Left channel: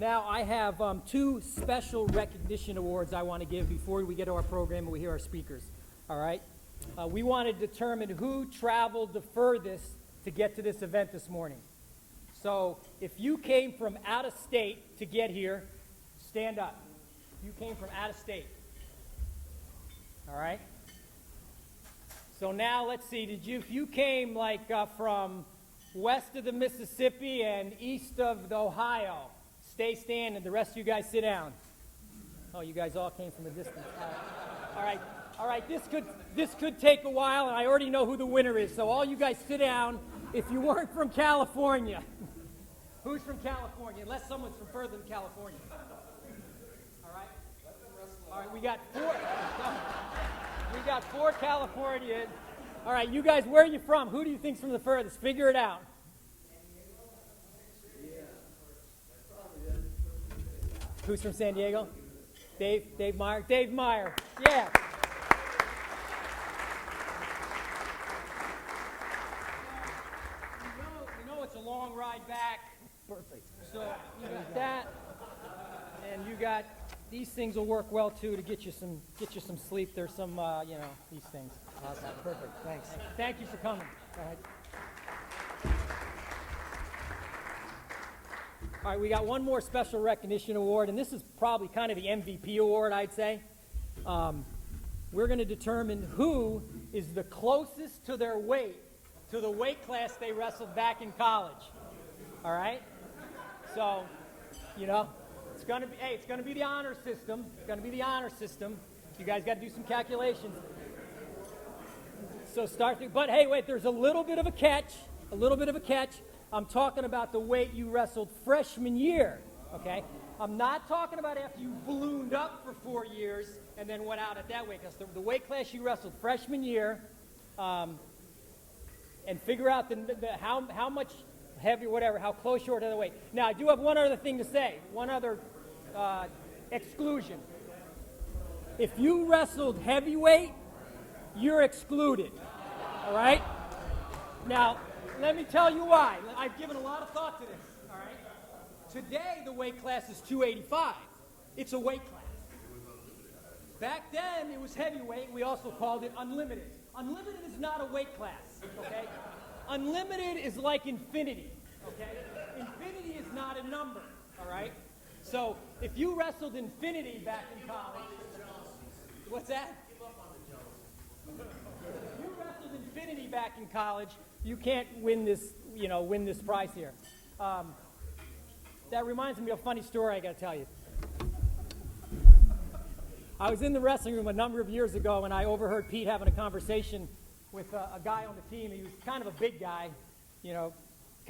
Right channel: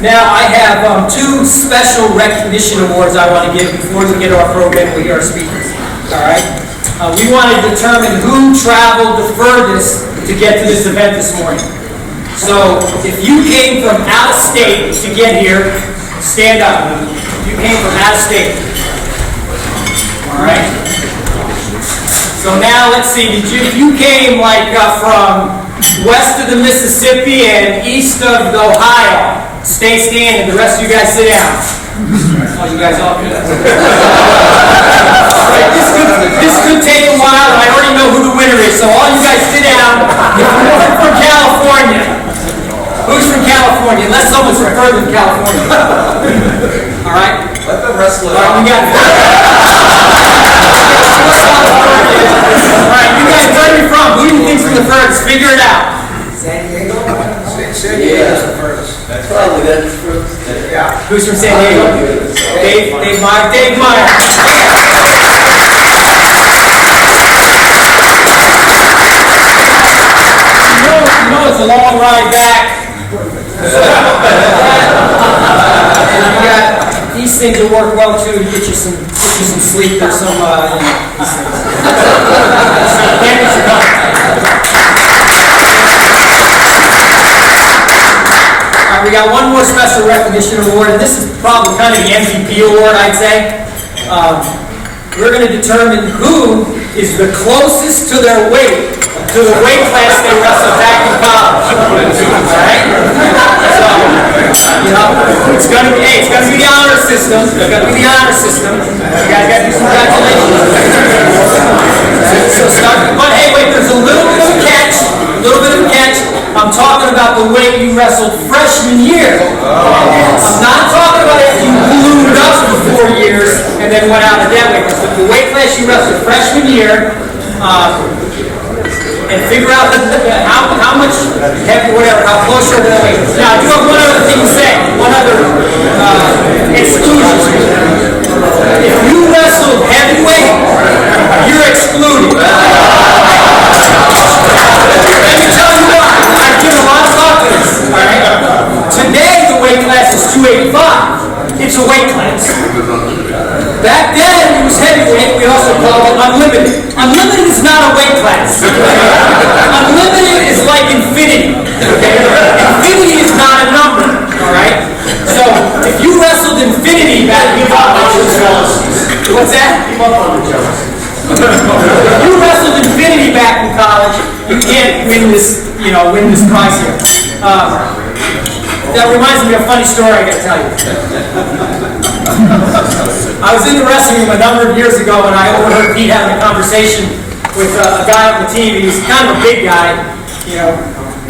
Now I have two special recognition awards I want to give before we get to our program and we hear our speakers. All right? We want to determine who traveled the furthest to get to this event this morning. So if you came from out of state to get here, stand up. If you came from out of state. All right? So now let's see. If you came like from west of the Mississippi and east of the Ohio, stay standing. The rest of you guys sit down. Oh, you guys all good. This could take a while, and I already know who the winner is. So all you guys sit down. If you're from California, who's from California? Unless someone's from further than California. All right. Let them wrestle it out. All right, we got. All right, you guys, where are you from? Who do you think's from the furthest? Figure it out. San Diego? San Diego's the furthest. That's probably the furthest. Yeah. Who's from San Diego? Dave Meyer. Dave Meyer. You know it's a long ride back. And you got these things will work well too to get you some sleep or some We got one more special recognition award, and this is probably kind of the MVP award, I'd say. We're going to determine who is the closest to their weight, to the weight class they wrestled back in college. All right? So, it's going to be the honor system. It's going to be the honor system. You guys got to do some congratulations. So start. But hey, wait, there's a little bit of a catch. I'm talking about the weight you wrestled freshman year. I'm not talking about if you ballooned up for 4 years and then went out of that weight class. But the weight class you wrestled freshman year, and figure out how much heavy, whatever, how close you're to that weight. Now, I do have one other thing to say. One other exclusion. If you wrestled heavyweight, you're excluded. Today, the weight class is 285. It's a weight class. Back then, it was heavyweight. We also called it unlimited. Unlimited is not a weight class. Unlimited is like infinity. Okay? Infinity is not a number. All right? So, if you wrestled infinity back in college, what's that? If you wrestled infinity back in college, you can't win this prize here. That reminds me of a funny story I got to tell you. I was in the wrestling room a number of years ago and I overheard Pete having a conversation with a guy on the team. He was kind of a big guy,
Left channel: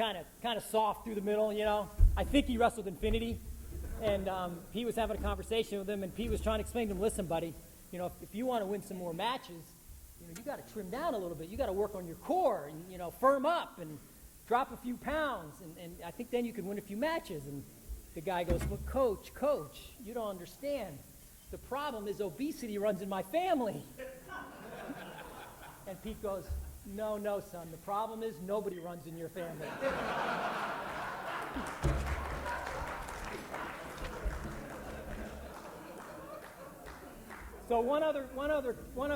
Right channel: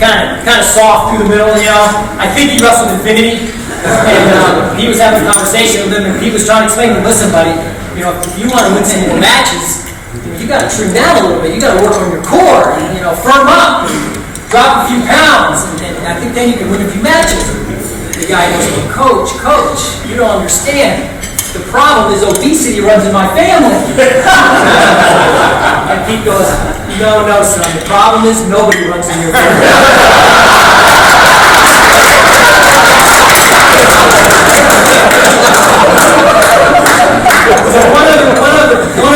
kind of soft through the middle, I think he wrestled Infinity. And he was having a conversation with him and Pete was trying to explain to him, listen, buddy, if you want to win some more matches, you got to trim down a little bit. You got to work on your core, firm up, drop a few pounds, and I think then you can win a few matches. The guy goes, well, Coach, you don't understand. The problem is obesity runs in my family. And Pete goes, no, son. The problem is nobody runs in your family. So one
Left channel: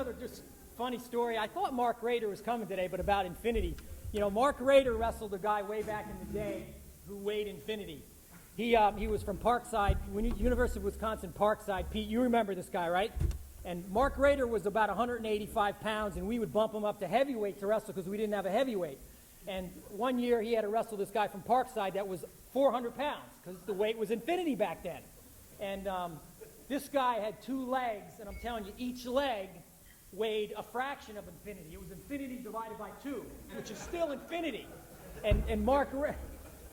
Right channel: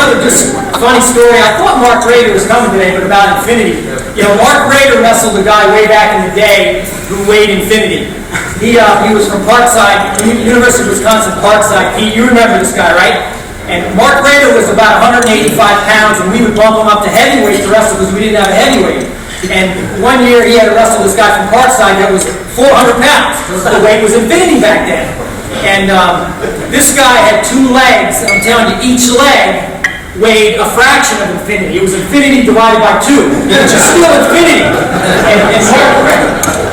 other just funny story. I thought Mark Rader was coming today, but about Infinity. Mark Rader wrestled a guy way back in the day who weighed Infinity. He was from Parkside, University of Wisconsin, Parkside. Pete, you remember this guy, right? And Mark Rader was about 185 pounds, and we would bump him up to heavyweight to wrestle because we didn't have a heavyweight. And one year he had to wrestle this guy from Parkside that was 400 pounds. The weight was Infinity back then. And this guy had 2 legs. I'm telling you, each leg weighed a fraction of Infinity. It was Infinity divided by 2, which is still Infinity. And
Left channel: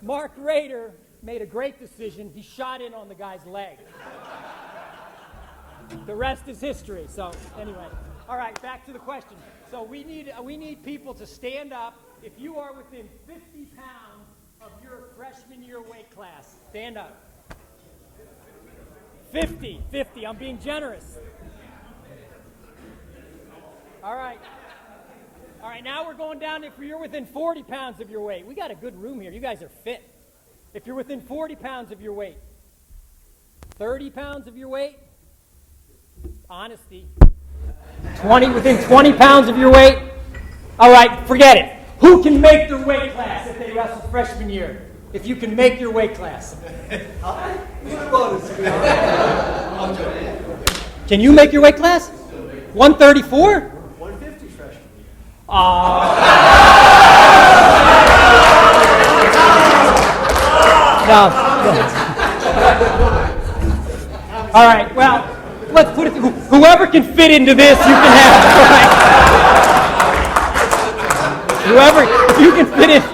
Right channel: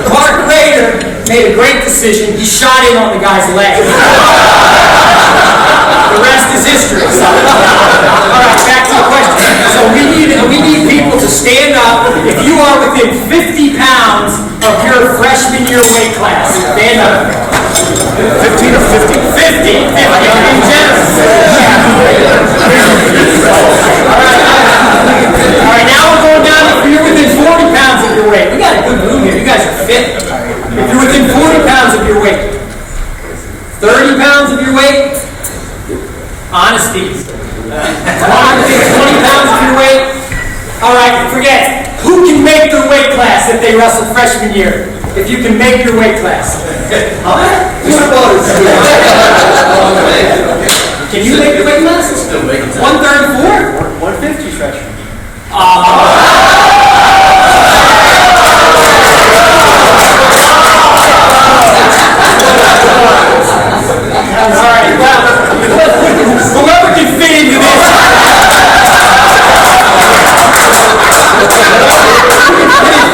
Mark Rader made a great decision. He shot in on the guy's leg. The rest is history. So, all right, back to the question. So we need people to stand up. If you are within 50 pounds of your freshman year weight class, stand up. 15 or 50? 50. I'm being generous. All right, now we're going down. If you're within 40 pounds of your weight, we got a good room here. You guys are fit. If you're within 40 pounds of your weight, they wrestled freshman year. If you can make your weight class. Can you make your weight class? 134? 150 freshman. All right. Whoever can fit into this, you can have. Whoever you can fit in.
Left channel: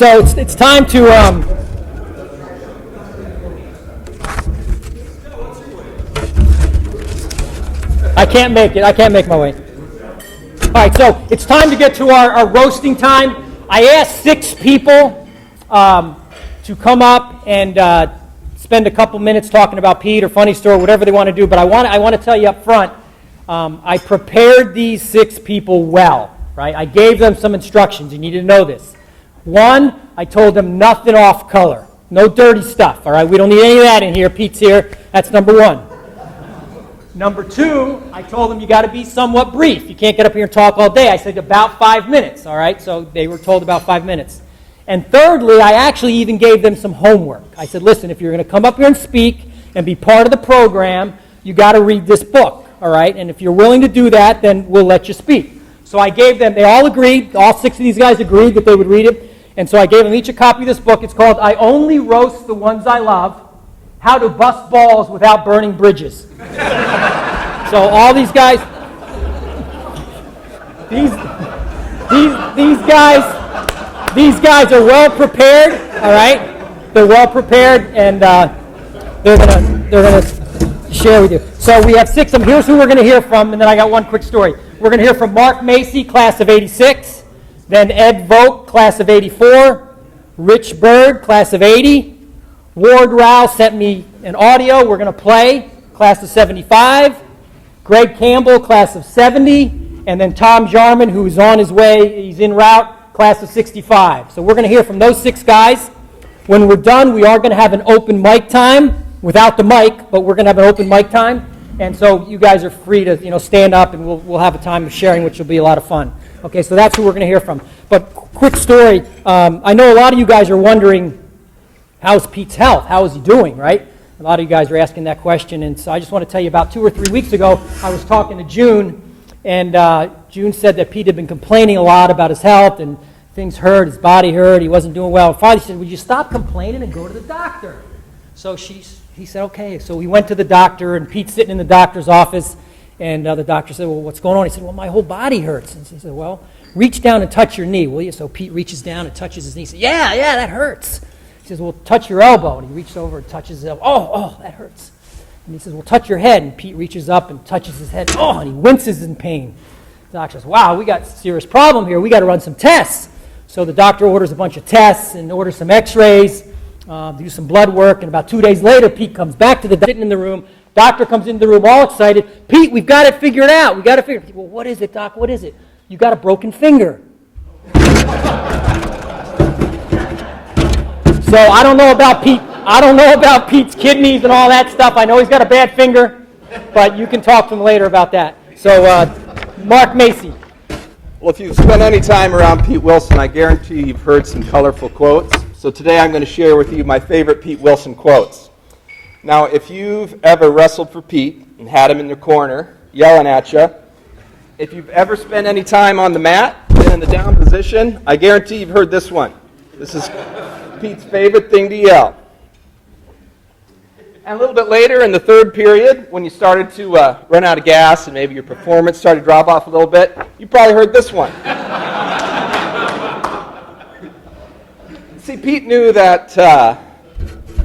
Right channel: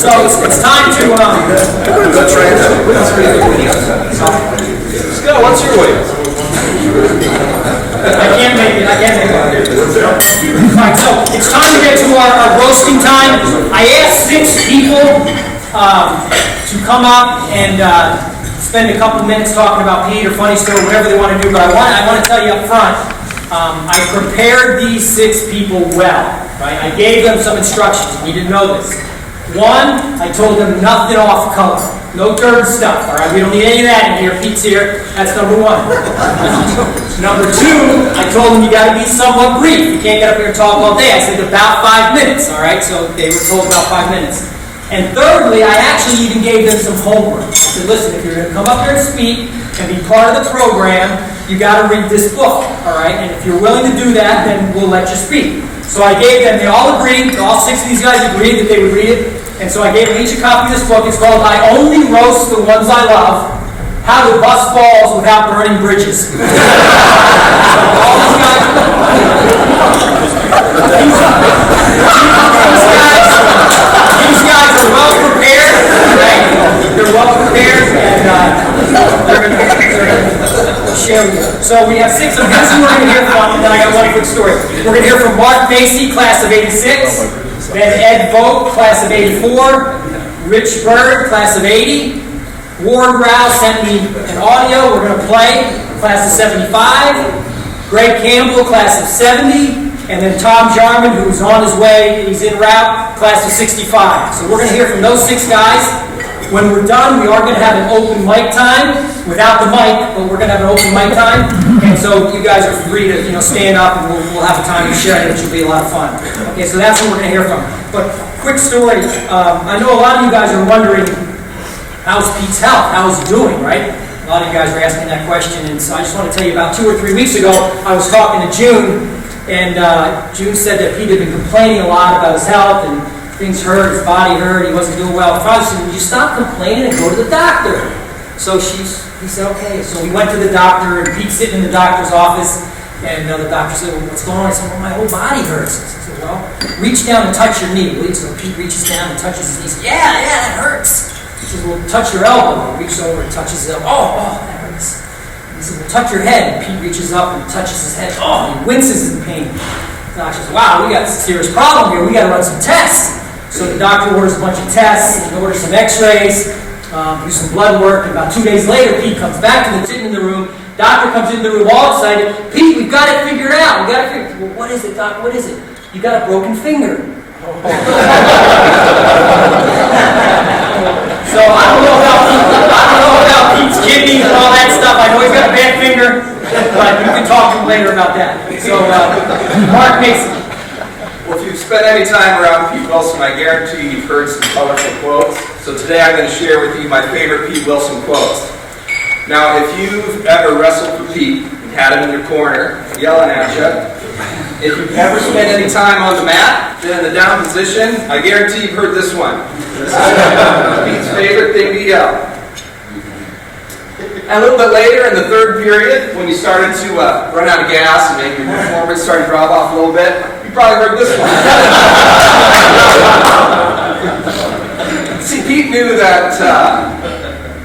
So it's time to. Scott, what's your weight? I can't make it. All right, so it's time to get to our roasting time. I asked 6 people to come up and spend a couple minutes talking about Pete or funny story, whatever they want to do. But I want to tell you up front, I prepared these 6 people well. Right? I gave them some instructions. You need to know this. 1, I told them nothing off color. No dirty stuff, all right? We don't need any of that in here. Pete's here. That's number 1. Number 2, I told them you got to be somewhat brief. You can't get up here and talk all day. I said about 5 minutes, all right? So they were told about 5 minutes. And thirdly, I actually even gave them some homework. I said, listen, if you're going to come up here and speak and be part of the program, you got to read this book, all right? And if you're willing to do that, then we'll let you speak. So I gave them, they all agreed, all 6 of these guys agreed that they would read it. And so I gave them each a copy of this book. It's called I Only Roast the Ones I Love, How to Bust Balls Without Burning Bridges. So all these guys, these guys are well prepared, all right? They're well prepared, and they're gonna share with you. So we have 6 of them. Here's who we're going to hear from, and then I got one quick story. We're going to hear from Mark Macy, class of 86. Then Ed Vogt, class of 84. Rich Bird, class of 80. Ward Rouse sent me an audio. We're going to play, class of 75. Greg Campbell, class of 70. And then Tom Jarman, who's on his way, he's en route, class of 65. So we're going to hear from those 6 guys. When we're done, we are going to have an open mic time, without the mic, but we're going to have an open mic time. And so you guys are free to stand up, and we'll have the time to share it, which will be a lot of fun. Okay, so that's who we're going to hear from. But quick story, I know a lot of you guys are wondering, how's Pete's health? How's he doing, right? A lot of you guys are asking that question, and so I just want to tell you about 2 or 3 weeks ago, I was talking to June, and June said that Pete had been complaining a lot about his health, and things hurt, his body hurt, he wasn't doing well. Finally, she said, would you stop complaining and go to the doctor? So he said, okay. So we went to the doctor, and Pete's sitting in the doctor's office, and the doctor said, well, what's going on? I said, well, my whole body hurts. I said, well, reach down and touch your knee, will you? So Pete reaches down and touches his knee. He said, yeah, that hurts. He said, well, touch your elbow. He reaches over and touches it. Oh, that hurts. And he said, well, touch your head. And Pete reaches up and touches his head. Oh, he winces in pain. The doctor says, wow, we got a serious problem here. We got to run some tests. So the doctor orders a bunch of tests, and orders some x-rays, do some blood work, and about 2 days later, Pete comes back to the sitting in the room. Doctor comes into the room all excited. Pete, we've got it figured out. Well, what is it, Doc? What is it? You got a broken finger. So I don't know about Pete. I don't know about Pete's kidneys and all that stuff. I know he's got a bad finger, but you can talk to him later about that. So Mark Mason. Well, if you've spent any time around Pete Willson, I guarantee you've heard some colorful quotes. So today I'm going to share with you my favorite Pete Willson quotes. Now, if you've ever wrestled with Pete and had him in your corner yelling at you, if you've ever spent any time on the mat, been in the down position, I guarantee you've heard this one. This is Pete's favorite thing to yell. And a little bit later in the 3rd period, when you started to run out of gas and maybe your performance started to drop off a little bit, you probably heard this one. See, Pete knew that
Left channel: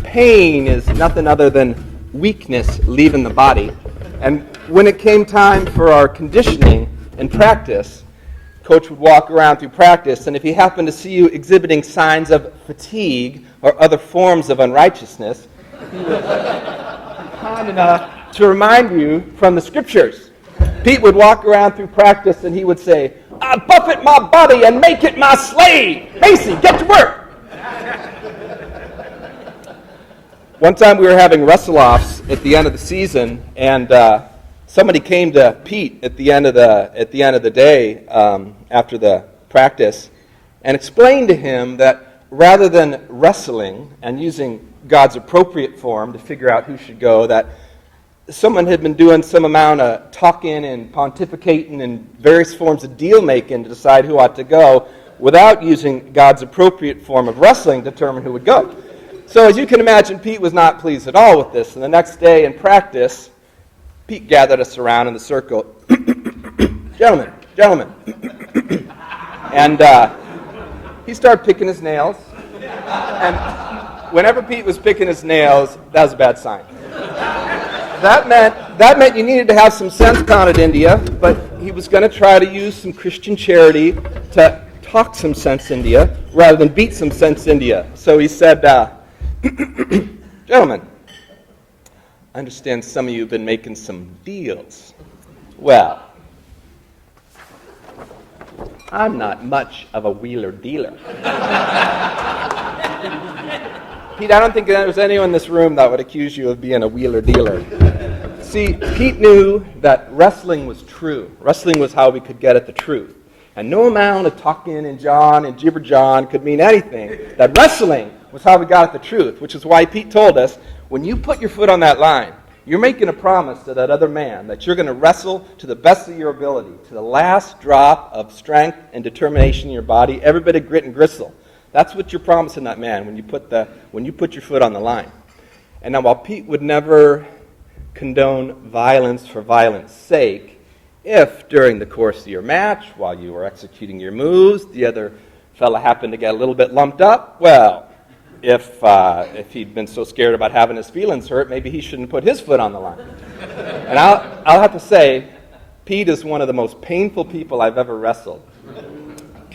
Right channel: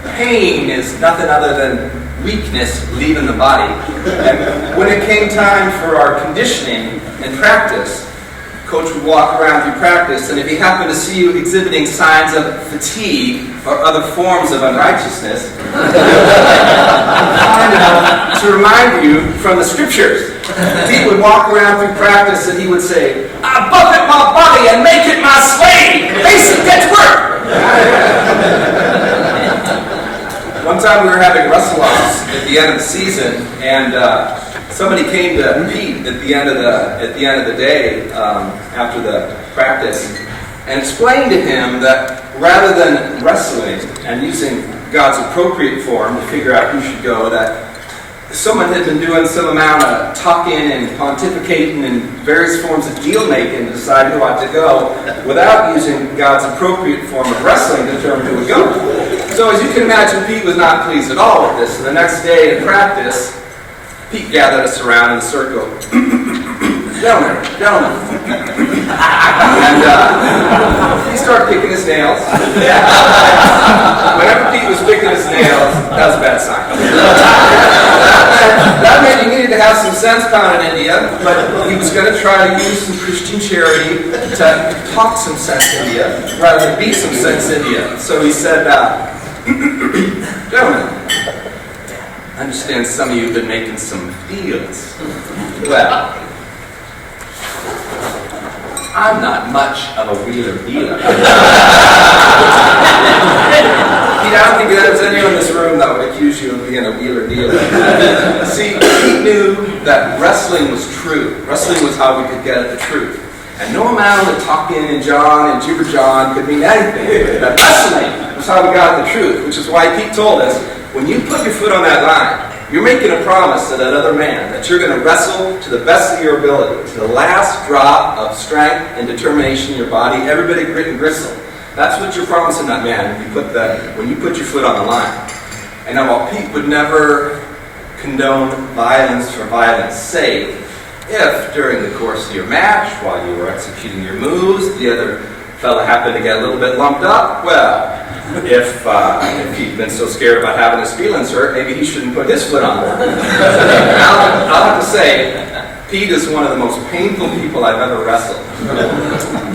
pain is nothing other than weakness leaving the body. And when it came time for our conditioning and practice, Coach would walk around through practice, and if he happened to see you exhibiting signs of fatigue or other forms of unrighteousness, to remind you from the scriptures. Pete would walk around through practice and he would say, I buffet my body and make it my slave. Hasten, get to work. One time we were having wrestle-offs at the end of the season, and somebody came to Pete at the end of the day after the practice and explained to him that rather than wrestling and using God's appropriate form to figure out who should go, that someone had been doing some amount of talking and pontificating and various forms of deal-making to decide who ought to go without using God's appropriate form of wrestling to determine who would go. So as you can imagine, Pete was not pleased at all with this. And the next day in practice, Pete gathered us around in a circle. Gentlemen. And he started picking his nails. Whenever Pete was picking his nails, that was a bad sign. That meant he needed to have some sense con in India, but he was going to try to use some Christian charity to talk some sense India rather than beat some sense India. So he said, gentlemen, I understand some of you have been making some deals. Well, I'm not much of a wheeler dealer. I don't think there's anyone in this room that would accuse you of being a wheeler dealer. See, he knew that wrestling was true. Wrestling was how we could get at the truth. And no amount of talking and John and Jibber John could mean anything. That wrestling was how we got at the truth, which is why Pete told us, when you put your foot on that line, you're making a promise to that other man that you're going to wrestle to the best of your ability, to the last drop of strength and determination in your body, every bit of grit and gristle. That's what you're promising that man when you put your foot on the line. And now, while Pete would never condone violence for violence sake, if during the course of your match, while you were executing your moves, the other fellow happened to get a little bit lumped up, well, if he'd been so scared about having his feelings hurt, maybe he shouldn't put his foot on there. I'll have to say, Pete is one of the most painful people I've ever wrestled.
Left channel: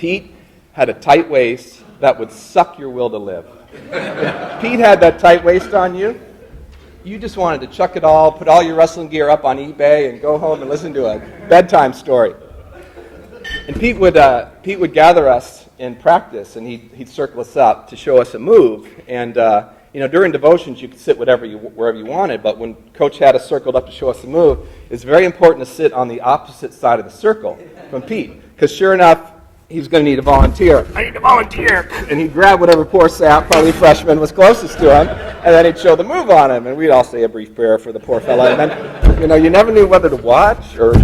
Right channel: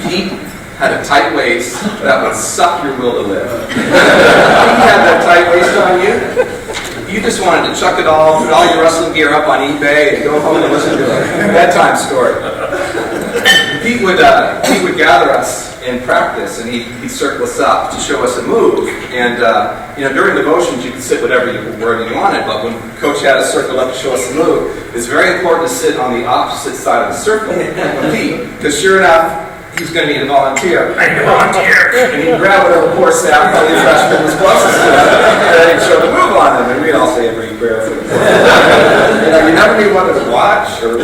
Pete had a tight waist that would suck your will to live. Pete had that tight waist on you. You just wanted to chuck it all, put all your wrestling gear up on eBay and go home and listen to a bedtime story. Pete would gather us in practice, and he'd circle us up to show us a move. And during devotions, you could sit wherever you wanted, but when Coach had us circled up to show us a move, it's very important to sit on the opposite side of the circle of Pete, because sure enough, he was going to need a volunteer. I need a volunteer. And he'd grab whatever poor sap friendly freshman was closest to him, and then he'd show the move on him, and we all say a brief prayer for the poor. You never knew whether to watch or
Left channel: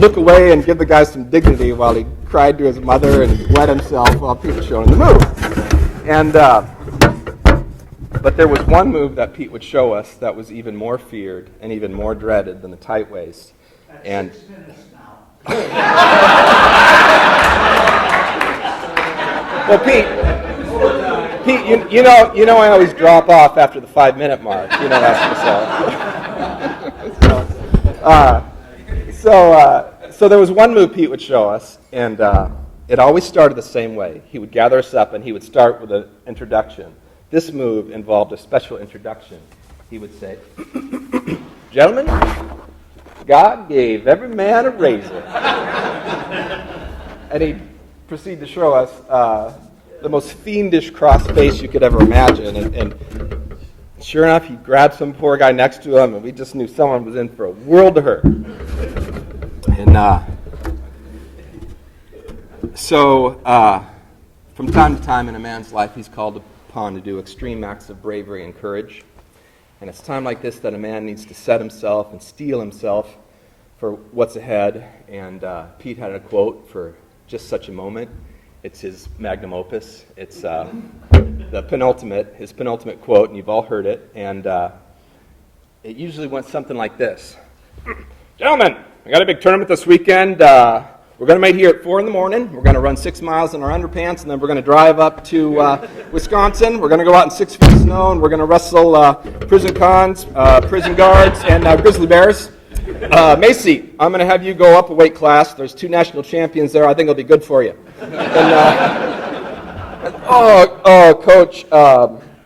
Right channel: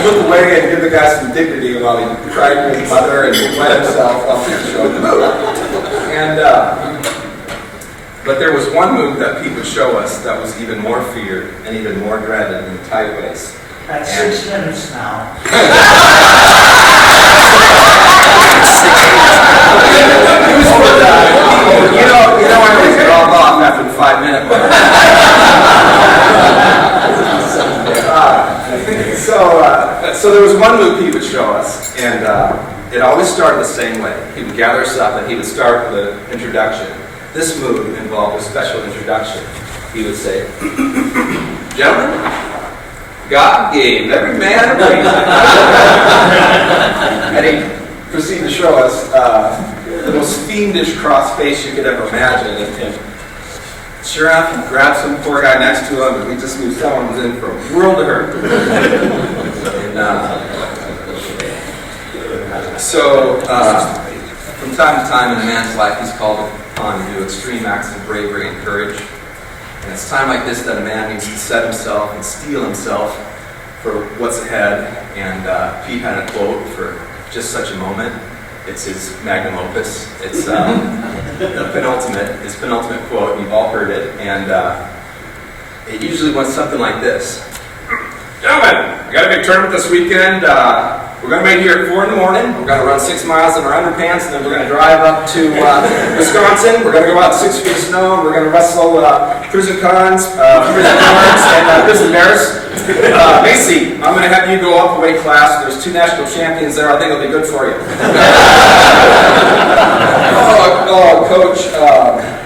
look away and give the guy some dignity while he cried to his mother and went himself off to show the move. And but there was one move that Pete would show us that was even more feared and even more dreaded than the tight waist. That's 6 minutes now. You know, I always drop off after the 5-minute mark. So there was one move Pete would show us, and it always started the same way. He would gather us up, and he would start with an introduction. This move involved a special introduction. He would say, "Gentlemen, God gave every man a brain." And he proceeded to show us the most fiendish cross face you could ever imagine. And sure enough, he grabbed some poor guy next to him, and we just knew someone was in for a world of hurt. From time to time in a man's life, he's called upon to do extreme acts of bravery and courage. And it's time like this that a man needs to set himself and steel himself for what's ahead. And Pete had a quote for just such a moment. It's his magnum opus. It's his penultimate quote. You've all heard it. And it usually went something like this. "Gentlemen, I got a big tournament this weekend. We're going to meet here at 4 in the morning. We're going to run 6 miles in our underpants, and then we're going to drive up to Wisconsin. We're going to go out in 6 feet of snow, and we're going to wrestle prison cons, prison guards, and prison bears. Macy, I'm going to have you go up the weight class. There's 2 national champions there. I think it'll be good for you." Oh, Coach,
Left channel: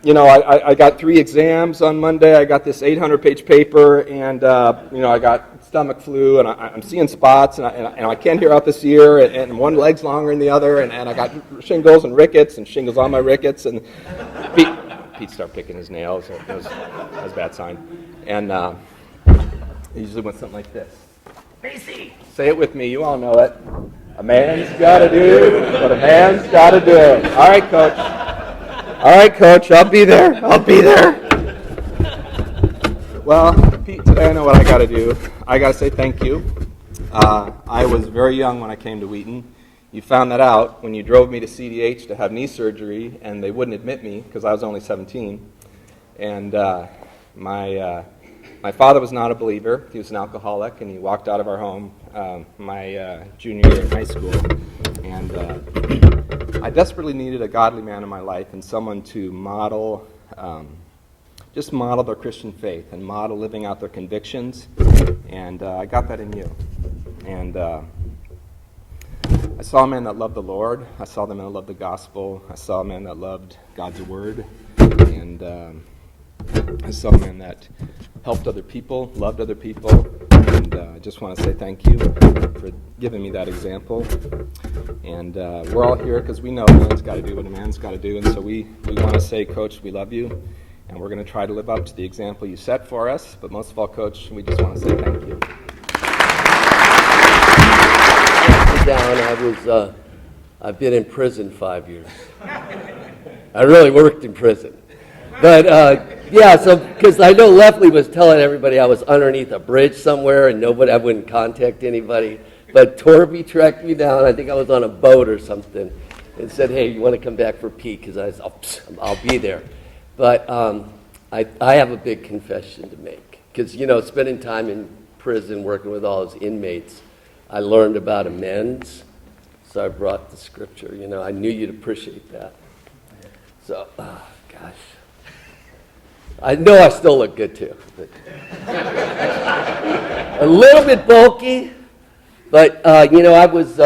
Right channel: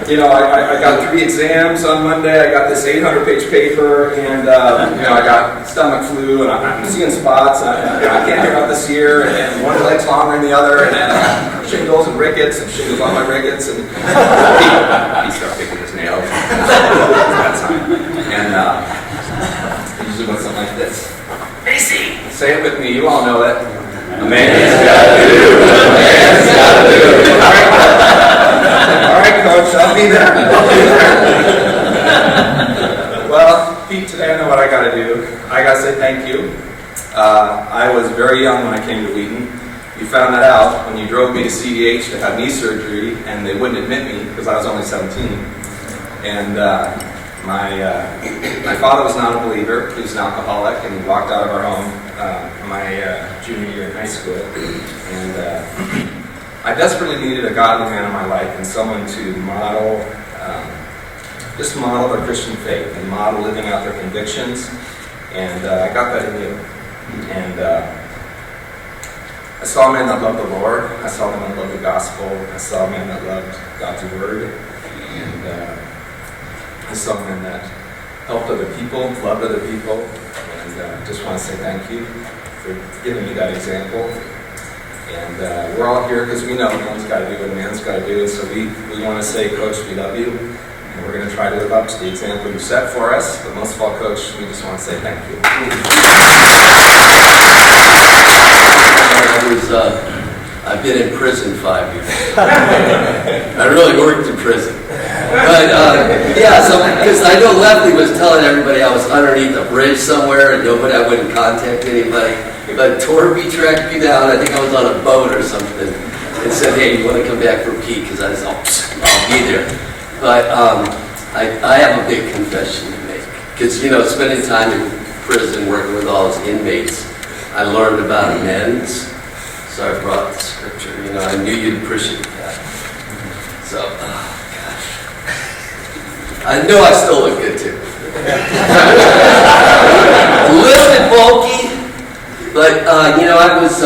I got 3 exams on Monday. I got this 800-page paper, and I got stomach flu, and I'm seeing spots. And I can't get out this year, and one leg's longer than the other, and shingles and rickets, and shingles on my rickets, and he started picking his nails. And usually when something like this, Macy, say it with me. You all know it. A man's gotta do. A man's gotta do. All right, Coach, I'll be there. Well, Pete, I know what I got to do. I got to say thank you. I was very young when I came to Wheaton. You found that out when you drove me to CDH to have knee surgery, and they wouldn't admit me because I was only 17. And my father was not a believer. He was an alcoholic, and he walked out of our home my junior year in high school. And I desperately needed a godly man in my life and someone to model, just model our Christian faith and model living out their convictions. And I got that in him. And I saw a man that loved the Lord. I saw a man that loved the gospel. I saw a man that loved God's word. And I saw a man that helped other people, loved other people. And I just want to say thank you for giving me that example. And we're all here because we know man's got to do what man's got to do. So we want to say, Coach, we love you. And we're going to try to live up to the example you set for us. But most of all, Coach, we just want to say thank you. I've been in prison 5 years. I really worked in prison. But, because I know Lefty was telling everybody I was underneath a bridge somewhere and I wouldn't contact anybody. But Torby tracked me down. I think I was on a boat or something, and said, "Hey, you want to come back for Pete?" Because I said, I'll be there. But I have a big confession to make. Because spending time in prison, working with all those inmates, I learned about amends. So I brought the scripture. I knew you'd appreciate that. So, gosh, I know I still look good too. A little bit bulky. But, I was,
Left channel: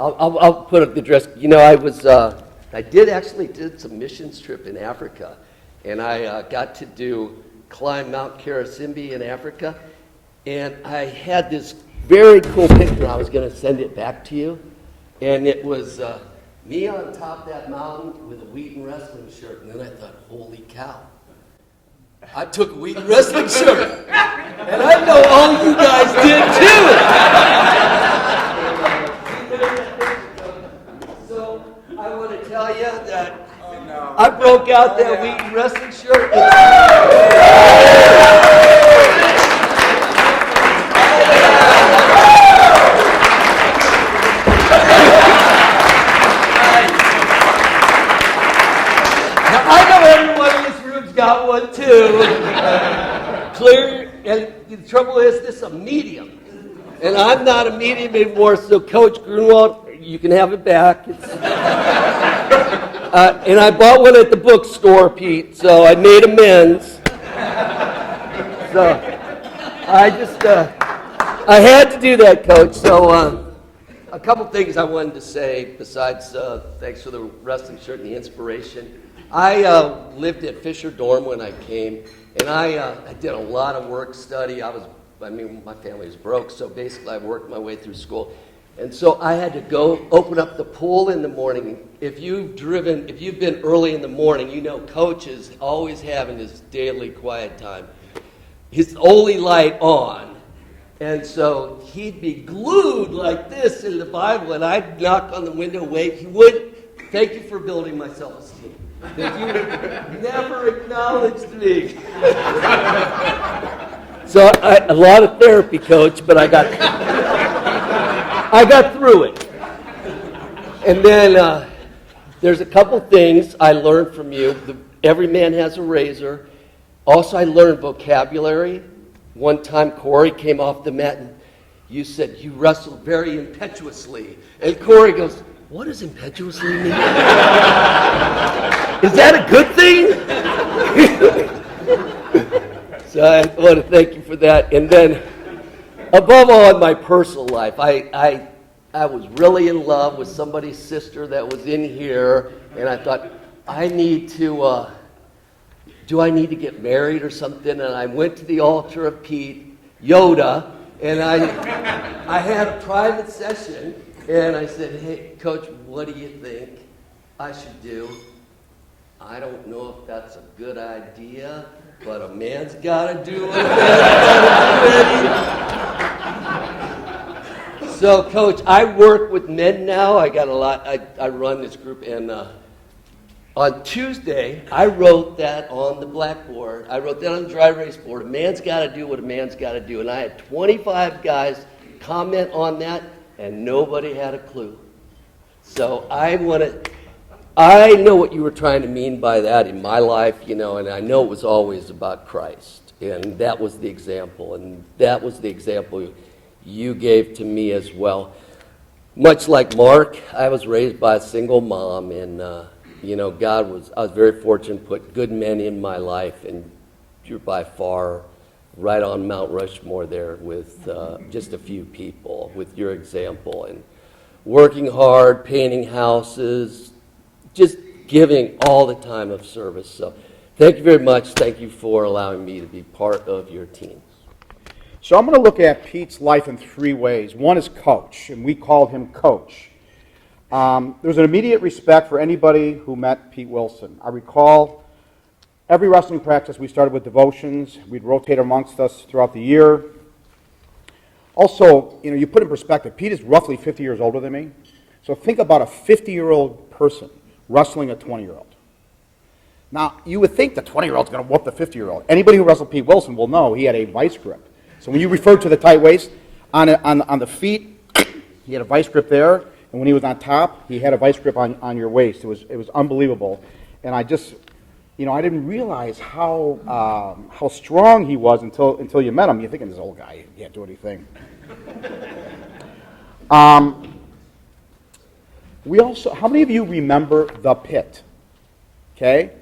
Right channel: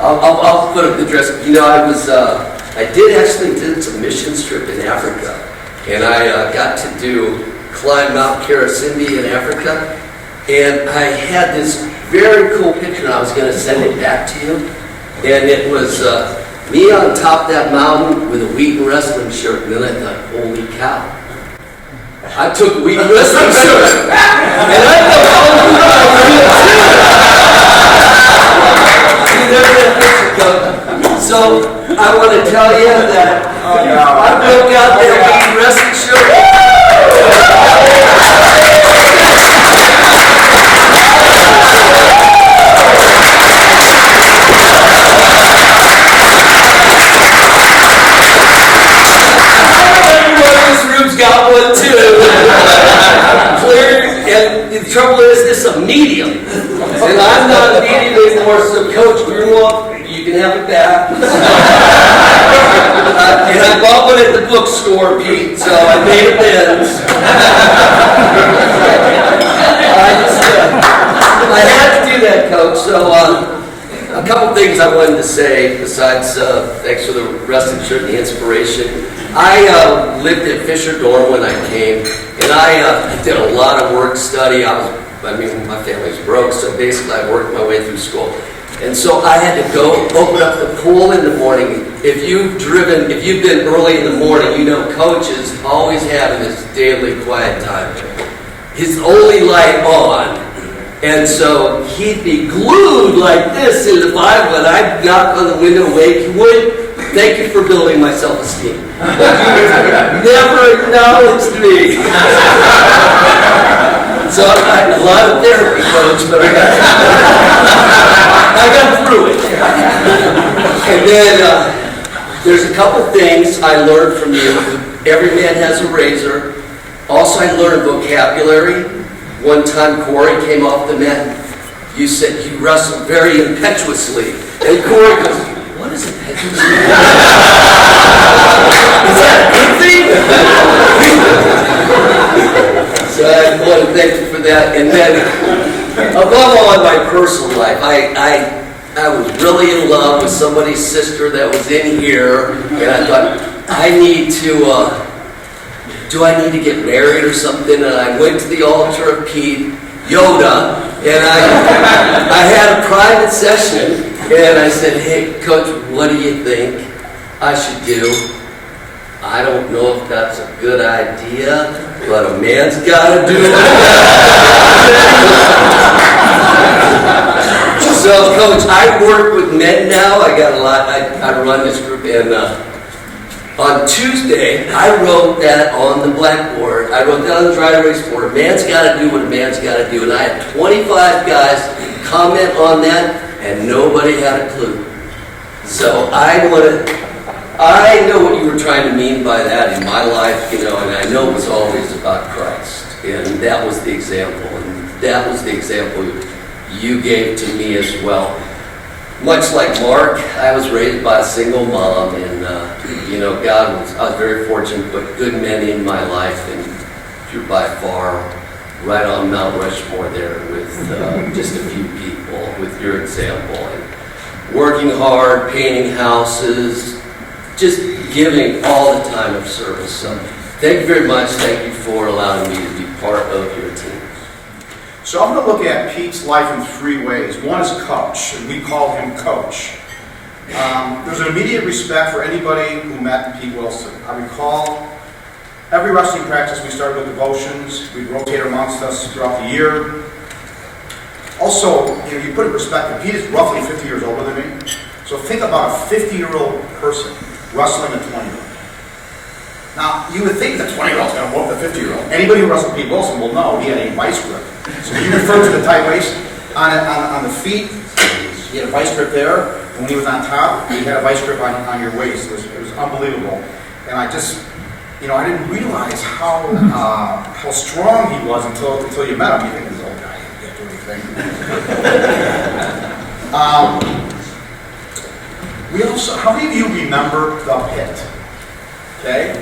I'll put up the dress. I did some mission trip in Africa. And I got to climb Mount Karasimbi in Africa. And I had this very cool picture, and I was going to send it back to you. And it was me on top of that mountain with a Wheaton Wrestling shirt. And then I thought, holy cow. I took a Wheaton Wrestling shirt. And I thought, oh, you guys did too. So I want to tell you that I broke out there Wheaton Wrestling shirt. Got one too. And the trouble is, this is a medium. And I'm not a medium anymore, so Coach grew up, you can have it back. And I bought one at the bookstore, Pete, so I made amends. I had to do that, Coach, so a couple things I wanted to say besides thanks for the wrestling shirt and the inspiration. I lived at Fisher Dorm when I came, and I did a lot of work study. My family's broke, so basically I worked my way through school. And so I had to go open up the pool in the morning. If you've been early in the morning, Coach is always having his daily quiet time. His only light on. And so he'd be glued like this in the Bible, and I'd knock on the window, wake, he would. Thank you for building my self-esteem. Never acknowledged me. So a lot of therapy, Coach, but I got through it. And then there's a couple things I learned from you. Every man has a razor. Also, I learned vocabulary. One time, Corey came off the mat. You said you wrestled very impetuously. And Corey goes, what is impetuous? Is that a good thing? So I want to thank you for that. And then, above all, in my personal life, I was really in love with somebody's sister that was in here. And I thought, I need to, do I need to get married or something? And I went to the altar of Pete, Yoda, and I had a private session, and I said, hey, Coach, what do you think I should do? I don't know if that's a good idea, but a man's got to do it. So, Coach, I work with men now. I got a lot. I run this group, and on Tuesday, I wrote that on the blackboard. I wrote that on the dry erase board. A man's got to do what a man's got to do. And I had 25 guys comment on that, and nobody had a clue. So I know what you were trying to mean by that in my life, and I know it was always about Christ. And that was the example. And that was the example you gave to me as well. Much like Mark, I was raised by a single mom, and I was very fortunate to put good men in my life, and you're by far right on Mount Rushmore there with just a few people, with your example, and working hard, painting houses, just giving all the time of service. So thank you very much. Thank you for allowing me to be part of your team. So I'm going to look at Pete's life in three ways. One is coach, and we call him Coach. There's an immediate respect for anybody who met Pete Willson. I recall every wrestling practice we started with devotions. We'd rotate amongst us throughout the year. Also, you put it in perspective, Pete is roughly 50 years older than me. So think about a 50-year-old person wrestling a 20-year-old. Now, you would think the 20-year-old's going to whoop the 50-year-old. Anybody who wrestled Pete Willson will know he had a vice grip. So when you refer to the tight waist on the feet, he had a vice grip there. And when he was on top, he had a vice grip on your waist. It was unbelievable. And I just, I didn't realize how strong he was until you met him. You think this old guy can't do anything. How many of you remember the pit? Okay?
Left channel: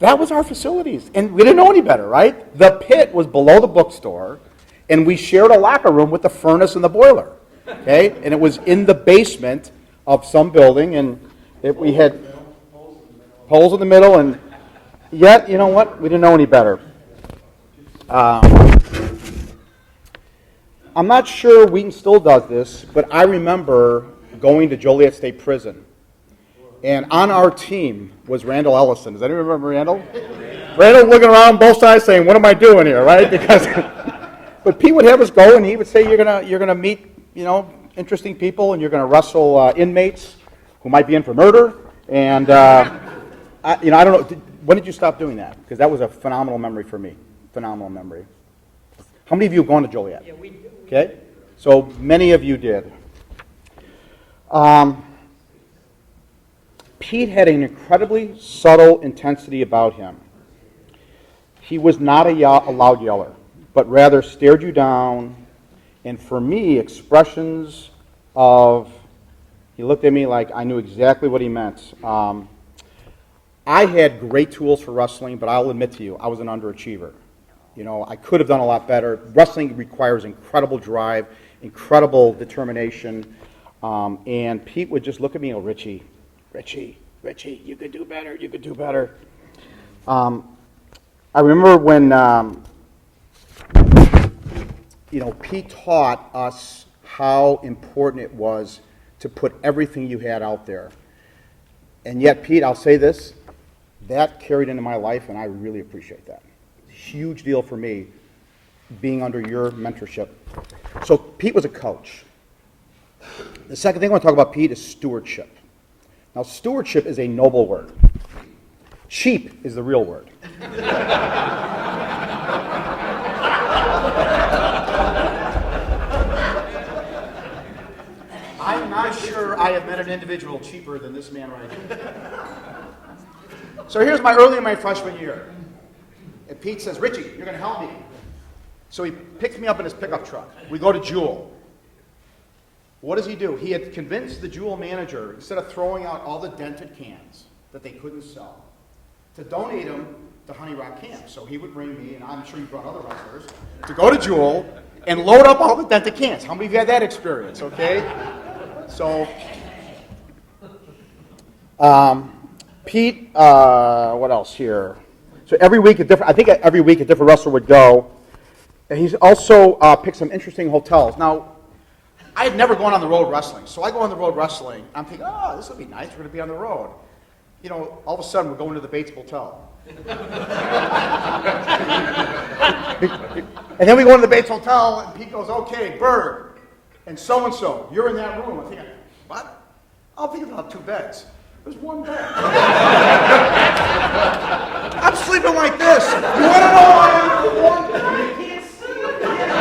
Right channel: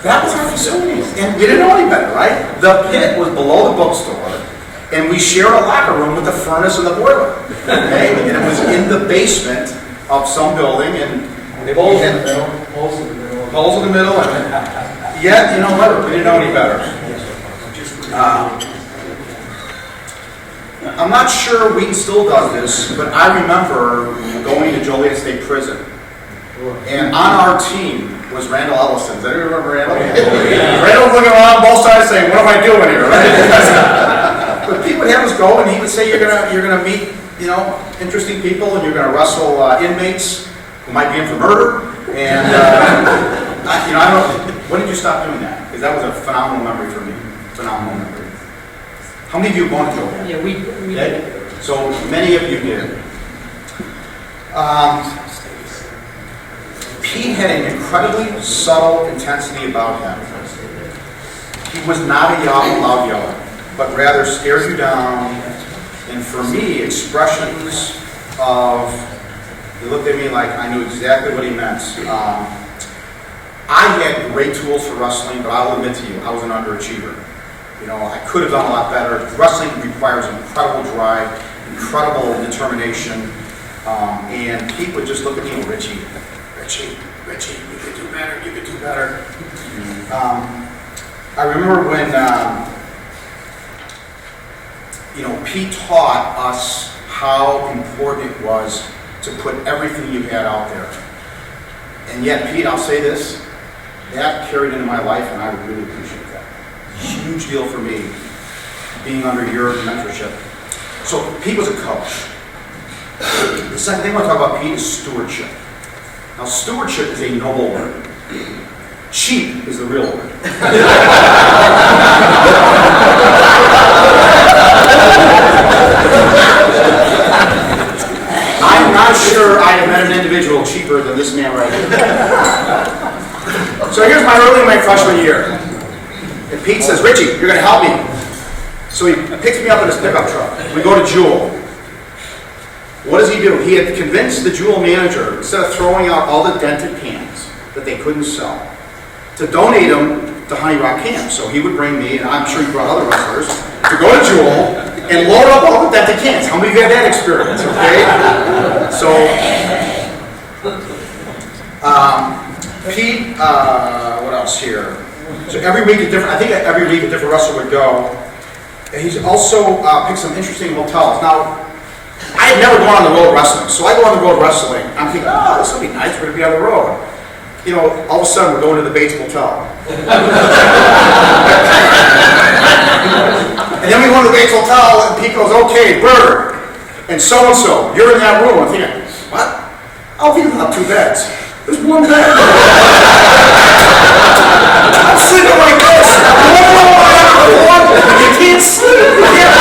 That was our facilities. And we didn't know any better, right? The pit was below the bookstore, and we shared a locker room with the furnace and the boiler. Okay? And it was in the basement of some building, and we had holes in the middle, and yet, you know what? We didn't know any better. I'm not sure Wheaton still does this, but I remember going to Joliet State Prison. And on our team was Randall Ellison. Does anyone remember Randall? Randall looking around both sides saying, what am I doing here, right? But Pete would have us go, and he would say, you're gonna meet, interesting people, and you're gonna wrestle inmates who might be in for murder. And I don't know, when did you stop doing that? Because that was a phenomenal memory for me. Phenomenal memory. How many of you wanted to go there? Yeah, we Okay? So many of you did. Pete had an incredibly subtle intensity about him. He was not a loud yeller, but rather stared you down, and for me, expressions of, he looked at me like I knew exactly what he meant. I had great tools for wrestling, but I'll admit to you, I was an underachiever. I could have done a lot better. Wrestling requires incredible drive, incredible determination, and Pete would just look at me and Richie, you could do better. I remember when, Pete taught us how important it was to put everything you had out there. And yet, Pete, I'll say this, that carried into my life, and I really appreciate that. Huge deal for me, being under your mentorship. So Pete was a coach. The second thing I want to talk about Pete is stewardship. Now, stewardship is a noble word. Cheap is the real word. I'm not sure I have met an individual cheaper than this man right here. So here's my freshman year. And Pete says, Richie, you're going to help me. So he picks me up in his pickup truck. We go to Jewel. What does he do? He had convinced the Jewel manager, instead of throwing out all the dented cans that they couldn't sell, to donate them to Honey Rock Camp. So he would bring me, and I'm sure he brought other wrestlers, to go to Jewel and load up all the dented cans. How many of you had that experience, okay? So, Pete, what else here? So every week, I think every week a different wrestler would go. He's also picked some interesting hotels. Now, I had never gone on the road wrestling, so I go on the road wrestling. I'm thinking, oh, this will be nice. We're going to be on the road. You know, all of a sudden we're going to the Bates Motel. And then we go to the Bates Hotel, and Pete goes, okay, Bird, and so-and-so, you're in that room. I'm thinking, what? Oh, we don't have 2 beds. There's 1 bed. I'm sitting like this. You can't sleep. You can't.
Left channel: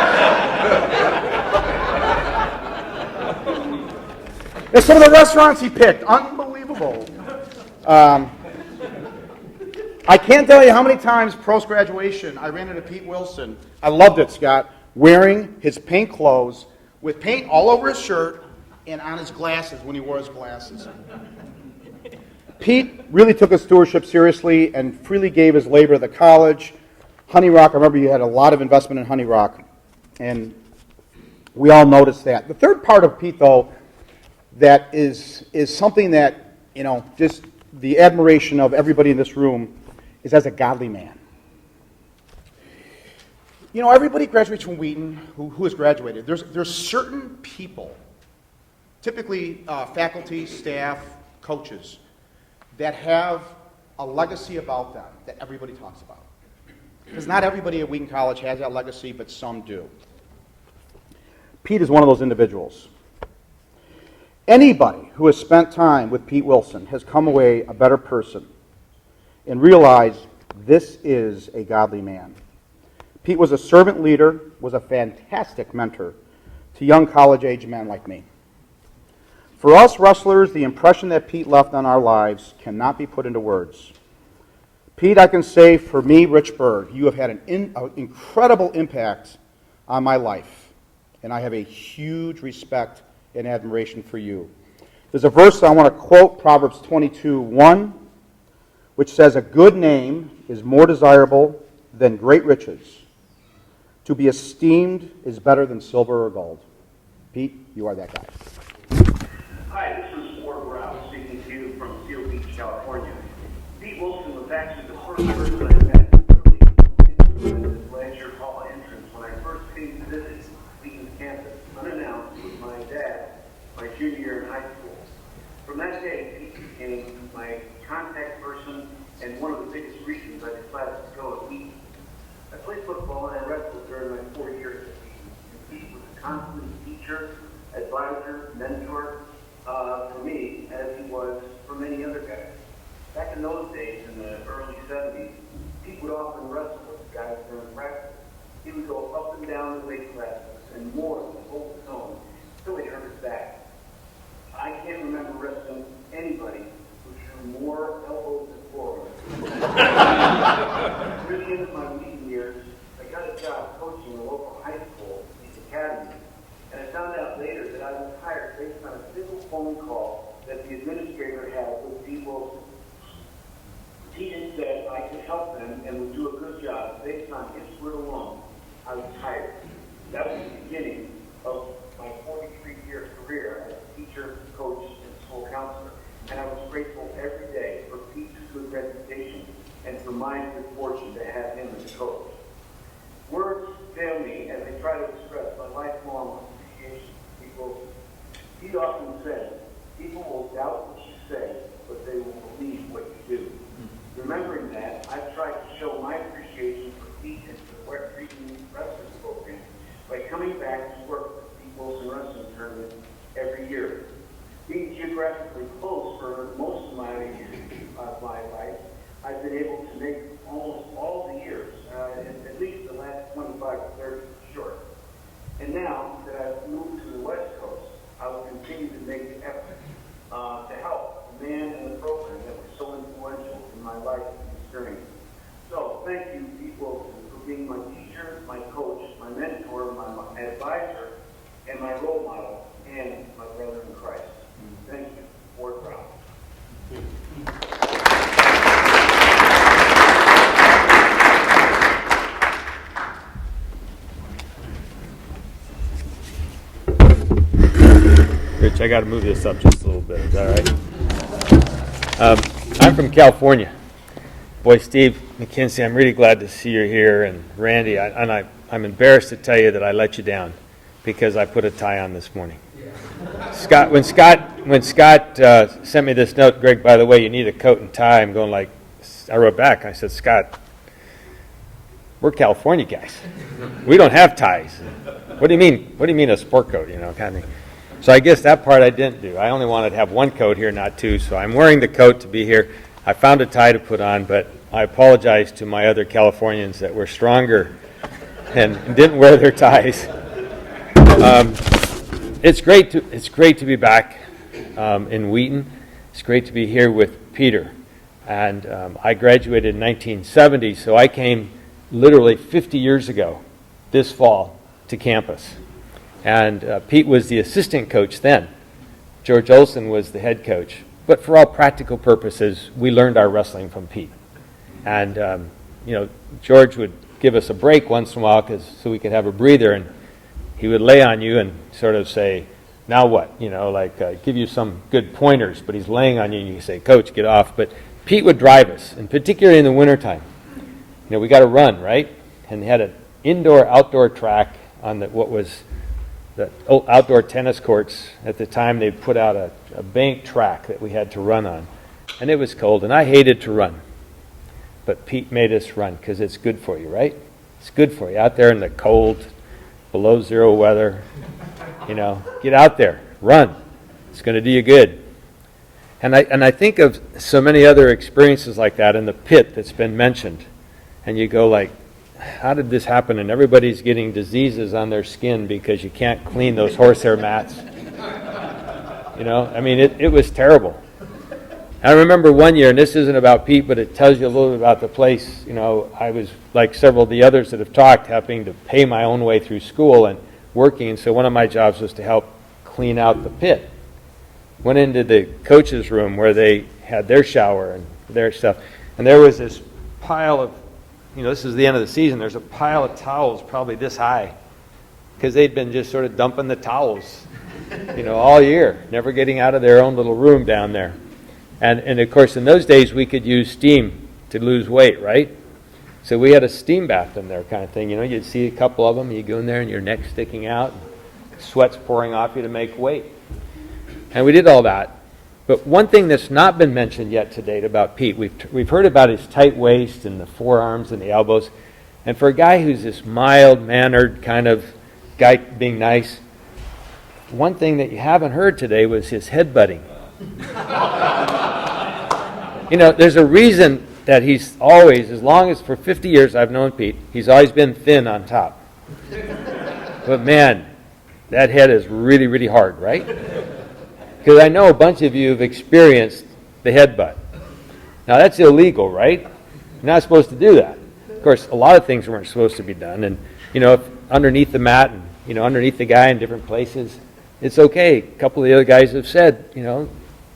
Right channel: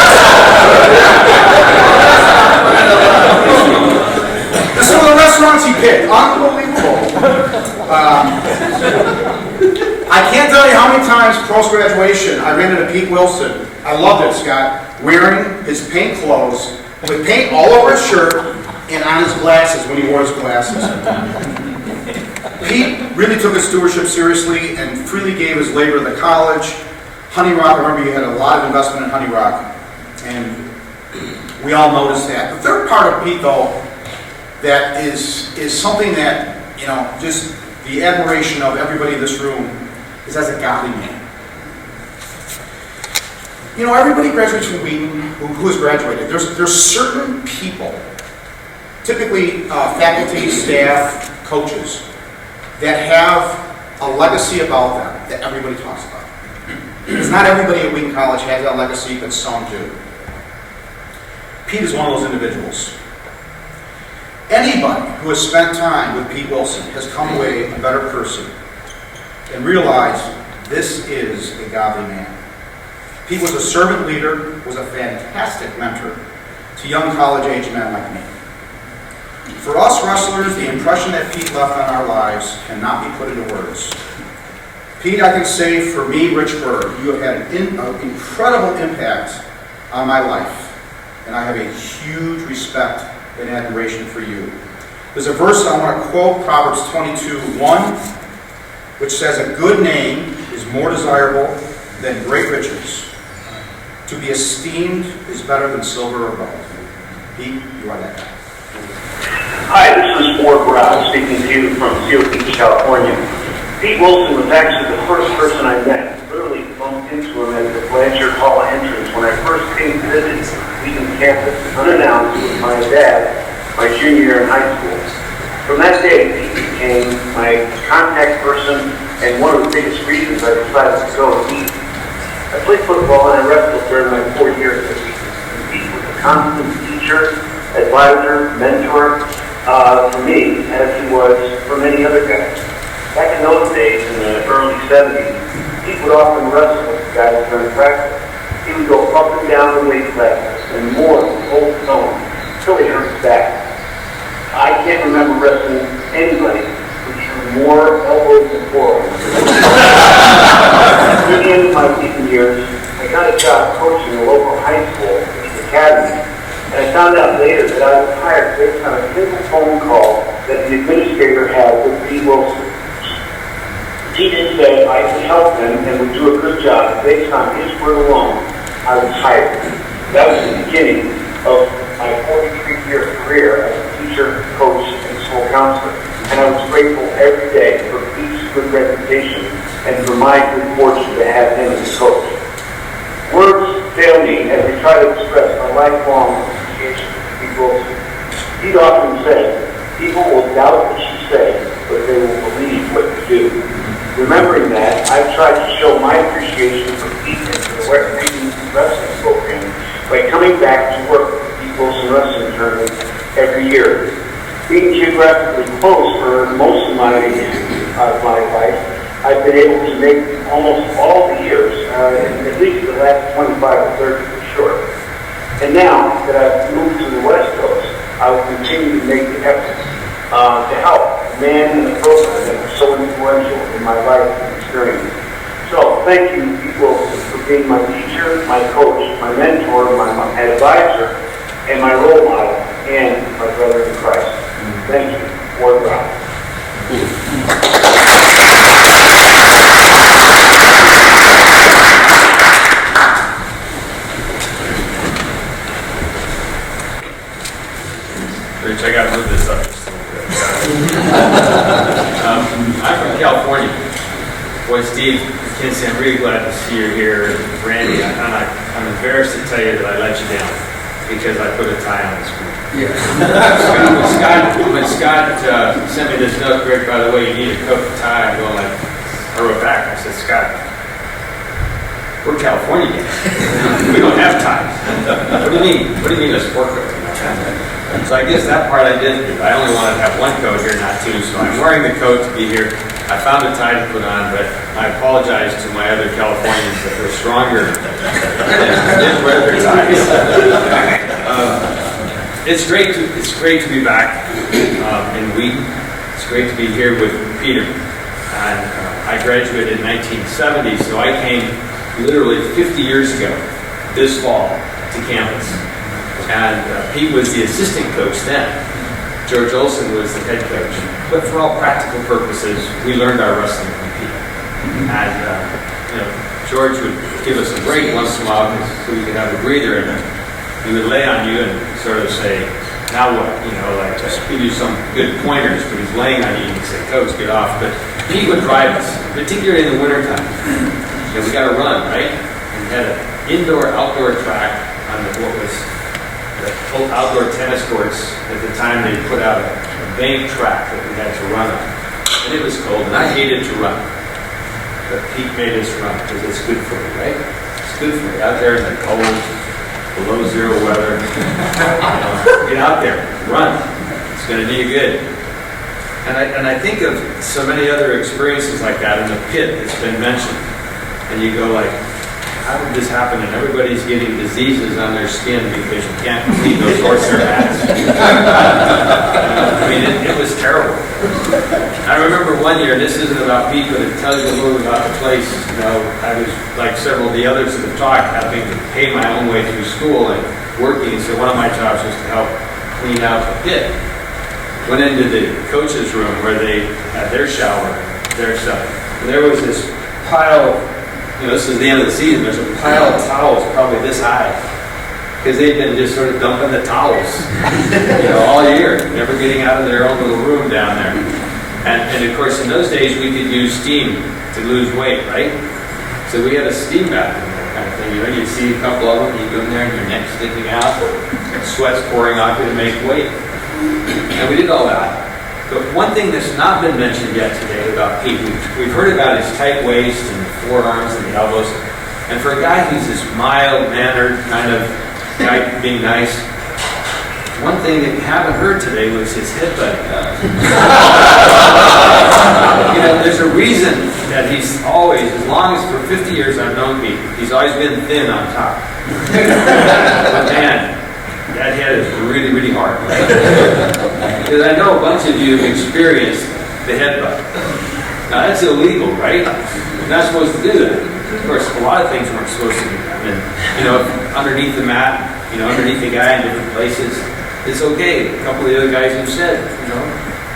And some of the restaurants he picked, unbelievable. I can't tell you how many times post-graduation I ran into Pete Willson. I love this guy, wearing his pink clothes, with paint all over his shirt and on his glasses when he wore his glasses. Pete really took his stewardship seriously and freely gave his labor at the college. Honey Rock, I remember you had a lot of investment in Honey Rock, and we all noticed that. The third part of Pete, though, that is something that, you know, just the admiration of everybody in this room is as a godly man. You know, everybody graduates from Wheaton who has graduated. There's certain people, typically faculty, staff, coaches, that have a legacy about them that everybody talks about. Because not everybody at Wheaton College has that legacy, but some do. Pete is one of those individuals. Anybody who has spent time with Pete Willson has come away a better person and realized this is a godly man. Pete was a servant leader, was a fantastic mentor to young college-age men like me. For us wrestlers, the impression that Pete left on our lives cannot be put into words. Pete, I can say, for me, Rich Bird, you have had an incredible impact on my life, and I have a huge respect and admiration for you. There's a verse I want to quote, Proverbs 22:1, which says, "A good name is more desirable than great riches. To be esteemed is better than silver or gold." Pete, you are that guy. Hi, this is Ward Brown speaking to you from Seal Beach, California. Pete Willson was actually the first person I met. Literally bumped into him at the Blanchard Hall entrance when I first came to visit Wheaton campus, unannounced with my dad, my junior year in high school. From that day, Pete became my contact person and one of the biggest reasons I decided to go to Wheaton. I played football and I wrestled during my 4 years at Wheaton. Pete was a constant teacher, advisor, mentor for me, as he was for many other guys. Back in those days, in the early 70s, Pete would often wrestle with guys during practice. He would go up and down the weight classes and more than hold his own until he hurt his back. I can't remember wrestling anybody who threw more elbows than forearms. Near the end of my Wheaton years, I got a job coaching a local high school, Wheaton Academy, and I found out later that I was hired based on a simple phone call that the administrator had with Pete Willson. He did say I could help them and would do a good job. Based on his word alone, I was hired. That was the beginning of my 43-year career as a teacher, coach, and school counselor. And I was grateful every day for Pete's good reputation and for my good fortune to have him as a coach. Words fail me as I try to express my lifelong appreciation for Pete Willson. He'd often say, people will doubt what you say, but they will believe what you do. Remembering that, I've tried to show my appreciation for Pete and for the Wheaton Wrestling program by coming back to work with the Pete Willson Wrestling Tournament every year. Being geographically close for most of my life, I've been able to make almost all the years, at least the last 25 or 30 for sure. And now that I've moved to the West Coast, I will continue to make the effort to help the man in the program that was so influential in my life and experience. So thank you, Pete Willson, for being my teacher, my coach, my mentor, my advisor, and my role model, and my brother in Christ. Thank you. Ward Brown. I got to move this up just a little bit. I'm from Well, Steve McKinsey, I'm really glad to see you here. Randy, I'm embarrassed to tell you that I let you down because I put a tie on this one. When Scott sent me this note, Greg, by the way, you need a coat and tie, I'm going like, I wrote back, I said, Scott, we're California guys. We don't have ties. What do you mean? What do you mean a sport coat? So I guess that part I did do. I only wanted to have one coat here, not two, so I'm wearing the coat to be here. I found a tie to put on, but I apologize to my other Californians that were stronger than didn't wear their ties. It's great to be back in Wheaton. It's great to be here with Peter. And I graduated in 1970, so I came literally 50 years ago this fall to campus. And Pete was the assistant coach then. George Olson was the head coach. But for all practical purposes, we learned our wrestling from Pete. And George would give us a break once in a while so we could have a breather, and he would lay on you and sort of say, now what? Like just give you some good pointers. But he's laying on you, you can say, Coach, get off. But Pete would drive us, particularly in the wintertime. We got to run, right? And he had an indoor-outdoor track on what was the outdoor tennis courts. At the time, they put out a bank track that we had to run on. And it was cold, and I hated to run. But Pete made us run because it's good for me, right? It's good for me. Out there in the cold, below zero weather. Get out there, run. It's going to do you good. And I think of so many other experiences like that in the pit that's been mentioned. And you go like, how did this happen? And everybody's getting diseases on their skin because you can't clean those horsehair mats. It was terrible. I remember one year, this isn't about Pete, but it tells you a little about the place. I was, like several of the others that have talked, having to pay my own way through school and working. So one of my jobs was to help clean out the pit. Went into the coach's room where they had their shower, their stuff. And there was this pile, this was the end of the season, there's a pile of towels probably this high. Because they've been just sort of dumping the towels, all year, never getting out of their own little room down there. And of course, in those days, we could use steam to lose weight, right? So we had a steam bath in there kind of thing. You see a couple of them, you go in there and your neck's sticking out, sweat's pouring off you to make weight. And we did all that. But one thing that's not been mentioned yet today about Pete, we've heard about his tight waist and the forearms and the elbows. And for a guy who's this mild-mannered kind of guy being nice, one thing that you haven't heard today was his headbutting. There's a reason that he's always, as long as for 50 years I've known Pete, he's always been thin on top. But man, that head is really, really hard. Because I know a bunch of you have experienced the headbutt. Now that's illegal, right? You're not supposed to do that. Of course, a lot of things weren't supposed to be done. And, underneath the mat, underneath the guy in different places, it's okay. A couple of the other guys have said,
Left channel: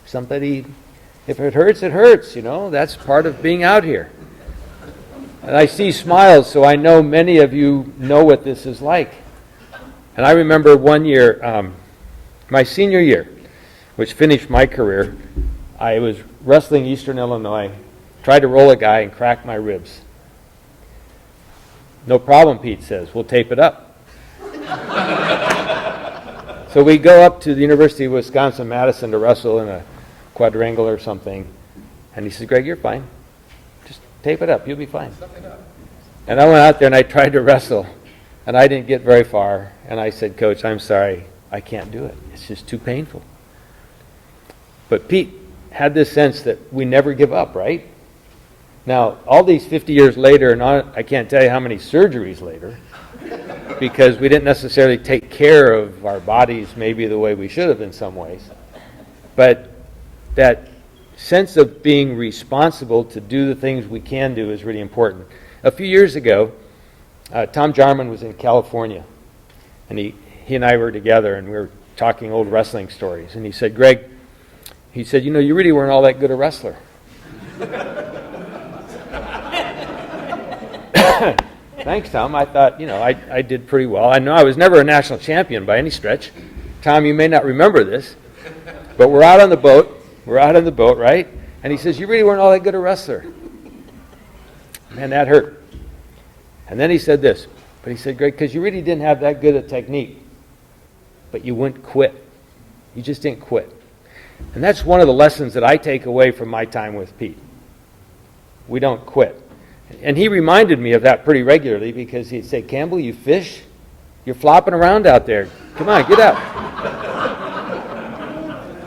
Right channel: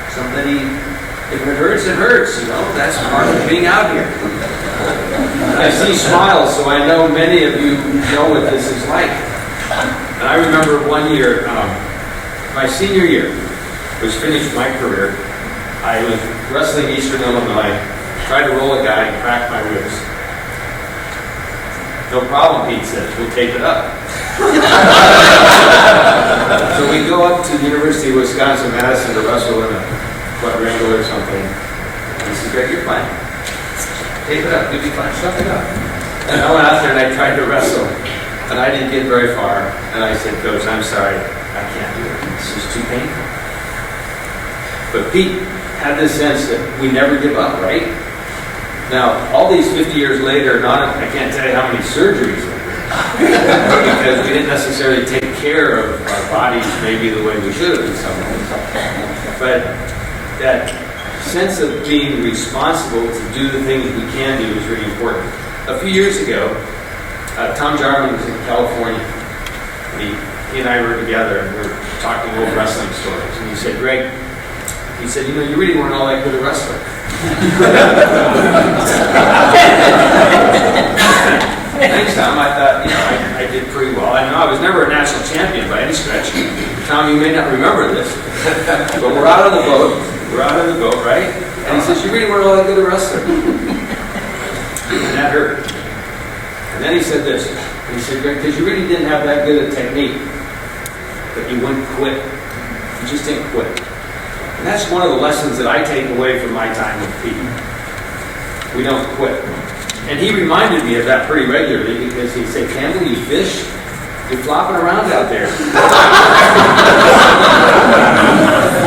somebody, if it hurts, it hurts. That's part of being out here. And I see smiles, so I know many of you know what this is like. And I remember one year, my senior year, which finished my career, I was wrestling Eastern Illinois, tried to roll a guy and cracked my ribs. No problem, Pete says, we'll tape it up. So we go up to the University of Wisconsin-Madison to wrestle in a quadrangle or something. And he said, Greg, you're fine. Tape it up, you'll be fine, stuff it up. And I went out there and I tried to wrestle. And I didn't get very far. And I said, Coach, I'm sorry, I can't do it. It's just too painful. But Pete had this sense that we never give up, right? Now, all these 50 years later, I can't tell you how many surgeries there were. Because we didn't necessarily take care of our bodies maybe the way we should have in some ways. But that sense of being responsible to do the things we can do is really important. A few years ago, Tom Jarman was in California, and he and I were together, and we were talking old wrestling stories. And he said, Greg, you really weren't all that good a wrestler. Thanks, Tom. I thought, I did pretty well. I know I was never a national champion by any stretch. Tom, you may not remember this, but we're out on the boat. We're out on the boat, right? And he says, you really weren't all that good a wrestler. And that hurt. And then he said this. He said, because you really didn't have that good a technique, but you wouldn't quit. You just didn't quit. And that's one of the lessons that I take away from my time with Pete. We don't quit. And he reminded me of that pretty regularly because he'd say, Cameron, you fish? You're flopping around out there.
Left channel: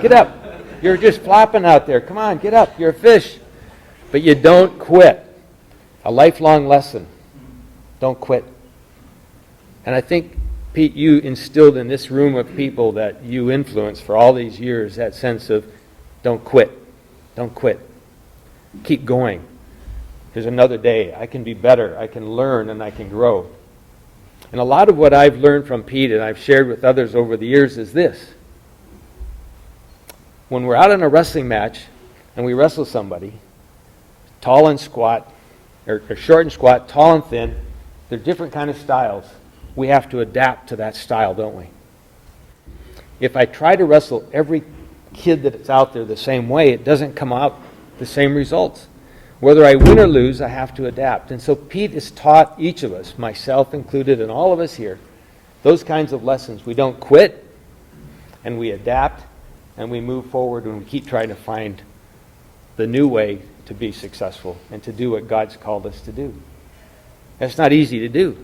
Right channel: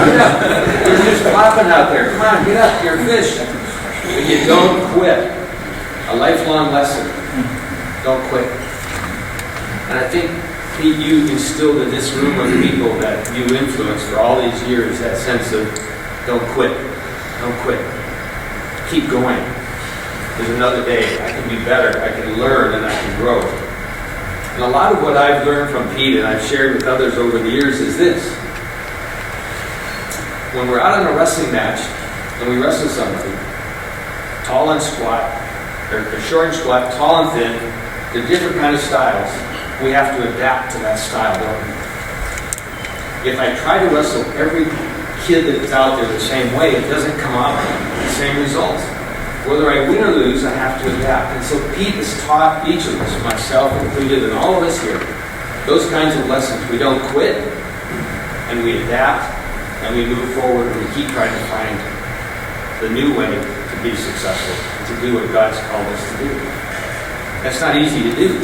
Get up. You're just flopping out there. Come on, get up. You're a fish. But you don't quit. A lifelong lesson. Don't quit. And I think, Pete, you instilled in this room of people that you influenced for all these years that sense of don't quit. Don't quit. Keep going. There's another day. I can be better. I can learn and I can grow. And a lot of what I've learned from Pete and I've shared with others over the years is this. When we're out in a wrestling match and we wrestle somebody, tall and squat, or short and squat, tall and thin, they're different kind of styles. We have to adapt to that style, don't we? If I try to wrestle every kid that's out there the same way, it doesn't come out the same results. Whether I win or lose, I have to adapt. And so Pete has taught each of us, myself included, and all of us here, those kinds of lessons. We don't quit, and we adapt, and we move forward, and we keep trying to find the new way to be successful, and to do what God's called us to do. That's not easy to do,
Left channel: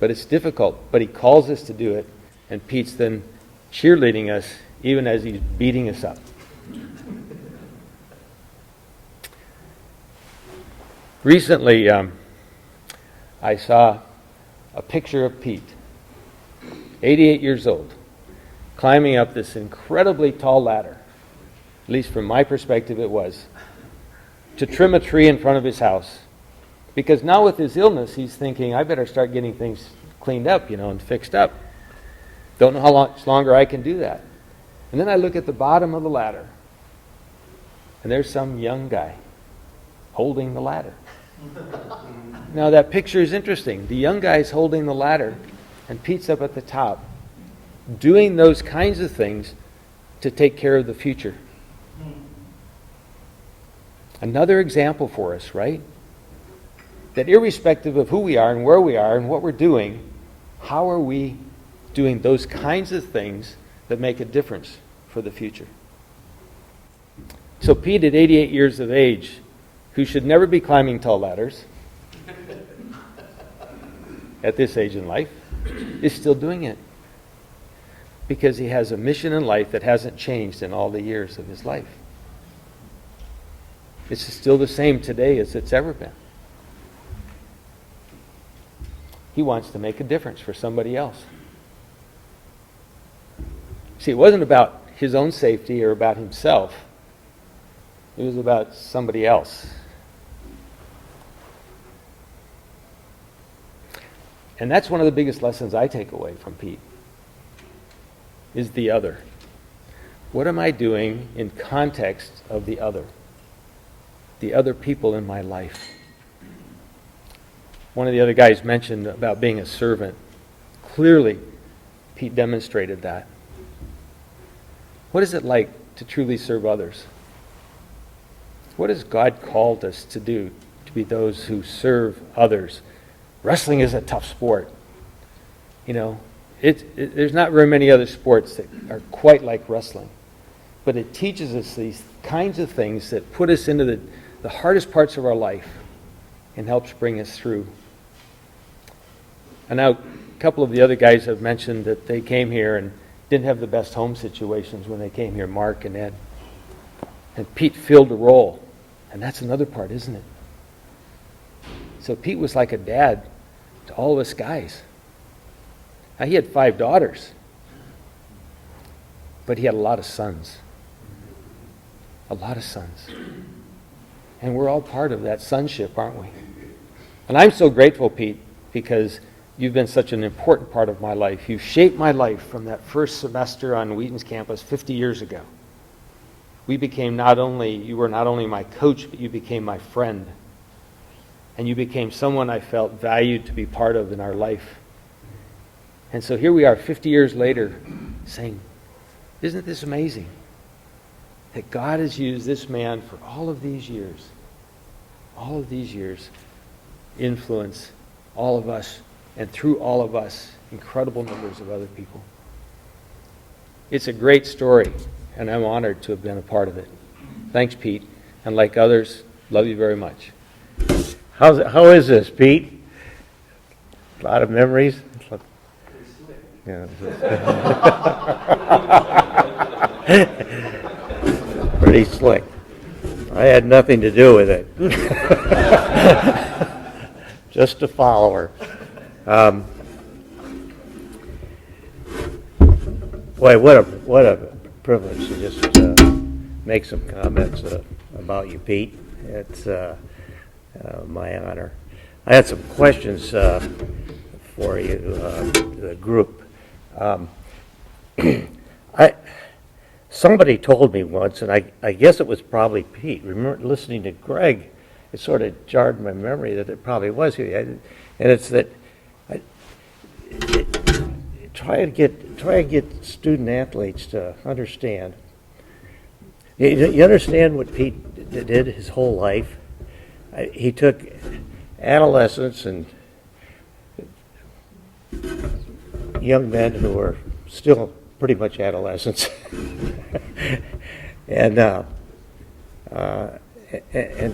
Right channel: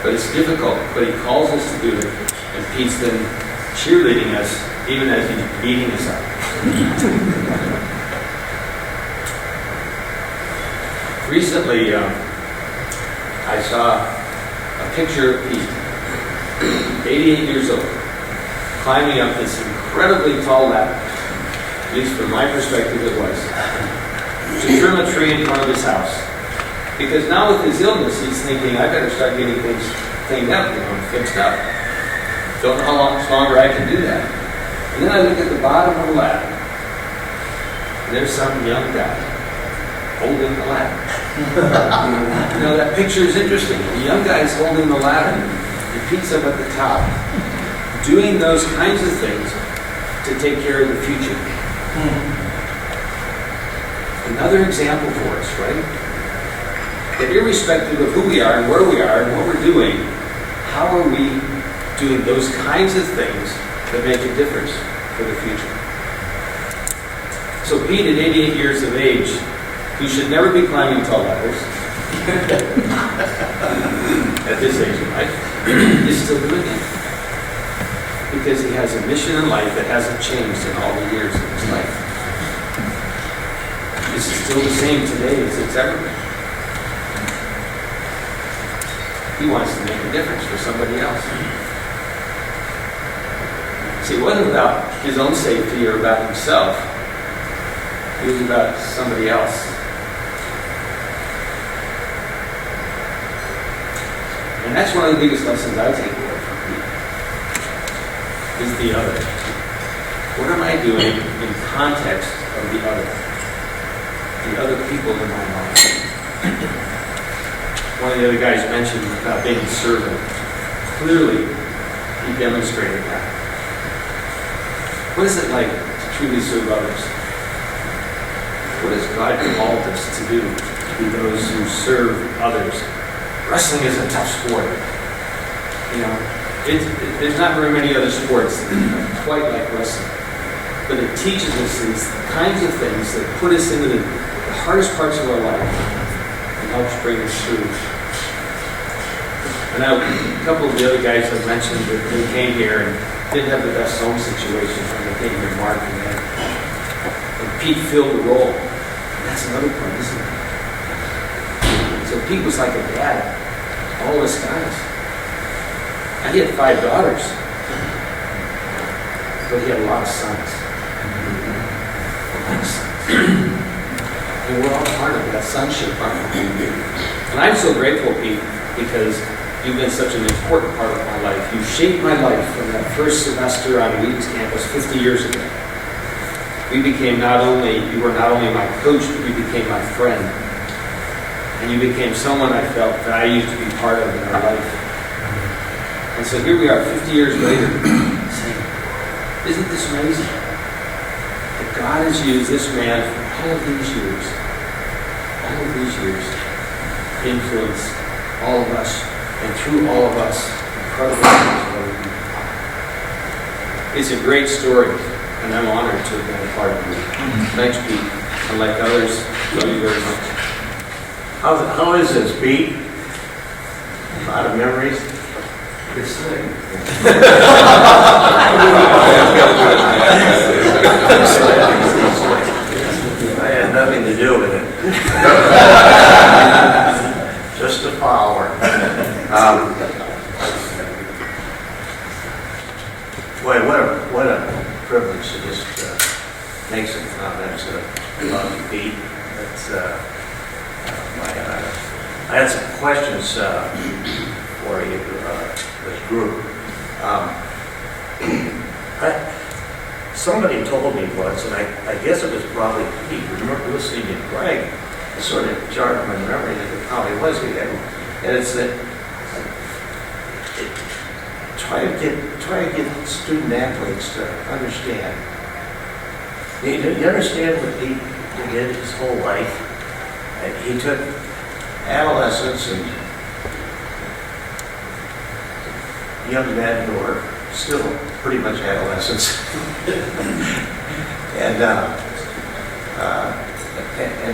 but it's difficult. But He calls us to do it, and Pete's been cheerleading us, even as He's beating us up. Recently, I saw a picture of Pete, 88 years old, climbing up this incredibly tall ladder, at least from my perspective it was, to trim a tree in front of his house. Because now with his illness, he's thinking, I better start getting things cleaned up, and fixed up. Don't know how much longer I can do that. And then I look at the bottom of the ladder, and there's some young guy holding the ladder. Now that picture is interesting. The young guy is holding the ladder, and Pete's up at the top, doing those kinds of things to take care of the future. Another example for us, right? That irrespective of who we are and where we are and what we're doing, how are we doing those kinds of things that make a difference for the future? So Pete, at 88 years of age, who should never be climbing tall ladders at this age of life, is still doing it. Because he has a mission in life that hasn't changed in all the years of his life. This is still the same today as it's ever been. He wants to make a difference for somebody else. See, it wasn't about his own safety or about himself. It was about somebody else. And that's one of the biggest lessons I take away from Pete, is the other. What am I doing in context of the other people in my life? One of the other guys mentioned about being a servant. Clearly, he demonstrated that. What is it like to truly serve others? What has God called us to do, to be those who serve others? Wrestling is a tough sport. You know, there's not very many other sports that are quite like wrestling. But it teaches us these kinds of things that put us into the hardest parts of our life and helps bring us through. And now, a couple of the other guys have mentioned that they came here and didn't have the best home situation when they came here, Mark and Dan. And Pete filled the role. And that's another part, isn't it? So Pete was like a dad, all of us guys. And he had 5 daughters. But he had a lot of sons. A lot of sons. And we're all part of that sonship, aren't we? And I'm so grateful, Pete, because you've been such an important part of my life. You shaped my life from that first semester on Wheaton's campus 50 years ago. You were not only my coach, but you became my friend. And you became someone I felt valued to be part of in our life. And so here we are 50 years later, saying, isn't this amazing? That God has used this man for all of these years all of these years influenced all of us, and through all of us, incredible things that we do. It's a great story, and I'm honored to have been a part of it. Thanks, Pete. And like others, love you very much. How is this, Pete? A lot of memories? This thing. I had nothing to do with it. Just a follower. Boy, what a privilege to just make some comments about Pete. That's my honor. I had some questions for you, this group. Somebody told me once, and I guess it was probably Pete. You remember listening to Greg? It sort of jarred my memory that it probably was he. And it's that try to get student athletes to understand. You understand what Pete did his whole life? He took adolescents and young men who were still pretty much adolescents, and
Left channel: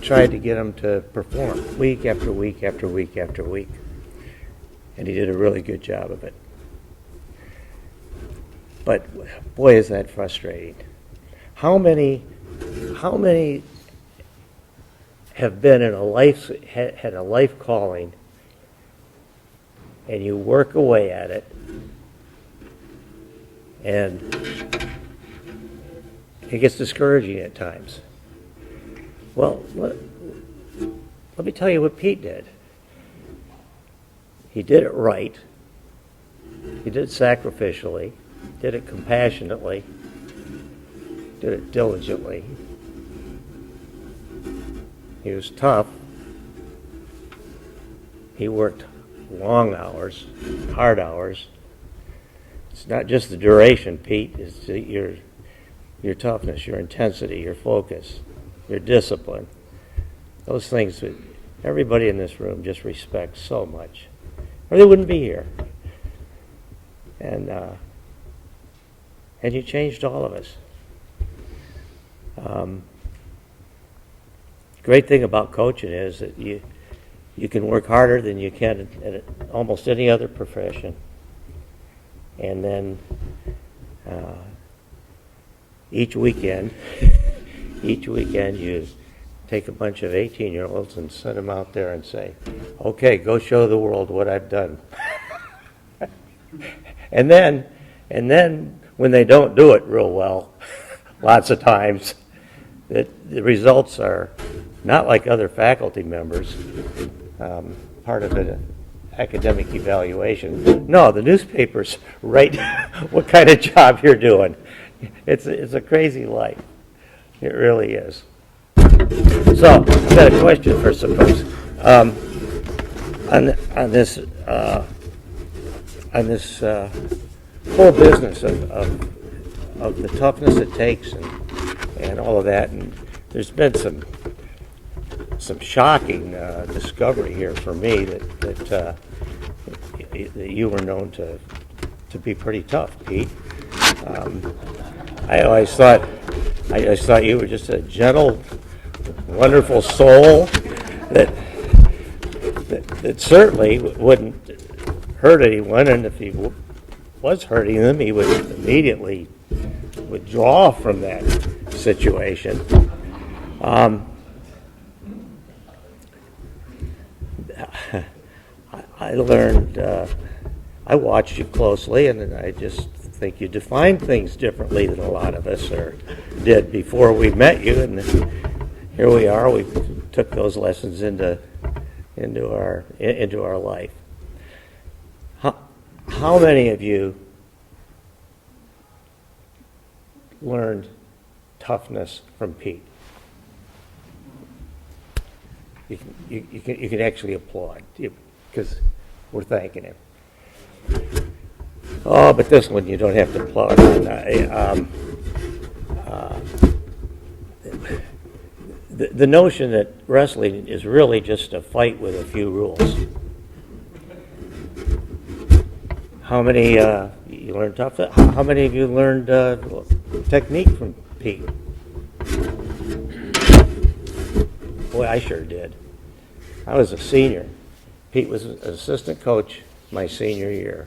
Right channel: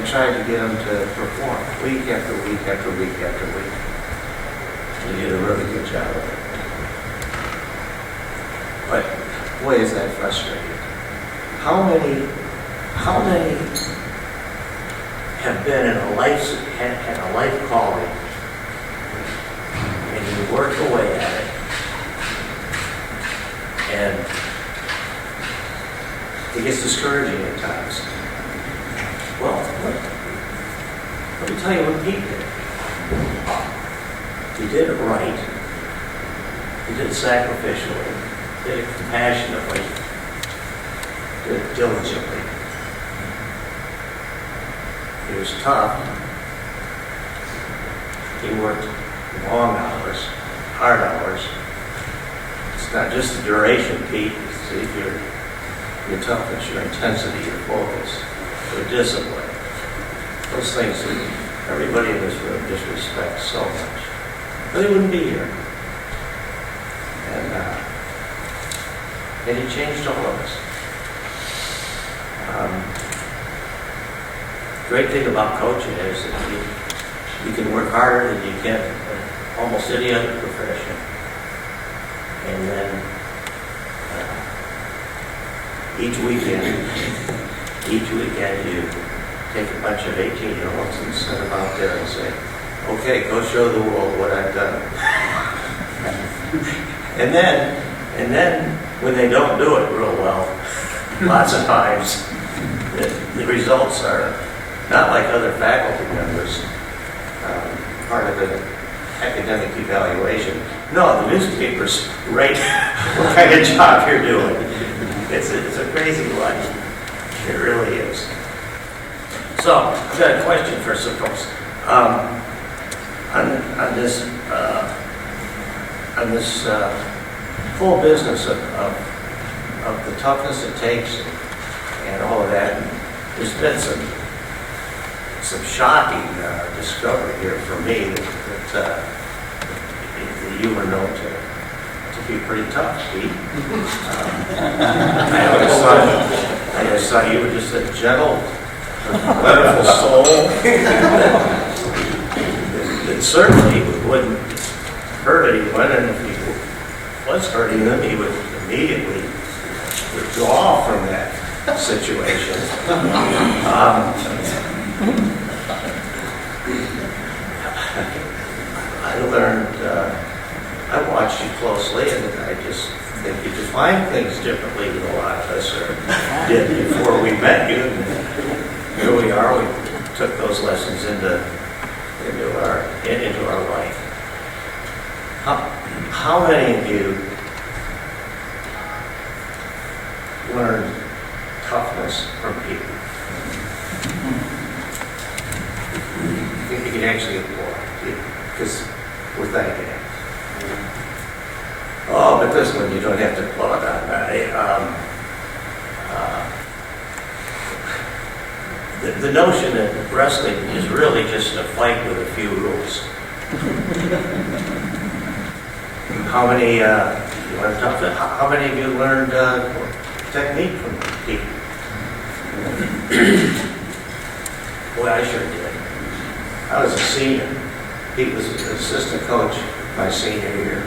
tried to get them to perform week after week after week after week. And he did a really good job of it. But boy, is that frustrating. How many have been in had a life calling, and you work away at it, and it gets discouraging at times. Well, let me tell you what Pete did. He did it right. He did it sacrificially. Did it compassionately. Did it diligently. He was tough. He worked long hours, hard hours. It's not just the duration, Pete. It's your toughness, your intensity, your focus, your discipline. Those things that everybody in this room just respects so much. Or they wouldn't be here. And he changed all of us. Great thing about coaching is that you can work harder than you can in almost any other profession. And then each weekend you take a bunch of 18-year-olds and send them out there and say, okay, go show the world what I've done. And then when they don't do it real well, lots of times, the results are not like other faculty members, part of the academic evaluation. No, the newspapers rate what kind of job you're doing. It's a crazy life. It really is. So, I've got a question for some folks. On this whole business of the toughness it takes and all of that, there's been some shocking discovery here for me that you were known to be pretty tough, Pete. I always thought you were just a gentle, wonderful soul that certainly wouldn't hurt anyone, and if he was hurting them, he would immediately withdraw from that situation. I learned, I watched you closely, and I just think you define things differently than a lot of us did before we met you. And here we are, we took those lessons into our life. How many of you learned toughness from people? You can actually applaud, because we're thanking it. Oh, but this one you don't have to applaud. the notion that wrestling is really just a fight with a few rules. How many, you want to talk about, how many of you learned technique from Pete? Boy, I sure did. I was a senior. Pete was an assistant coach my senior year.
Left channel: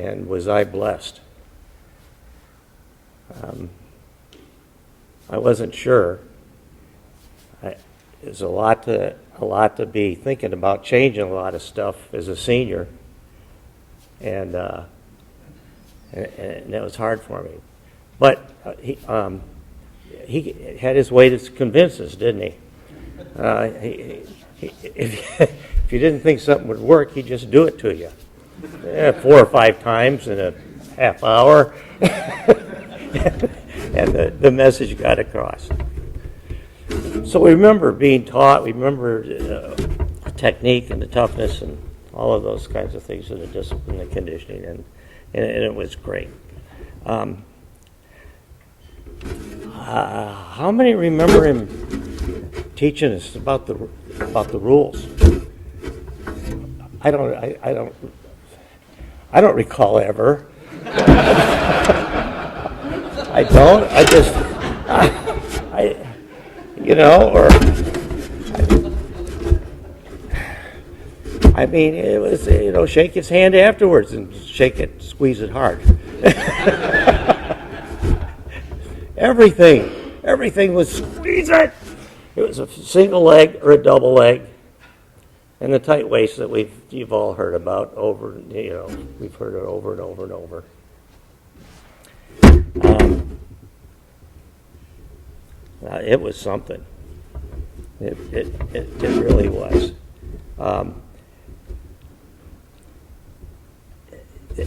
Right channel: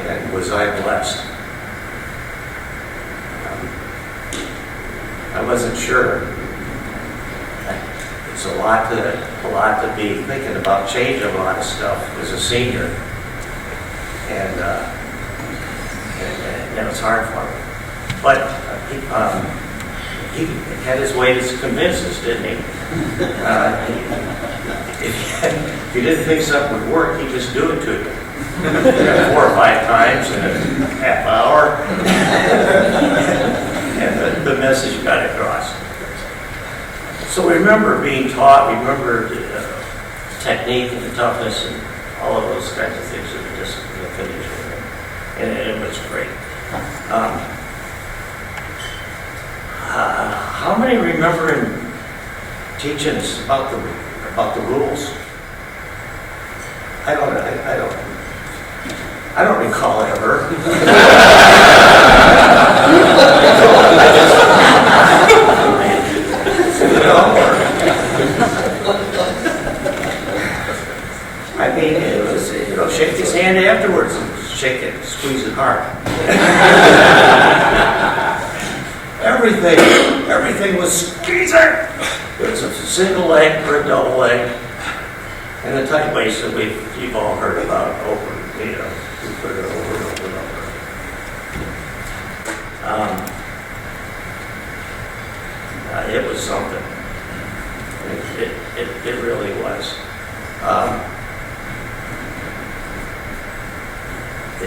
And was I blessed. I wasn't sure. It's a lot to be thinking about, changing a lot of stuff as a senior. And that was hard for me. But he had his way to convince us, didn't he? If you didn't think something would work, he'd just do it to you. 4 or 5 times in a half hour. And the message got across. So we remember being taught, we remember technique and toughness and all of those kinds of things that the discipline of finish were. And it was great. How many remember him teaching us about the rules? I don't recall ever. I mean, it was, shake his hand afterwards and shake it, squeeze it hard. Everything was squeeze it. It was a single leg or a double leg, and the tight waist that you've all heard about over, we put it over and over and over. It was something. It really was.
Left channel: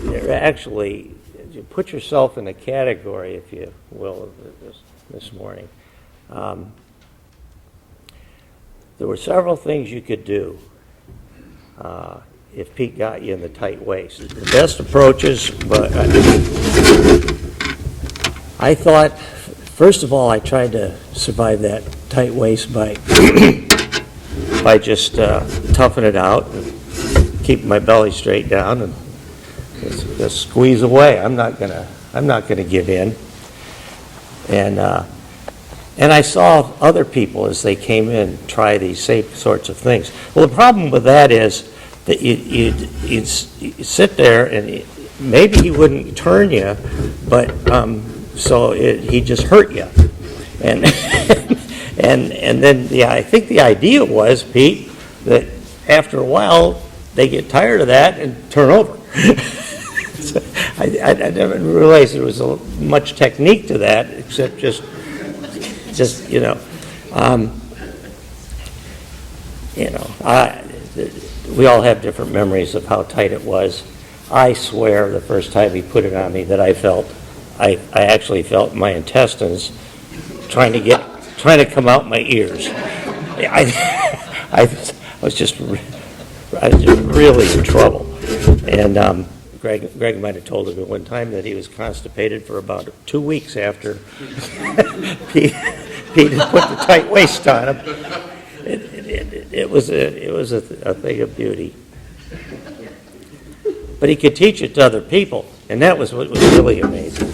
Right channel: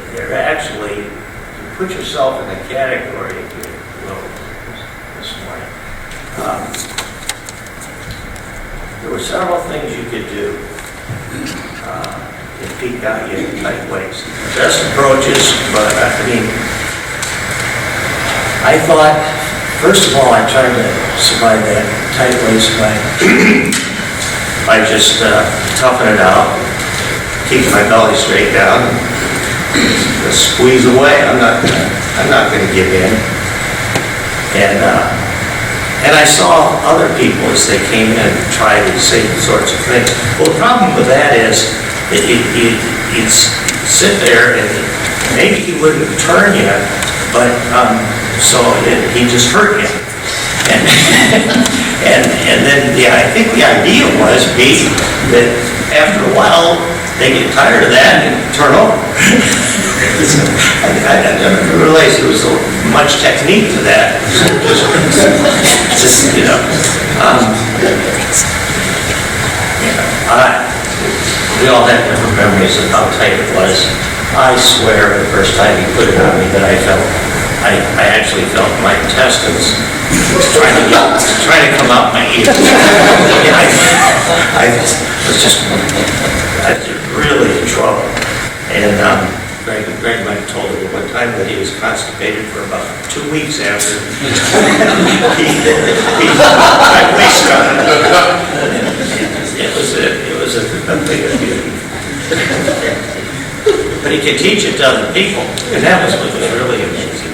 They're actually, put yourself in a category, if you will, this morning. There were several things you could do if Pete got you in tight waist. Best approaches, but I thought, first of all, I tried to survive that tight waist by just toughing it out, keep my belly straight down, and squeeze away. I'm not going to give in. And I saw other people as they came in try these same sorts of things. Well, the problem with that is that you'd sit there and maybe he wouldn't turn you, but so he just hurt you. And then, yeah, I think the idea was, Pete, that after a while they get tired of that and turn over. I never realized there was so much technique to that. Just we all had different memories of how tight it was. I swear the first time you put it on me that I actually felt my intestines trying to come out my ears. I was just really in trouble. And Greg might have told me one time that he was constipated for about 2 weeks after he put my waist on. It was a thing of beauty. But he could teach it to other people, and that was really amazing.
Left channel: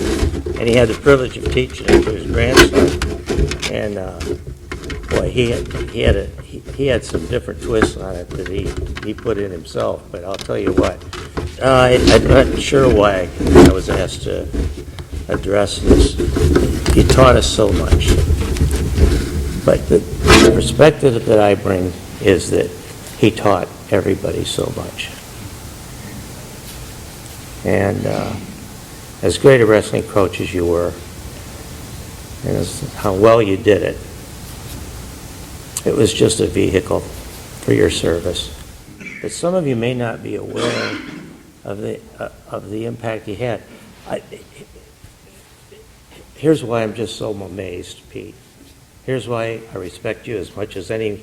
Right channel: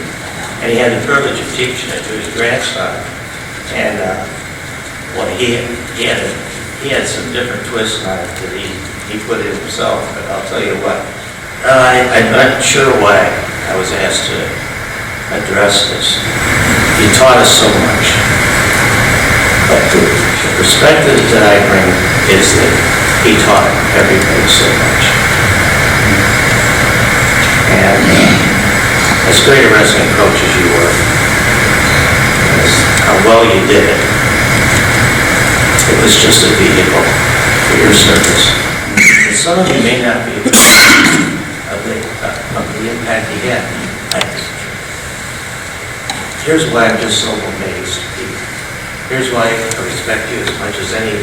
And he had the privilege of teaching it to his grandson. And well, he had some different twists on it that he put in himself. But I'll tell you what, I'm not sure why I was asked to address this. He taught us so much. But the perspective that I bring is that he taught everybody so much. And as great a wrestling coach as you were, as how well you did it, it was just a vehicle for your service. And some of you may not be aware of the impact he had. Here's why I'm just so amazed, Pete. Here's why I respect you as much as any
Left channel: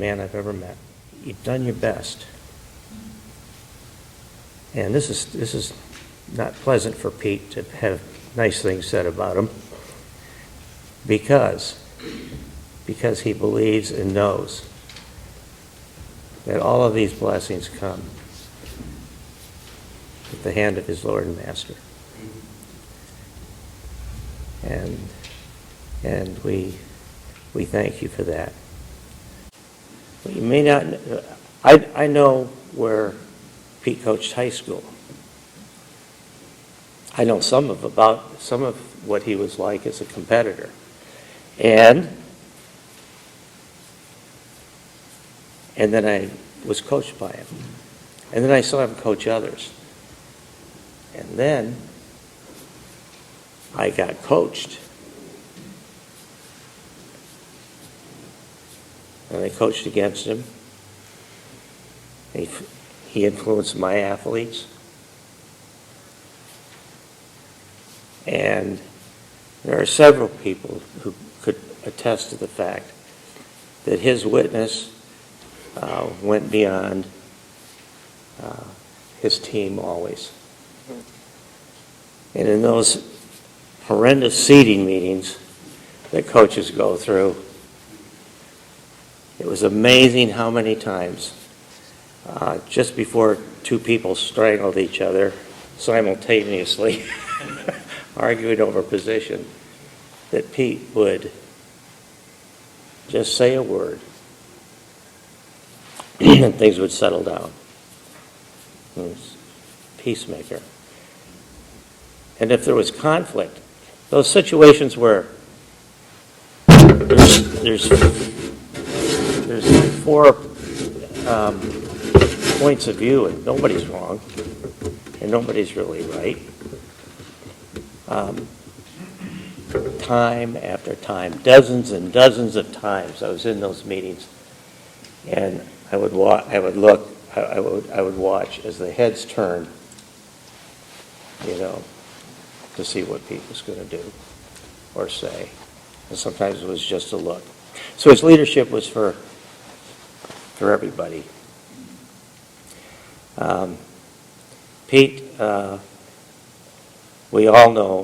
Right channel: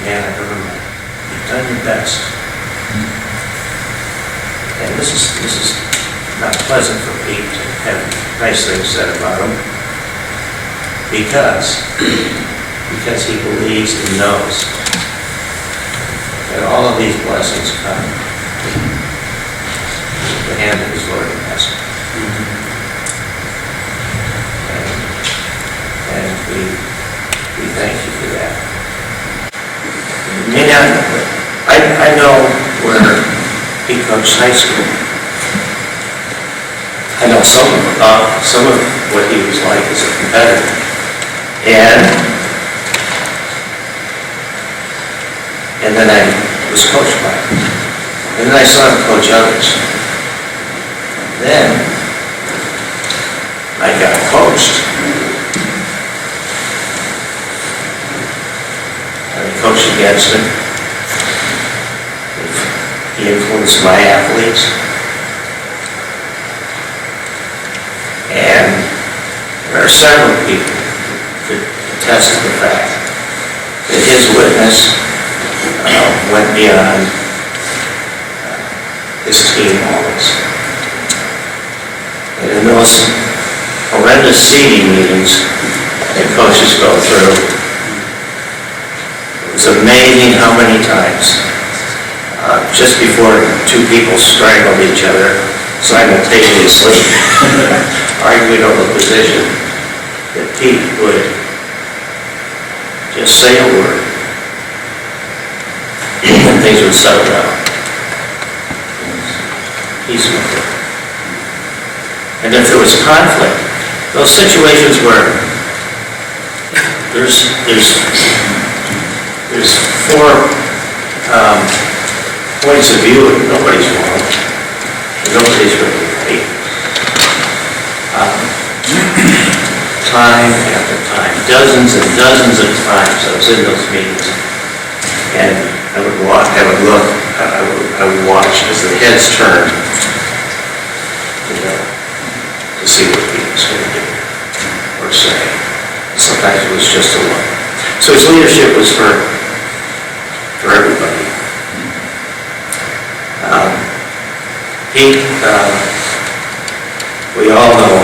man I've ever met. You've done your best. And this is not pleasant for Pete to have nice things said about him, because because he believes and knows that all of these blessings come with the hand of his Lord and Master. And we thank you for that. You may not, I know where he coached high school. I know something about some of what he was like as a competitor. And then I was coached by him. And then I saw him coach others. Then I got coached. I coached against him. He influenced my athletes. And there are several people that attest to the fact that his witness went beyond his team always. And in those horrendous seeding meetings that coaches go through, it was amazing how many times, just before two people strangled each other simultaneously, arguing over position, that Pete would just say a word and things would settle down. Peaceful. And if there was conflict, those situations where there's four points of view and nobody's wrong, nobody's really right. Time after time, dozens and dozens of times I was in those meetings, and I would watch, I would watch as the heads turned, to see what he was going to do or say. Sometimes it was just a look. So his leadership was for everybody. Pete, we all know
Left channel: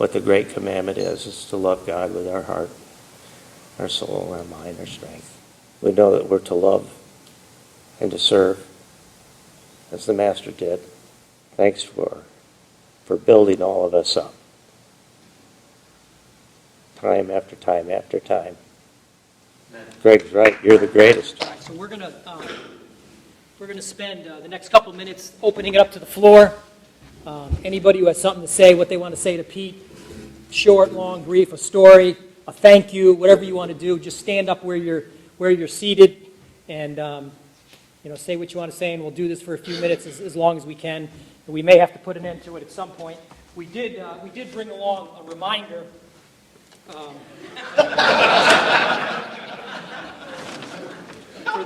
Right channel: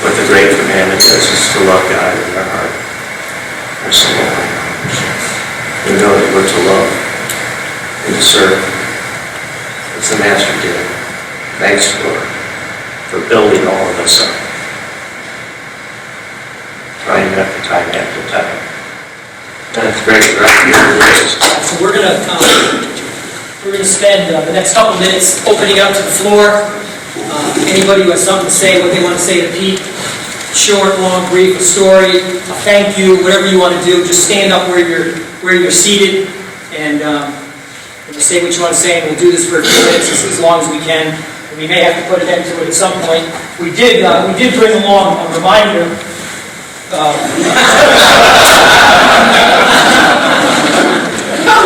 what the great commandment is to love God with our heart, our soul, and our mind. We know that we're to love and to serve. It's the master did. Thanks for building all of us up. Trying after time after time. That's great. Right here, gracious. So we're gonna spend the next couple minutes opening up to the floor. Anybody who has something to say, what they want to say to Pete, short, long, brief, a story, a thank you, whatever you want to do, just stand up where you're seated and say what you want to say, and we'll do this for a few minutes, as long as we can. And we may have to put an end to it at some point. We did bring along a reminder. For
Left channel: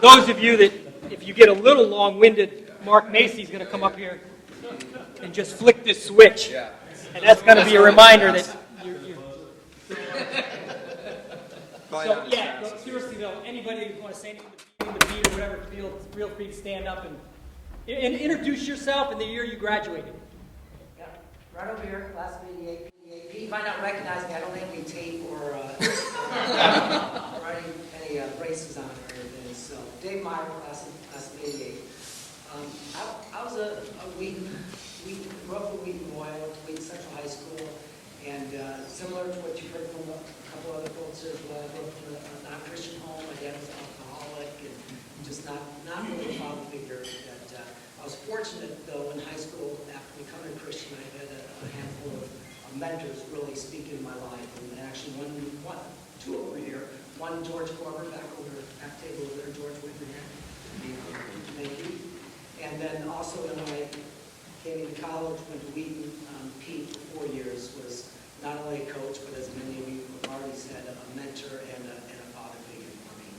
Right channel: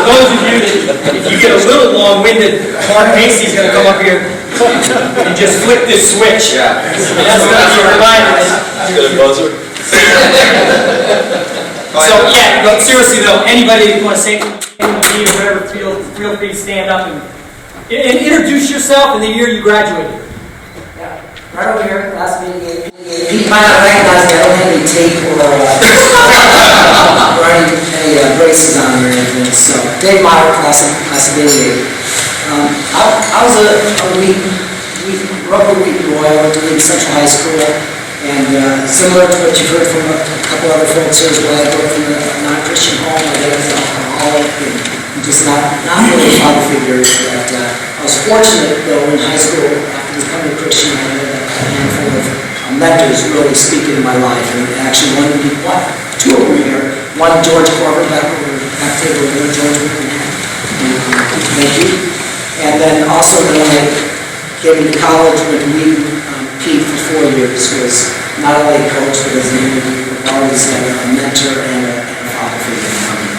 those of you that, if you get a little long-winded, Mark Macy's going to come up here and just flip this switch. Yeah. And that's going to be a reminder. Good buzzer. So yeah, but seriously though, anybody who wants to say anything or whatever, feel free to stand up and introduce yourself and the year you graduated. Yeah, right over here, last meeting. You might not recognize me, I don't have any tape or any braces on or anything. So, Dave Meyer, class of 88. I was a rubber week boy. I went to Wheaton Central High School, and similar to what you've heard from a couple other folks here as well, I grew up in a non-Christian home. My dad was an alcoholic and just not really a father figure. But I was fortunate though in high school, after becoming a Christian, I had a handful of mentors really speak into my life. And actually two of them were here. One, George Corbett, back table over George McMahon. Thank you. And then also when I came into college with Wheaton, Pete for 4 years was not only a coach, but as an individual, always had a mentor and a father figure for me.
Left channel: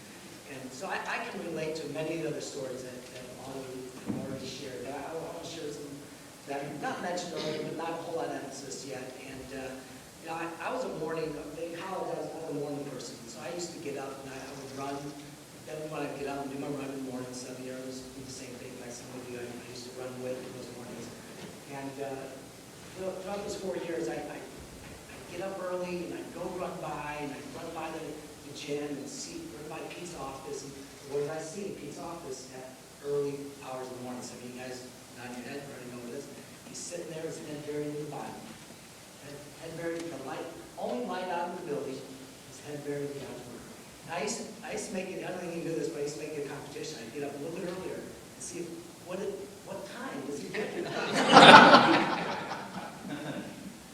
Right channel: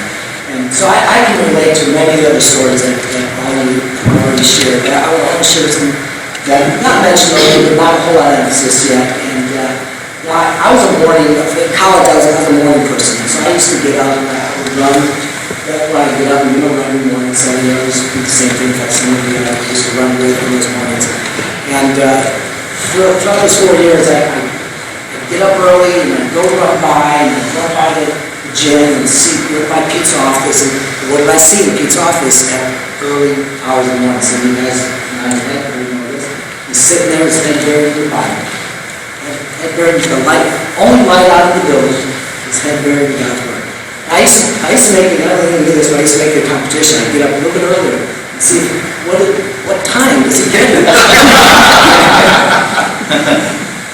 And so I can relate to many of the other stories that all of you have already shared. But I want to share some that not mentioned earlier, but not a whole lot of emphasis yet. And I was in college I was a morning person. So I used to get up and I would run. When I get up and we don't run in the morning, so I used to do the same thing. In fact, some of you used to run away from those mornings. And throughout those 4 years, I'd get up early and I'd go run by and I'd run by the gym and see what my Pete's office, and what did I see in Pete's office at early hours in the morning. Some of you guys, not as head, you know this. He's sitting there, his head buried in the Bible. Head buried in the light, only light out of the building, his head buried in God's word. I used to make it, I don't even do this, but I used to make it a competition. I'd get up a little bit earlier and see what time does he get it.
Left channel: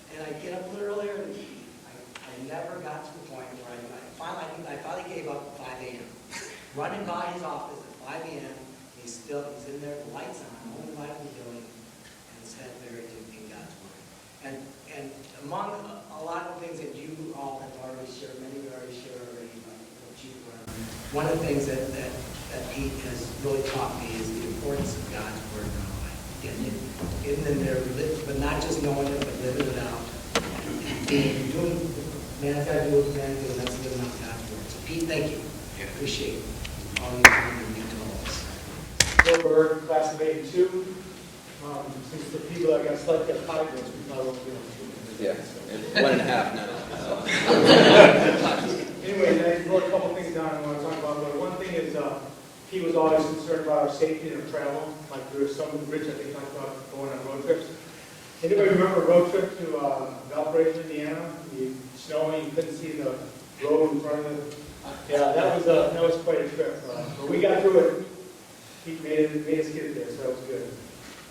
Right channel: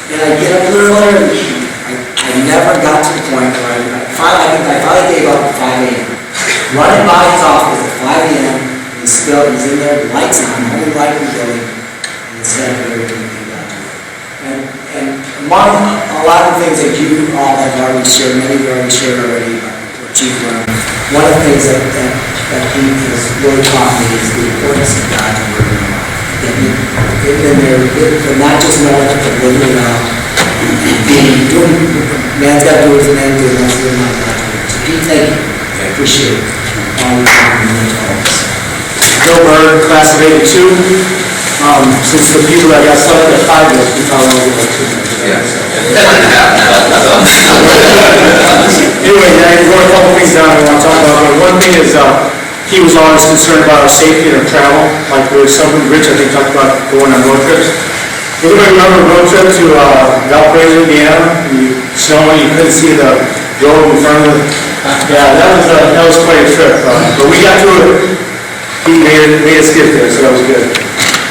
And I'd get up a little earlier, and I never got to the point where I finally gave up at 5 a.m. Running by his office at 5 a.m., he's in there, the lights on, only light in the building, and instead of everything he got to it. And among a lot of things that you all have already shared, many of you already shared already, what you've learned, one of the things that Pete has really taught me is the importance of God's word. Not just knowing it, but living it out. Man's got to do his man, do it, so Pete, thank you. I appreciate it. Bill Bird, class of '82. Since the people that got started at 5 years, we probably only get 2 minutes. Anyway, I wrote a couple things down I want to talk about. But one thing is, he was always concerned about our safety and our travel. Like there was someone, Rich, I think, talked about going on road trips. Anybody remember a road trip to Valparaiso, Indiana? Snowing, you couldn't see the road in front of it. Yeah, that was quite a trip. But we got through it. He made us get there, so that was good.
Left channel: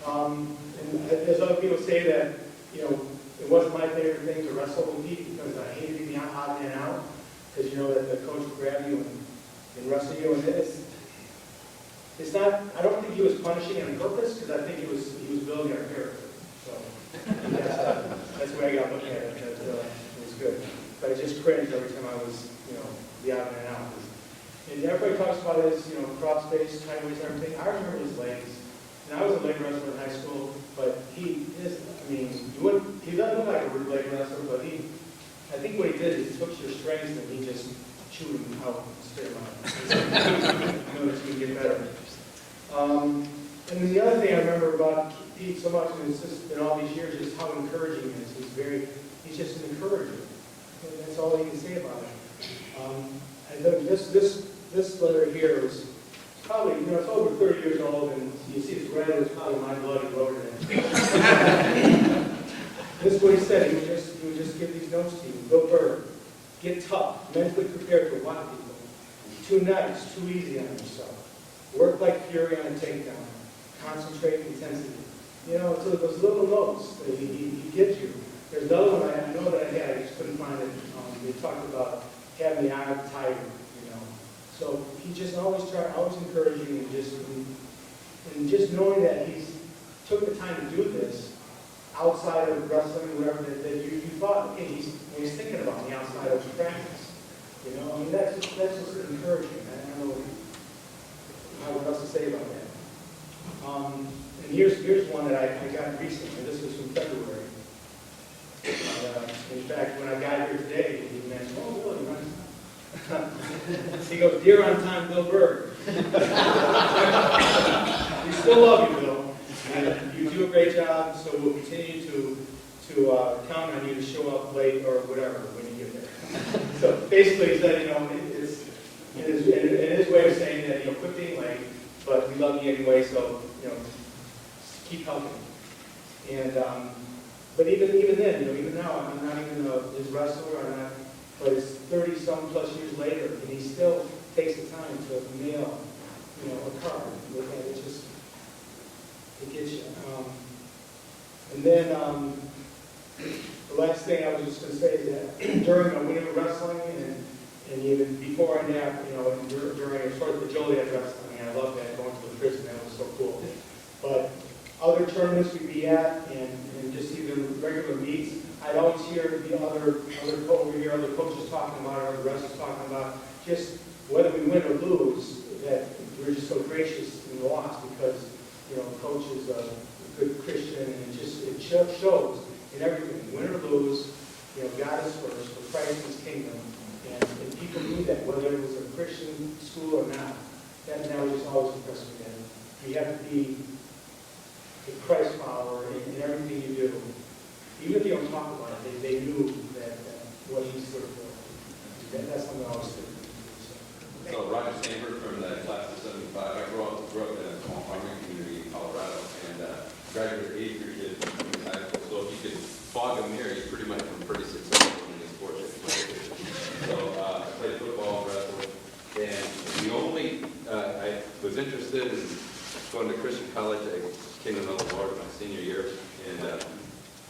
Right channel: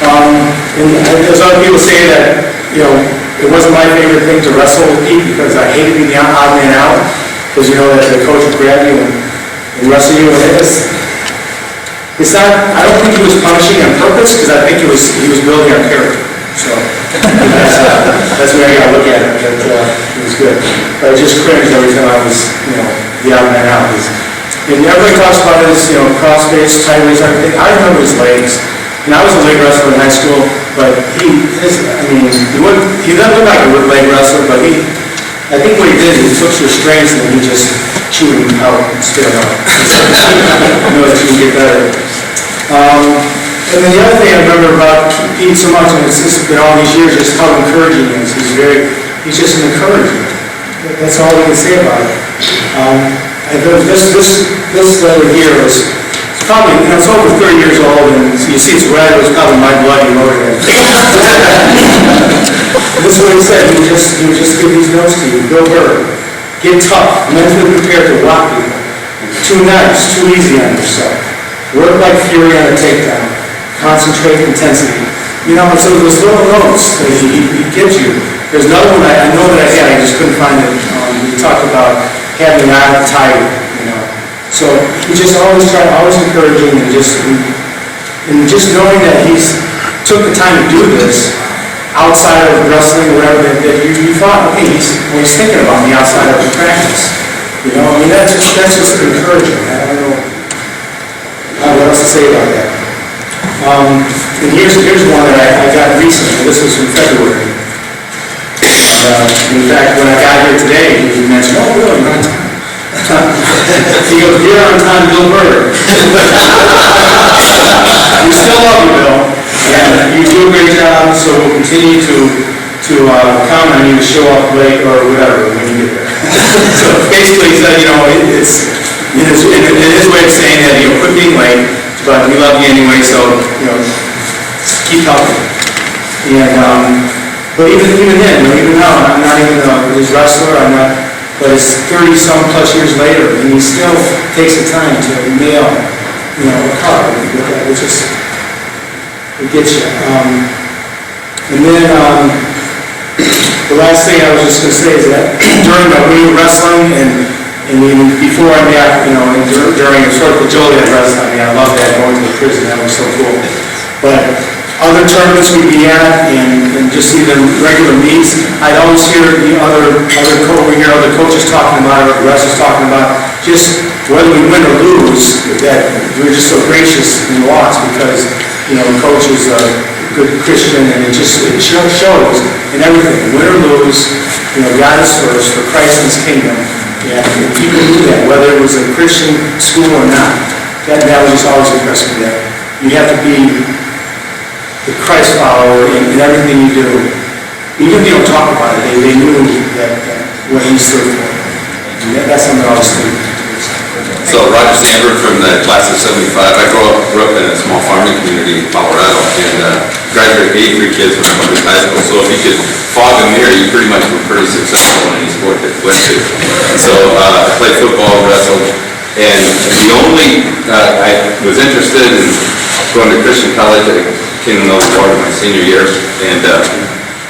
And there's other people say that, you know, it wasn't my favorite thing to wrestle with Pete because I hated being the odd man out. Because you know that the coach would grab you and wrestle you. And it's not, I don't think he was punishing on purpose because I think he was building our character. So that's the way I got to look at it. But it was good. But I just cringed every time I was, you know, the odd man out. And everybody talks about his, you know, cross-face, sideways, everything. I remember his legs. And I was a leg wrestler in high school, but he doesn't look like a leg wrestler, but I think what he did is he took your strengths and then he just chewed them out and spit them out. I know that you can get better. And then the other thing I remember about Pete so much, and it's been all these years, is how encouraging he is. He's just an encourager. That's all we can say about it. And this letter here is probably, you know, it's over 30 years old, and you see it's red. It was probably my blood he wrote it. This is what he said. He would just give these notes to you. Bill Bird, get tough, mentally prepared to rock people. Too nice, too easy on yourself. Work like fury on a takedown. Concentrate intensity. You know, so those little notes that he gives you. There's another one I know that I had. I just couldn't find it. He talked about having an eye on the tiger. So he just always encouraging and just knowing that he's took the time to do this outside of wrestling or whatever that you thought, okay, he's thinking about me outside of the practice. You know, I mean that's just encouraging. I don't know what else to say about that. And here's one that I got recently. This was in February. In fact, when I got here today, he mentioned, oh really, you're on time. He goes, you're on time, Bill Bird. We still love you, Bill, and you do a great job, so we'll continue to count on you to show up late or whatever when you get there. So basically he said, you know, it's in his way of saying that, you know, quit being late, but we love you anyway, so, you know, keep helping. And, but even then, you know, even now, I'm not even his wrestler, but it's 30-some plus years later, and he still takes the time to mail, you know, a card. It gets you. And then the last thing I was just going to say is that during we were wrestling, and even before I met, you know, and during sort of the Joliet wrestling, I loved that, going to the prison. That was so cool. But other tournaments we'd be at, and just even regular meets, I'd always hear the other coaches talking about it, or the wrestlers talking about just whether we win or lose, that we're just so gracious and lost because, you know, the coach is a good Christian, and it shows in everything. Win or lose, you know, God is first for Christ and His kingdom. Yeah, and people knew that, whether it was a Christian school or not. That was just always impressed me. That you have to be the Christ follower in everything you do. Even if you don't talk about it, they knew that what he stood for. That's something I always think. So Roger Sandberg from the class of '75. I grew up in a small farming community in Colorado and graduated 83 kids from public high school. So if you could fog a mirror, you pretty much were pretty successful in any sport that you went to. So I played football, wrestled, and the only, I was interested in going to Christian college. I came to know the Lord in my senior year and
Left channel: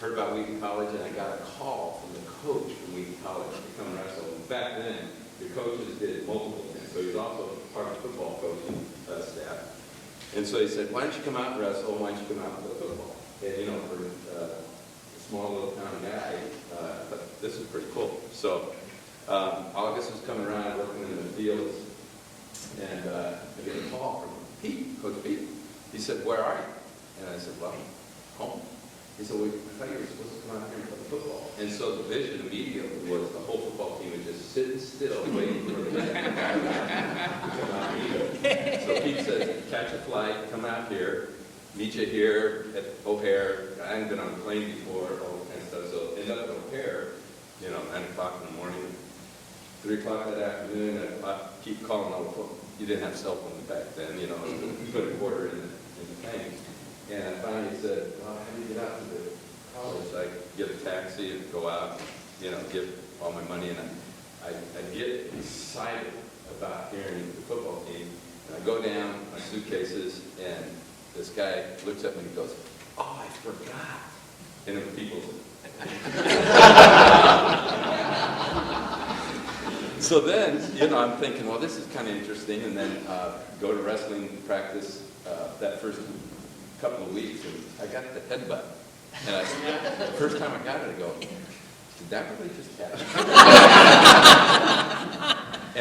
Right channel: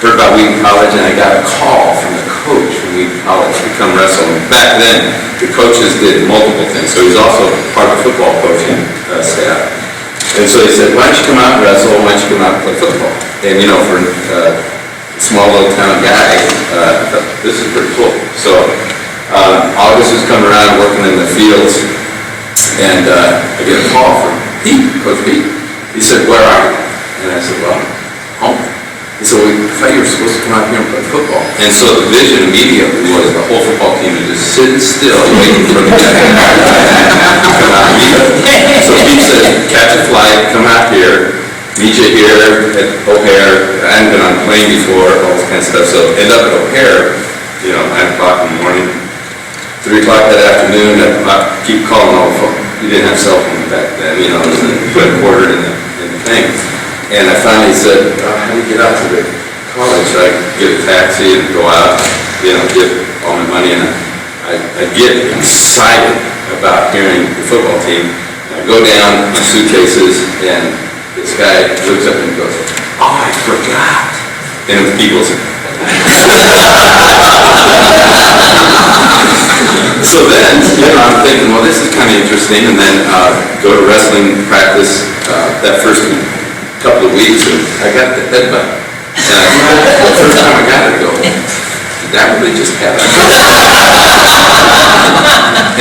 heard about Wheaton College, and I got a call from the coach from Wheaton College to come wrestle. And back then, the coaches did multiple things. So he's also part of the football coaching staff. And so he said, why don't you come out and wrestle? Why don't you come out and play football? And you know, for a small little town guy, I thought, this is pretty cool. So August was coming around working in the fields, and I get a call from Pete, Coach Pete. He said, where are you? And I said, well, home. He said, well, I thought you were supposed to come out here and play football. And so the vision immediately was the whole football team was just sitting still, waiting for the guy to come out and meet us. So Pete said, catch a flight, come out here, meet you here at O'Hare. I hadn't been on a plane before, all this kind of stuff. So end up at O'Hare, you know, 9 o'clock in the morning, 3 o'clock that afternoon, I keep calling all the phone. You didn't have cell phones back then, you know, it was put a quarter in the thing. And I finally said, how do you get out to the college? So I get a taxi and go out, you know, get all my money, and I get excited about hearing the football team. I go down, my suitcases, and this guy looks up and goes, oh, I forgot. And it was Pete Willson. So then, you know, I'm thinking, well, this is kind of interesting, and then go to wrestling practice that first couple of weeks, and I got the headbutt. And the first time I got it, I go, did that really just happen?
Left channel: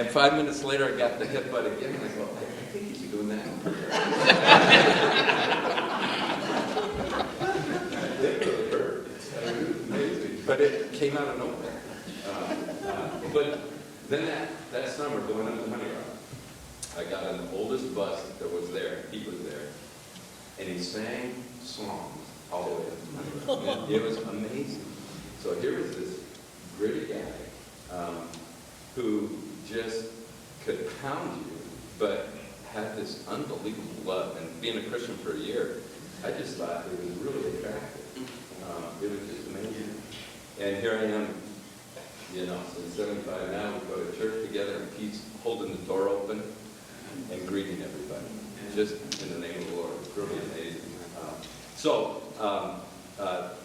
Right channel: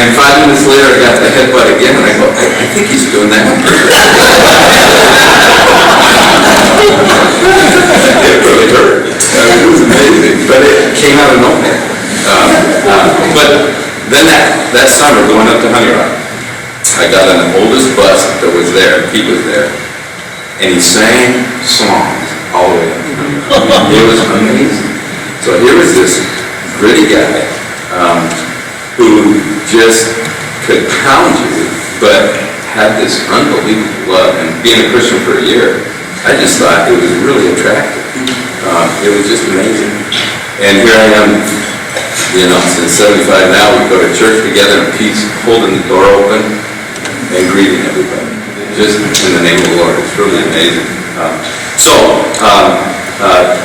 And 5 minutes later, I got the headbutt again, and I go, I think he's doing that on purpose. It really hurt. It was amazing, but it came out of nowhere. But then that summer, going up to Honey Rock, I got on the oldest bus that was there. Pete was there. And he sang songs all the way up. It was amazing. So here was this gritty guy who just could pound you, but had this unbelievable love. And being a Christian for a year, I just thought it was really attractive. It was just amazing. And here I am, you know, since '75 now, we go to church together, and Pete's holding the door open and greeting everybody. Just in the name of the Lord. It's really amazing.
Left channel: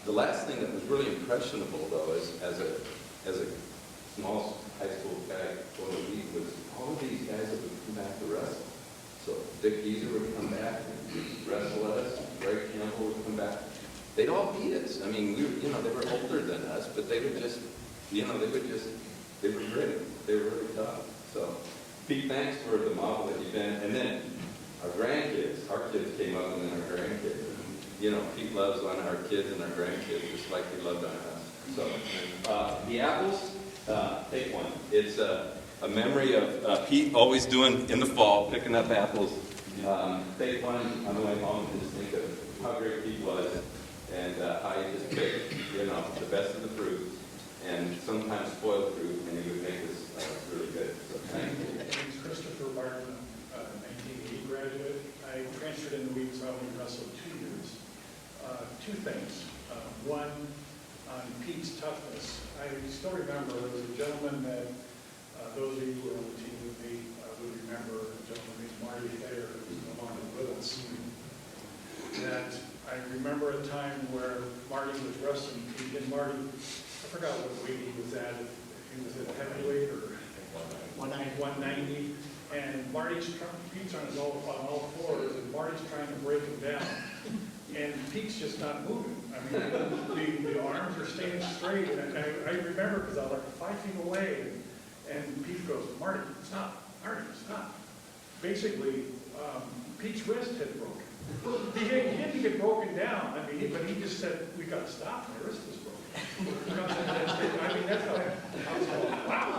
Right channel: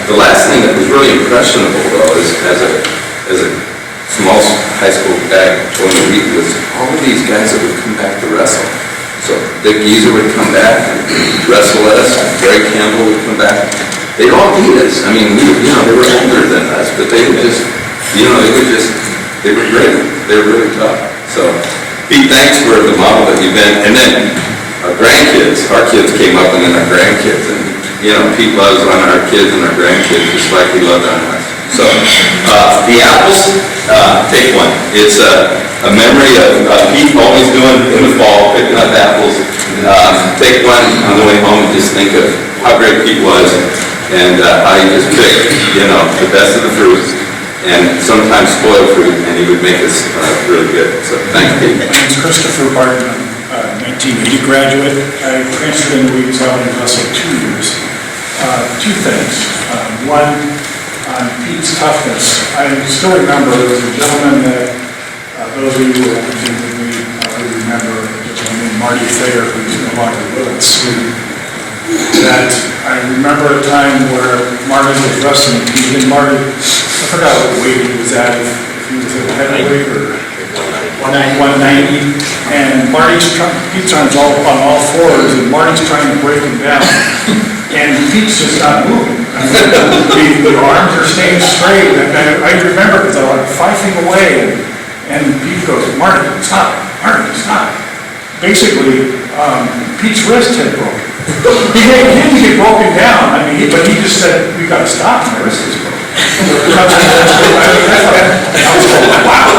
The last thing that was really impressionable, though, is as a small high school guy going to Wheaton, was all of these guys that would come back to wrestle. So Dick Geezer would come back and wrestle us. Greg Campbell would come back. They'd all beat us. I mean, you know, they were older than us, but they would just, you know, they were great. They were really tough. So, Pete, thanks for the model that you've been. And then our grandkids, our kids came up, and then our grandkids, and you know, Pete loves on our kids and our grandkids just like he loved on us. So, the apples, take one. It's a memory of Pete always doing in the fall, picking up apples. Take one on the way home and just think of how great Pete was, and how he just picked, you know, the best of the fruit, and sometimes spoiled fruit, and he would make us really good. So, thanks, Pete. My name's Christopher Barton. 1980 graduate. I transferred into Wheaton and wrestled 2 years. 2 things. One, on Pete's toughness. I still remember there was a gentleman that those of you who have been with me would remember, a gentleman named Marty Thayer, who's no longer with us. That I remember a time where Marty was wrestling Pete, and Marty, I forgot what weight he was at, if he was at heavyweight or 190, and Pete's trying to all on all fours, and Marty's trying to break him down, and Pete's just not moving. I mean, the arms are staying straight, and I remember because I was like 5 feet away, and Pete goes, Marty, stop, Marty, stop. Basically, Pete's wrist had broken. He didn't get broken down, I mean, but he just said, we got to stop, my wrist is broken. I was like, wow.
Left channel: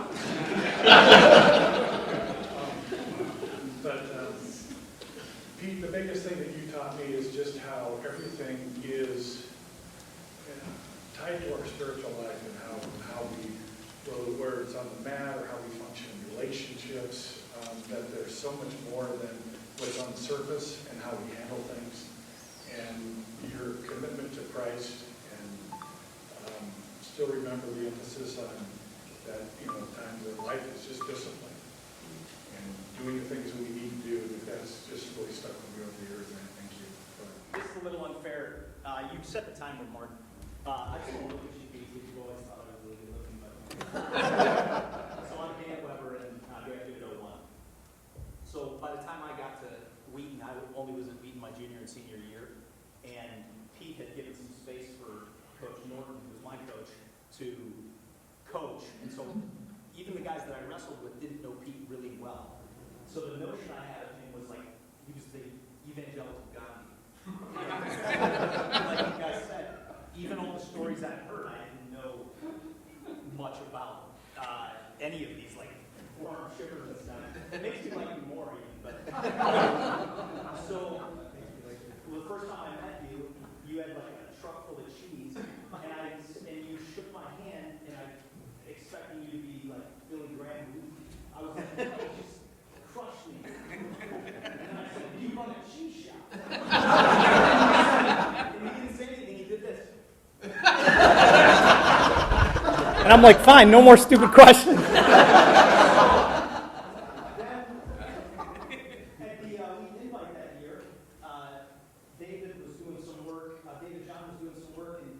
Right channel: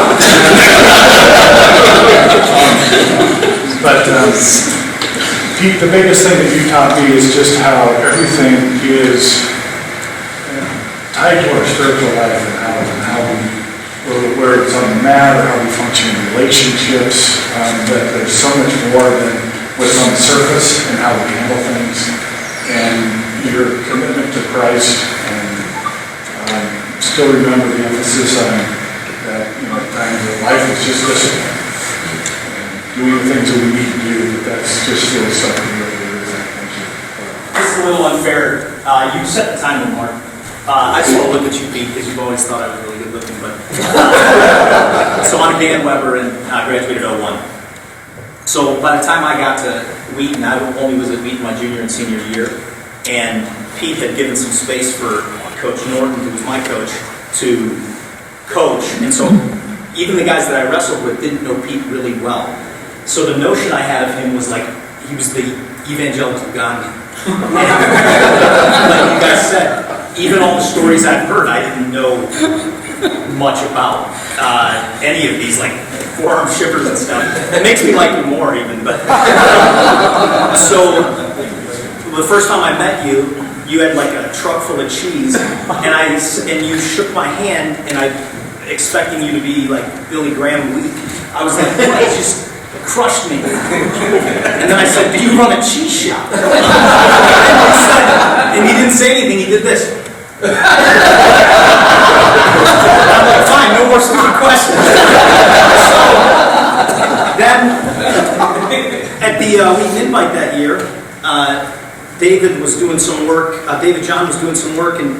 But Pete, the biggest thing that you taught me is just how everything is tied to our spiritual life, and how we where it's on the mat or how we function in relationships, that there's so much more than what's on the surface and how we handle things. And your commitment to Christ, and still remember the emphasis on that, at times that life is just discipline. And doing the things that we need to do, but that's just really something really, really thank you. It's a little unfair. You set the time with Mark. I just want to look at you, Pete, because you've always thought I was really good looking. But so I'm Dan Weber, and I graduated '01. So by the time I got to Wheaton, I only was at Wheaton my junior and senior year, and Pete had given some space for Coach Norton, who was my coach, to coach. And so even the guys that I wrestled with didn't know Pete really well. So the notion I had of him was like he was the evangelical Gandhi. And, like you guys said, even all the stories I've heard, I didn't know much about any of these, like forearm shivers and stuff. It makes me like him more even. But so the first time I met you, you had like a truck full of cheese, and you shook my hand, and I expecting you to be like Billy Graham weak. I was like, it just crushed me. And then I said, do you run a cheese shop? And he didn't say anything, he did this. I'm like, fine, no more stupid questions. So, then, at the Wheaton Invite that year, David was doing some work, David John was doing some work, and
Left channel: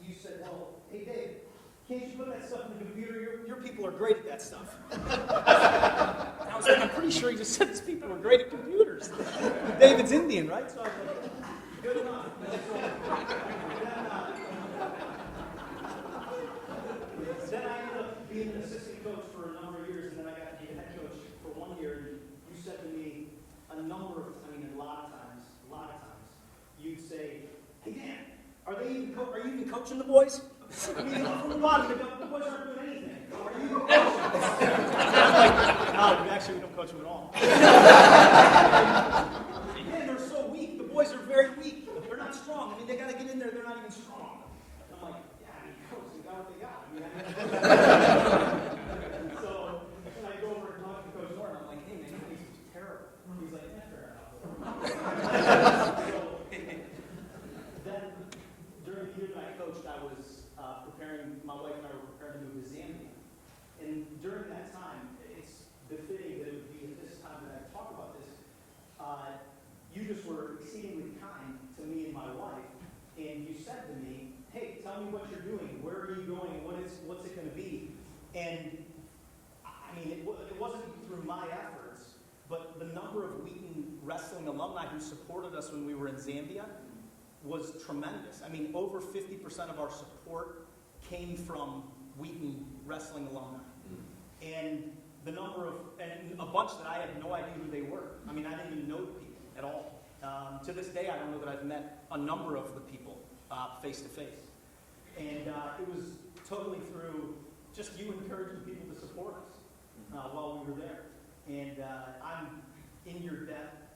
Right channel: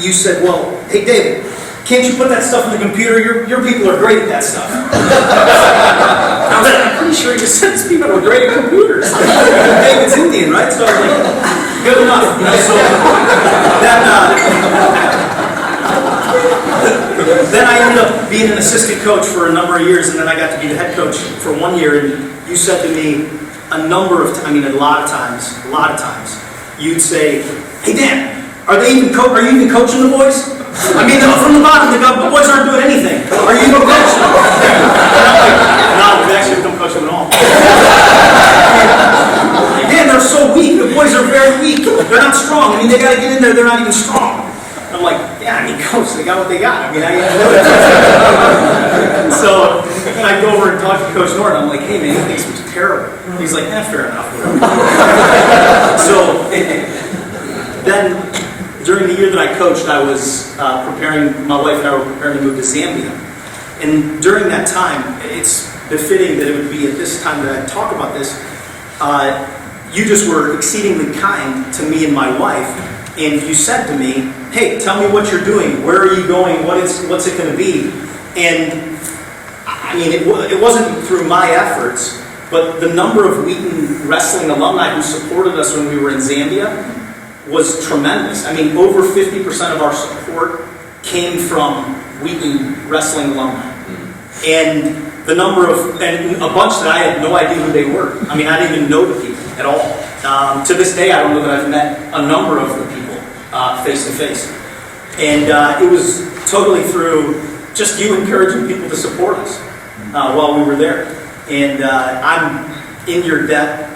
you said, well, hey David, can't you put that stuff in the computer? Your people are great at that stuff. I was like, I'm pretty sure you said these people were great at computers. David's Indian, right? So I was like, good enough. So then I ended up being an assistant coach for a number of years, and then I got to be the head coach for 1 year, and you said to me a lot of times, you'd say, hey Dan, are you even coaching the boys? I mean, from the bottom, the boys aren't doing anything. Are you even coaching them? And I'm like, no, we've actually become coaching them all. Man, they're so weak. The boys are very weak. They're not strong. I mean, they got to get in there. They're not even strong. And I'm like, yeah, I mean, coach, they got what they got. I mean, I know that. So I go over and talk to Coach Norton. I'm like, hey, man, he thinks we're terrible. He's like, fair enough. So then, during the year that I coached, I was preparing, my wife and I were preparing to move to Zambia. And during that time, it's befitting that it would be at this time that I talk about this. You just were exceedingly kind to me and my wife, and you said to me, hey, tell me what you're doing, where are you going, what's it going to be? And I mean, it wasn't through my efforts, but the number of Wheaton Wrestling alumni who supported us when we were in Zambia was tremendous. I mean, over 50% of our support came from Wheaton Wrestling alumni. And a bunch that I had no idea who they were. I mean, I didn't even know the people at all. To this day, I don't know that I've met a number of the people face to face. And it was totally through just you encouraging people to support us while we were there. And I'm in your debt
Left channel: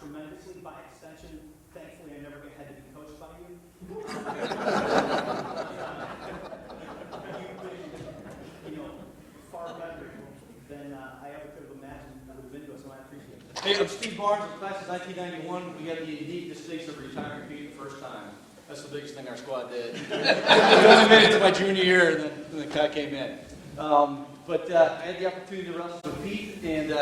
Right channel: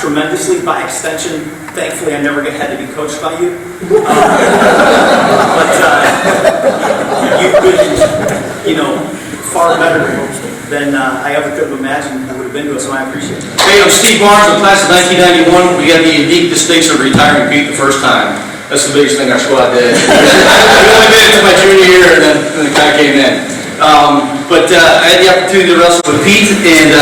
tremendously. By extension, thankfully, I never had to be coached by you. But you've been, far better than I ever could have imagined you would have been to us, so I appreciate it. Hey, I'm Steve Barnes, I'm class of 1991. We got the unique distinction of retiring Pete the first time. That's the biggest thing our squad did. We only made it to my junior year, and then it kind of came in. But I had the opportunity to wrestle with Pete, and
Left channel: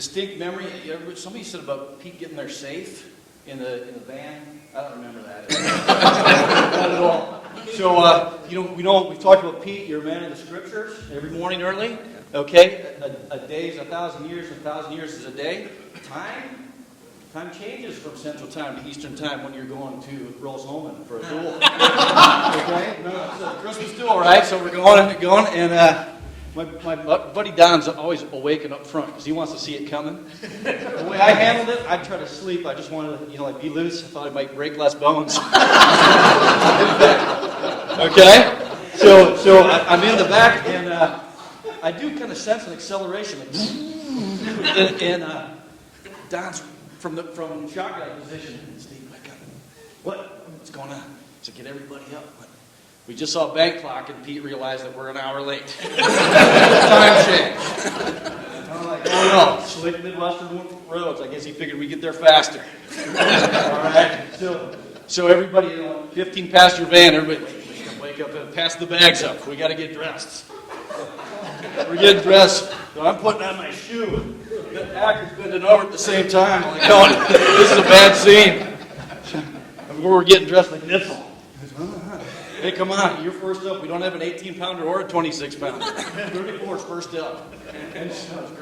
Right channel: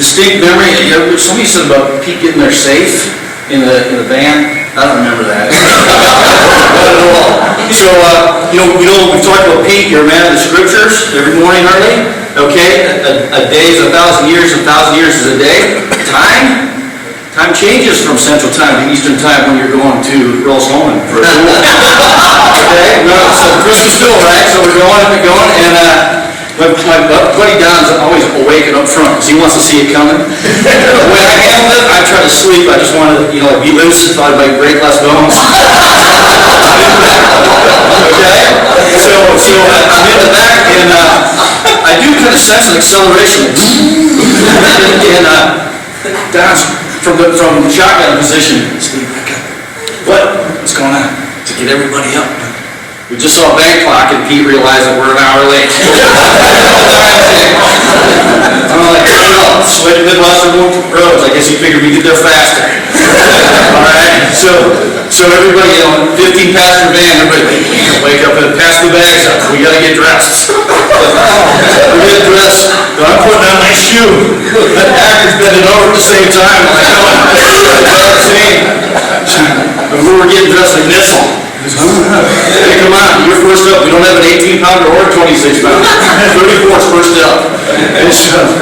distinct memory. Somebody said about Pete getting there safe in the van. I don't remember that. Not at all. So, we've talked about Pete. You're a man of the scriptures every morning early. Okay, a day is 1,000 years. 1,000 years is a day. Time changes from Central Time to Eastern Time when you're going to Rosholmen for a tour. Okay, so Christmas tour, right? So we're going, and my buddy Don's always awake and up front because he wants to see it coming. The way I handle it, I try to sleep. I just want to, be loose. Thought I might break less bones. Okay, so I'm in the back, and I do kind of sense an acceleration, and Don's from the shotgun position. Steve, what's going on? To get everybody up. We just saw a bank clock and Pete realized that we're an hour late. I'm like, well, switch Midwestern roads. I guess you figured we get there faster. All right, so everybody, 15 passenger van, everybody, wake up and pass the bags up. We gotta get dressed. We get dressed. I'm putting on my shoe. That actor's bending over at the same time. I'm like, and we were getting dressed like Nissel. Hey, come on, you're first up. We don't have an 18-pounder or a 26-pounder. 34's first up. And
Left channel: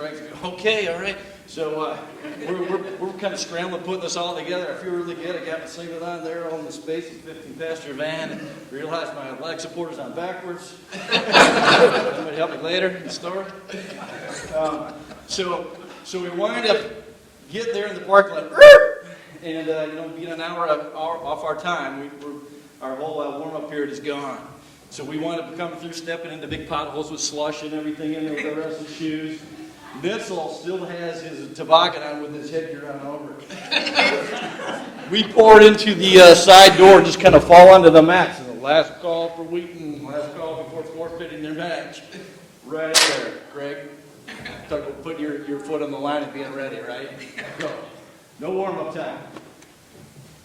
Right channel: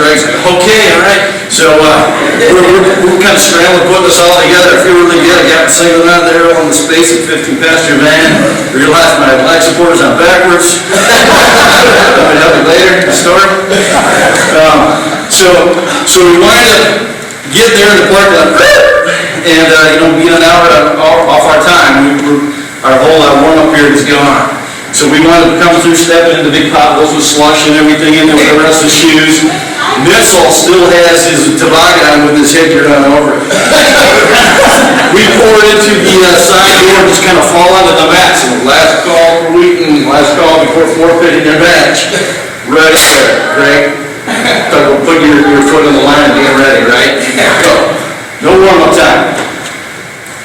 Greg's like, okay, all right. So we're kind of scrambling, putting this all together. I feel really good. I got singling out there on the space at 15-passenger van. Realized my leg supporters on backwards. That'll help me later in the story. So we wind up getting there in the parking lot, and being an hour off our time, our whole warm-up period is gone. So we wanted to come through, stepping into big potholes with slush and everything in there with the rest of his shoes. Nissel still has his toboggan with his headgear on over it. We pour into the side door and just kind of fall onto the mats. And the last call for Wheaton, last call before forfeiting their match. Right there, Greg. Talk about putting your foot on the line and being ready, right? Go. No warm-up time.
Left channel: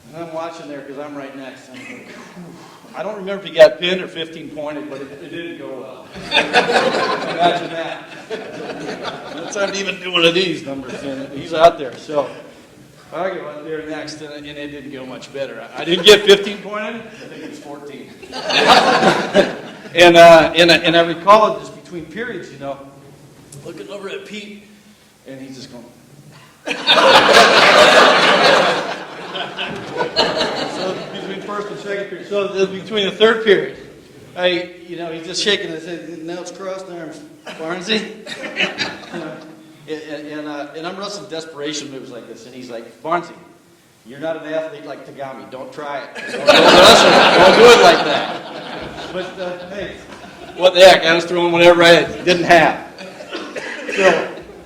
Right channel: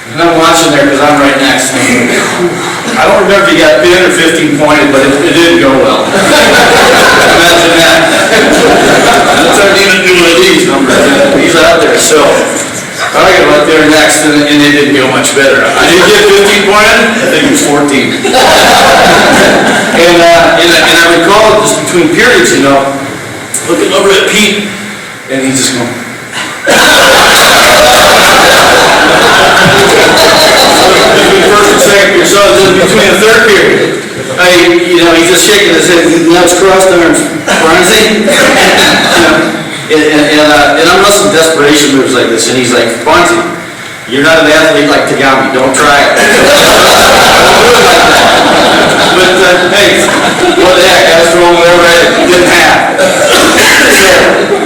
And I'm watching there because I'm right next. I don't remember if he got pinned or 15 pointed, but it didn't go well. Imagine that. That's our need to do one of these numbers. He's out there. So I got right there next, and it didn't go much better. I didn't get 15 pointed. I think it was 14. And I recall just between periods, looking over at Pete, and he's just going. First and second period, so between the third period, he's just shaking his head, nuts crossed arms, Barnesy. And I'm wrestling desperation moves like this, and he's like, Barnesy, you're not an athlete like Tagami, don't try it. But hey, what the heck, I was throwing there right, it didn't happen. So,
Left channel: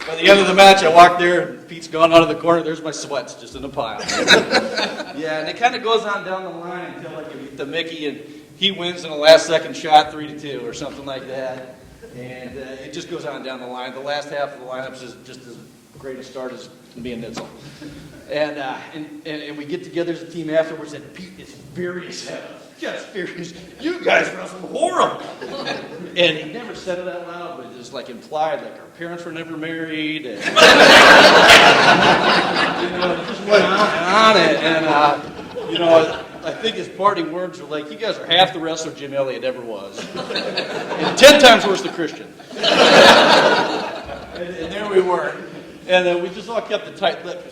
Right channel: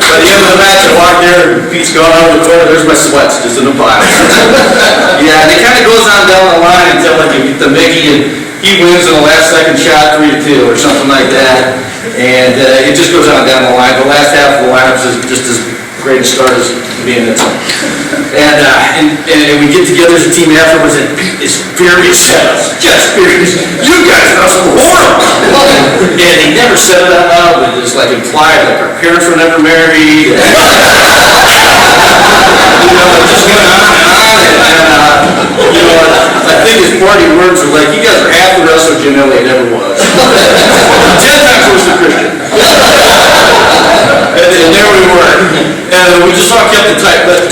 by the end of the match, I walked there, and Pete's gone over the toilet, there's my sweats, just in a pile. Yeah, and it kind of goes on down the line until like you get the Mickey, and he wins in the last second shot, 3-2 or something like that. And it just goes on down the line. The last half of the lineup is just as great a start as being its own. And we get together as a team afterwards, and Pete is furious at us, just furious. You guys are so horrible. And he never said it out loud, but it's like implied, like our parents were never married. It just went on and on. I think his party words were like, you guys are half the wrestler Jim Elliott ever was. 10 times worse than Christian. And there we were. And we just all kept it tight. But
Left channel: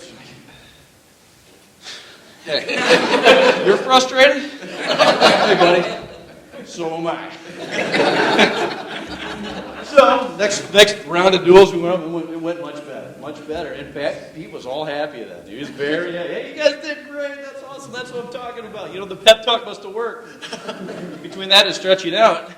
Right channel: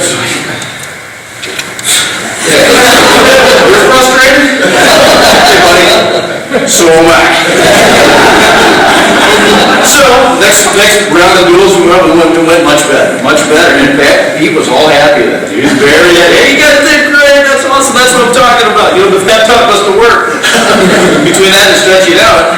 you're frustrated? Hey, buddy. So am I. So, next round of duels, we went much better. Much better. And in fact, he was all happy with that. He was very happy. Hey, you guys did great. That's awesome. That's what I'm talking about. The fat talk must have worked. Between that and stretching out.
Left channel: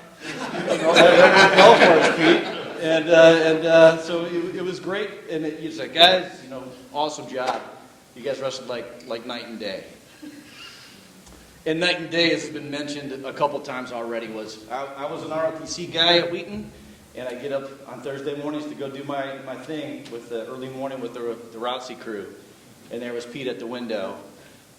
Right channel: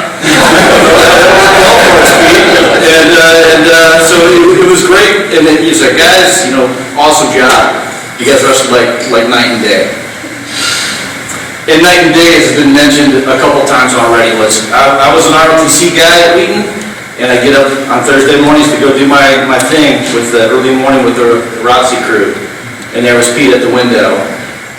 So it was great. And then he's like, guys, awesome job. You guys wrestled like night and day. And night and day has been mentioned a couple times already. I was an ROTC guy at Wheaton, and I get up on Thursday mornings to go do my thing with the early morning with the ROTC crew. And there was Pete at the window.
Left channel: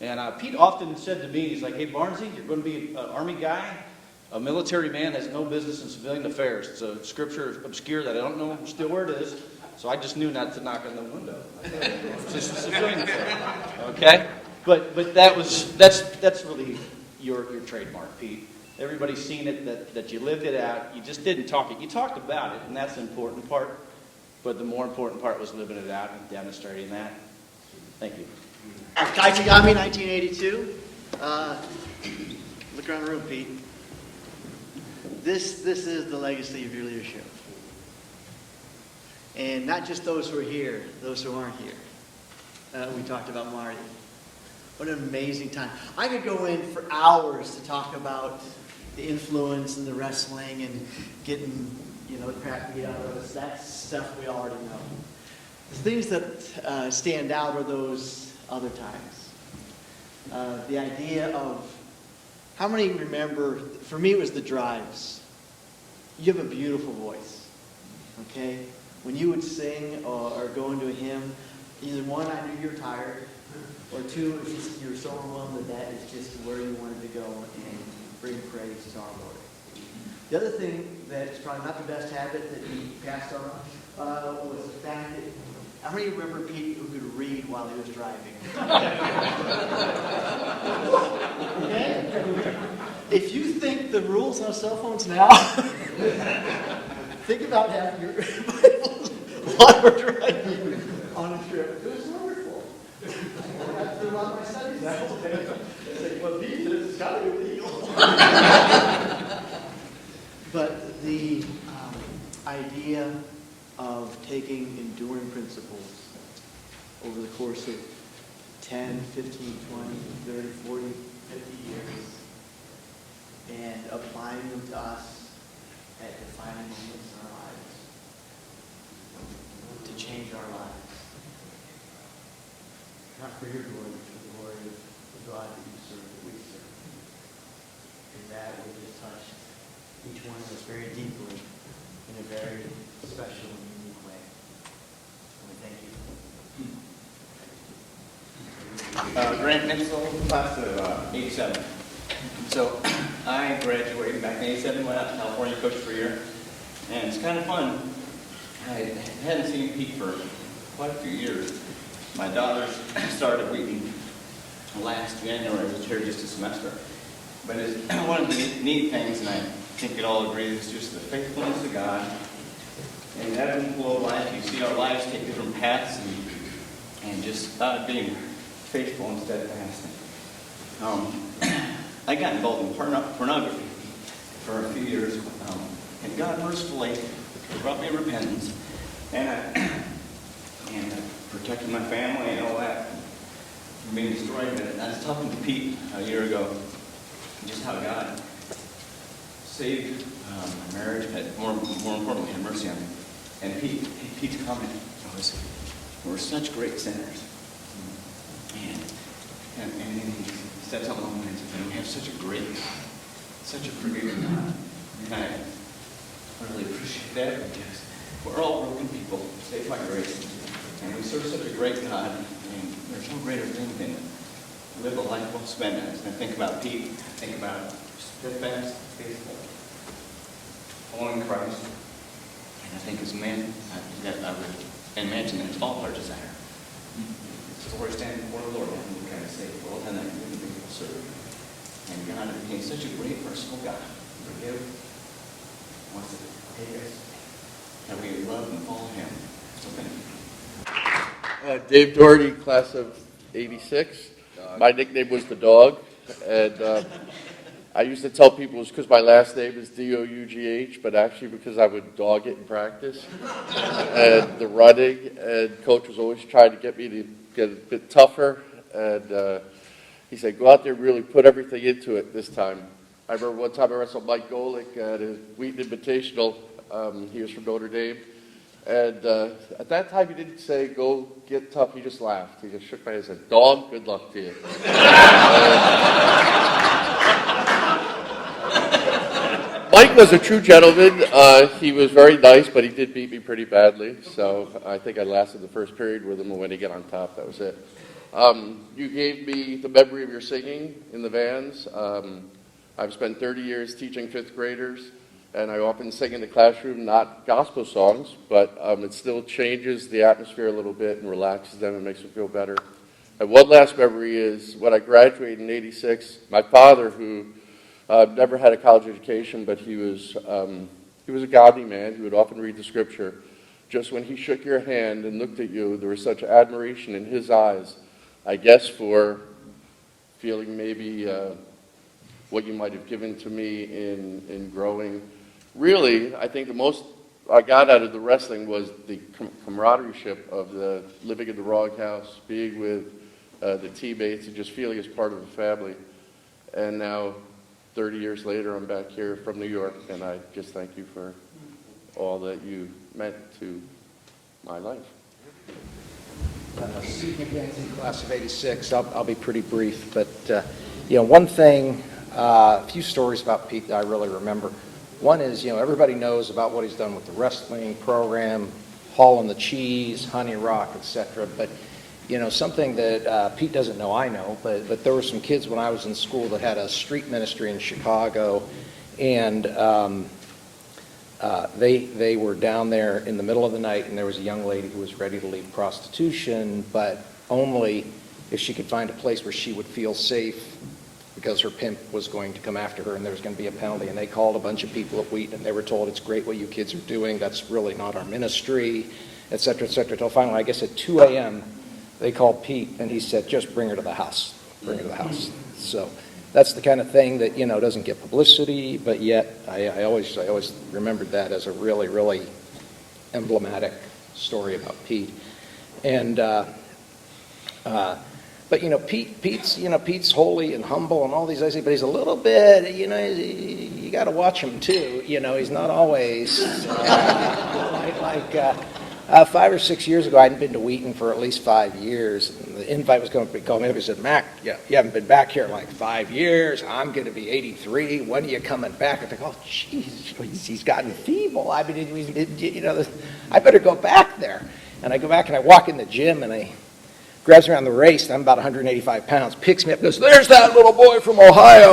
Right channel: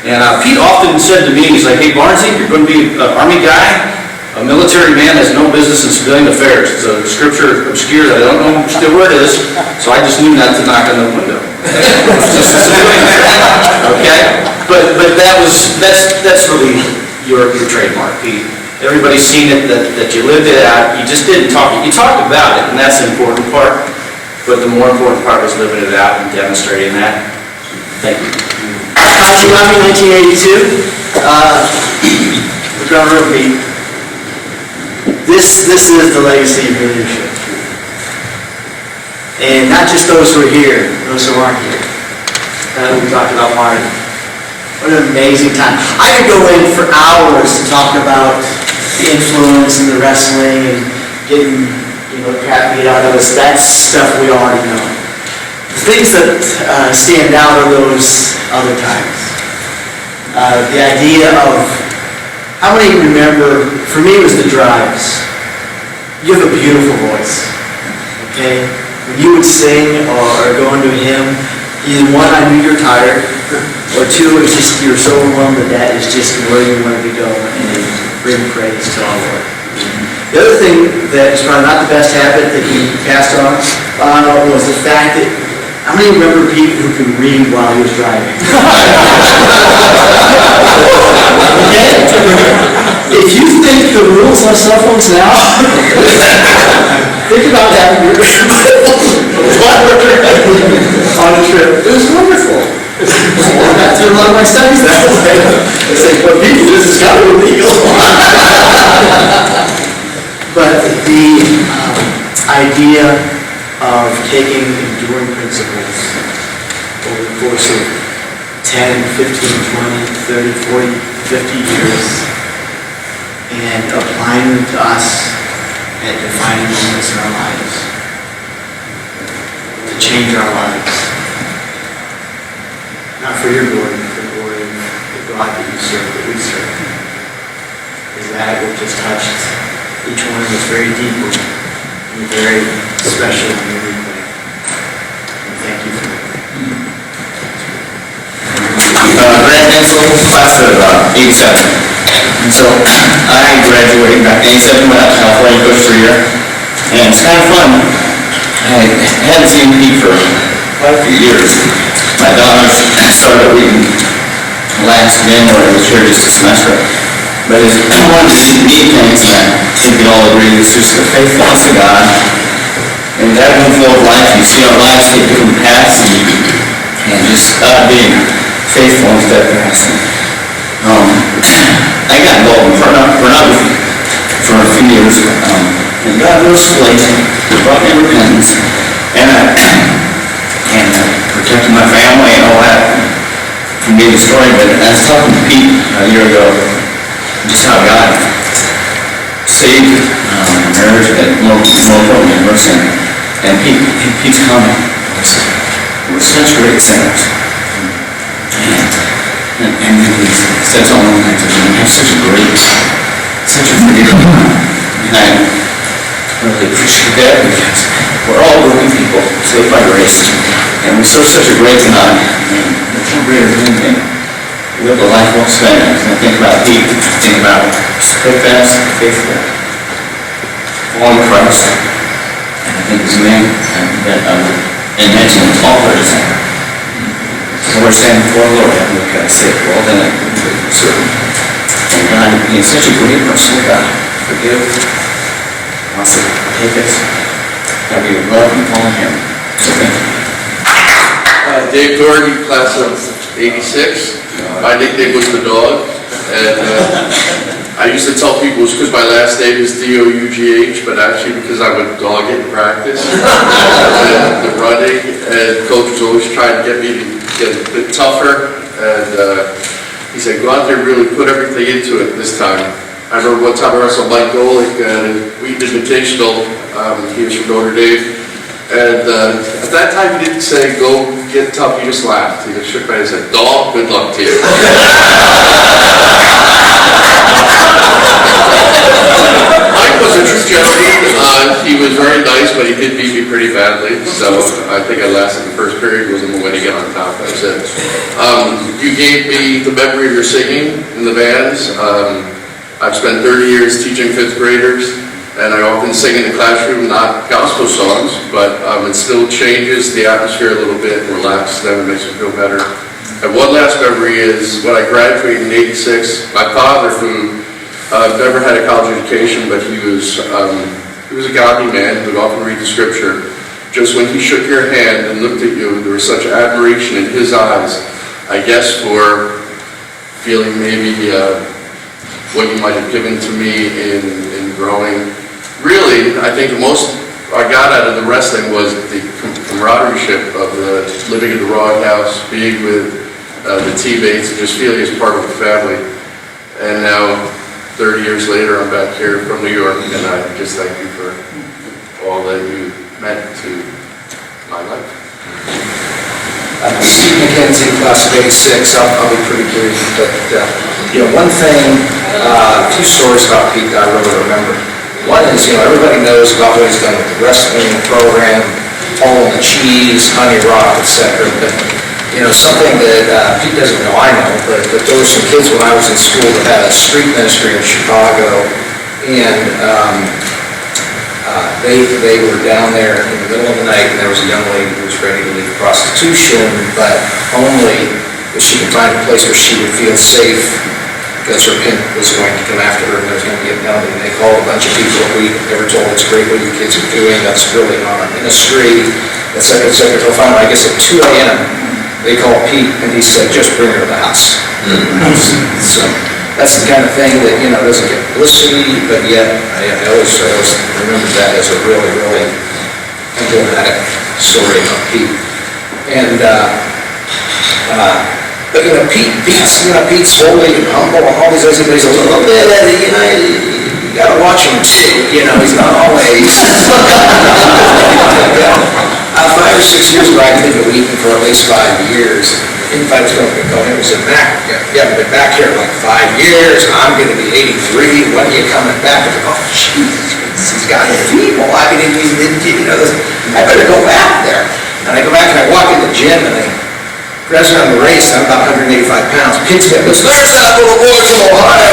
And Pete often said to me, he's like, hey, Barnesy, you're going to be an Army guy. A military man has no business in civilian affairs. It's a scripture obscure that I don't know still where it is, so I just knew not to knock on the window. Okay? But that's really your trademark, Pete. Everybody's seen it, that you lived it out. You just didn't talk it. You talked about it, and that's the important part. But the more important part was living it out and demonstrating that. Thank you. Tagami, 1982. We're going real deep. This is the legacy of your leadership. And not just those who are here, those who aren't here. We talked about Marty. What an amazing time. I could go in for hours to talk about the influence and the wrestling and getting, crap beat out of us. That's stuff we already know. The things that stand out are those other times. The idea of how many remember, for me it was the drives. You have a beautiful voice, okay? When you would sing or go into a hymn, either one, I knew you're tired, or two, it's just you're so overwhelmed that is just where you wanted to go and bring praise to our Lord. The other thing that is probably not the best habit that he passed on was the fact that, how many remember Pete who could read while he was driving? Okay? If you think the rules on cell phones now, think about that on a trip. It was wonderful. I got through a lot of my studies that way. It's like, well, people, this is kind of illegal. But the idea of taking enduring principles over the course of 10, 15, 20, 30, 40, 50 years and applying them to us at defining moments in our lives to change our lives. Not for your glory, but for the glory of the God that you serve, that we serve. Is that what just touched each one of us very deeply in a very special and unique way. And thank you for that. Grant Hensel, class of 87. And so I graduated back in 87, went out to California, coached for a year. And it's kind of fun. I hadn't seen Pete for quite a few years. My daughters started at Wheaton last January, was here just a semester. But it's one of the neat things, and I think we all agree, is just the faithfulness of God. And that one flow of life, you see our lives take different paths, and just being faithful and steadfast. I got involved in pornography for a few years, and God mercifully brought me repentance, and protected my family and all that from being destroyed. But I was talking to Pete a year ago, just how God saved marriage, but more importantly, mercy. And Pete's comment was, we're such great sinners. And then he said something like that, we have such a forgiving God. And I really appreciate that because we're all broken people, saved by grace. And we serve such a great God. And there's no greater thing than live a life well spent. And I think about Pete, I think about steadfast, faithful, following Christ. And I think his name, and mention him all for his name. So we're saying before the Lord, what can I say? Well, then I can be certain. And God, he is such a great merciful God. Forgive, wants to take us, that we would love and follow him. So thank you. Dave Doherty, class of 86. My nickname was the dog, and I used to tell people it was because my last name is D-O-U-G-H, but actually because I would dog it in practice, and the running, and coach was always trying to get me to get a bit tougher, and he said, go out there and really put everything into it this time. I remember one time I wrestled Mike Golick at Wheaton Invitational. He was from Notre Dame. And at that time, he didn't say, go get tough, he just laughed. He just shook my head and said, dog, good luck to you. Mike was a true gentleman. He was very nice, but he did beat me pretty badly. So I think I lasted the first period, wasn't the way to get on top. That's it. You gave me the memory of your singing in the bands. I've spent 30 years teaching fifth graders. And I often sing in the classroom, not gospel songs, but it still changes the atmosphere a little bit and relaxes them and makes them feel better. And one last memory is when I graduated in '86, my father, who never had a college education, but he was a godly man who would often read the scripture. Just when he shook your hand and looked at you, there was such admiration in his eyes, I guess for feeling maybe what you might have given to me in growing. Really, I think the most I got out of the wrestling was the camaraderie of the living in the Raw House, being with the teammates, and just feeling as part of the family. And now, 30 years later, I'm back here from New York, and I just thank you for all that you meant to my life. Steve McKenzie, class of '86. I'll be pretty brief, but one thing A few stories about Pete that I really remember. One is, everybody knows about what he's done with the wrestling program, all the cheese, honey rock, etc. But, something that Pete doesn't know, I know, but there were some kids when I was in school that had a street ministry in Chicago, and they were down there in the middle of the night, and there was a young lady who was ready to leave prostitution, but only if she could find a place where she would feel safe, because her pimp was going to come after her and there was going to be a penalty. And they called a bunch of people that we ever told, it's great what you kids are doing, that's really not our ministry, etc., etc. Until finally, I guess at 2 a.m., they called Pete and he said, just bring her to the house. So that's the kind of thing that, doesn't get publicity, but yet I always remember that as a really, really emblematic story about Pete. And, Pete's holy and humble and all these other things, but he's a little bit, you gotta watch him too, he's not always. 5 or 6 years ago, I lived in Wheaton for at least 5 years. I was going to go, it was in Mac, you haven't been back here like 5 years, I'm gonna be 83, when are you coming back? I go, oh, jeez, he's got people, I better go back there. And I go back and I walk in the gym and I grabs me on the race, I'm about 185 pounds, picks me up, goes, there's that little boy from Ohio.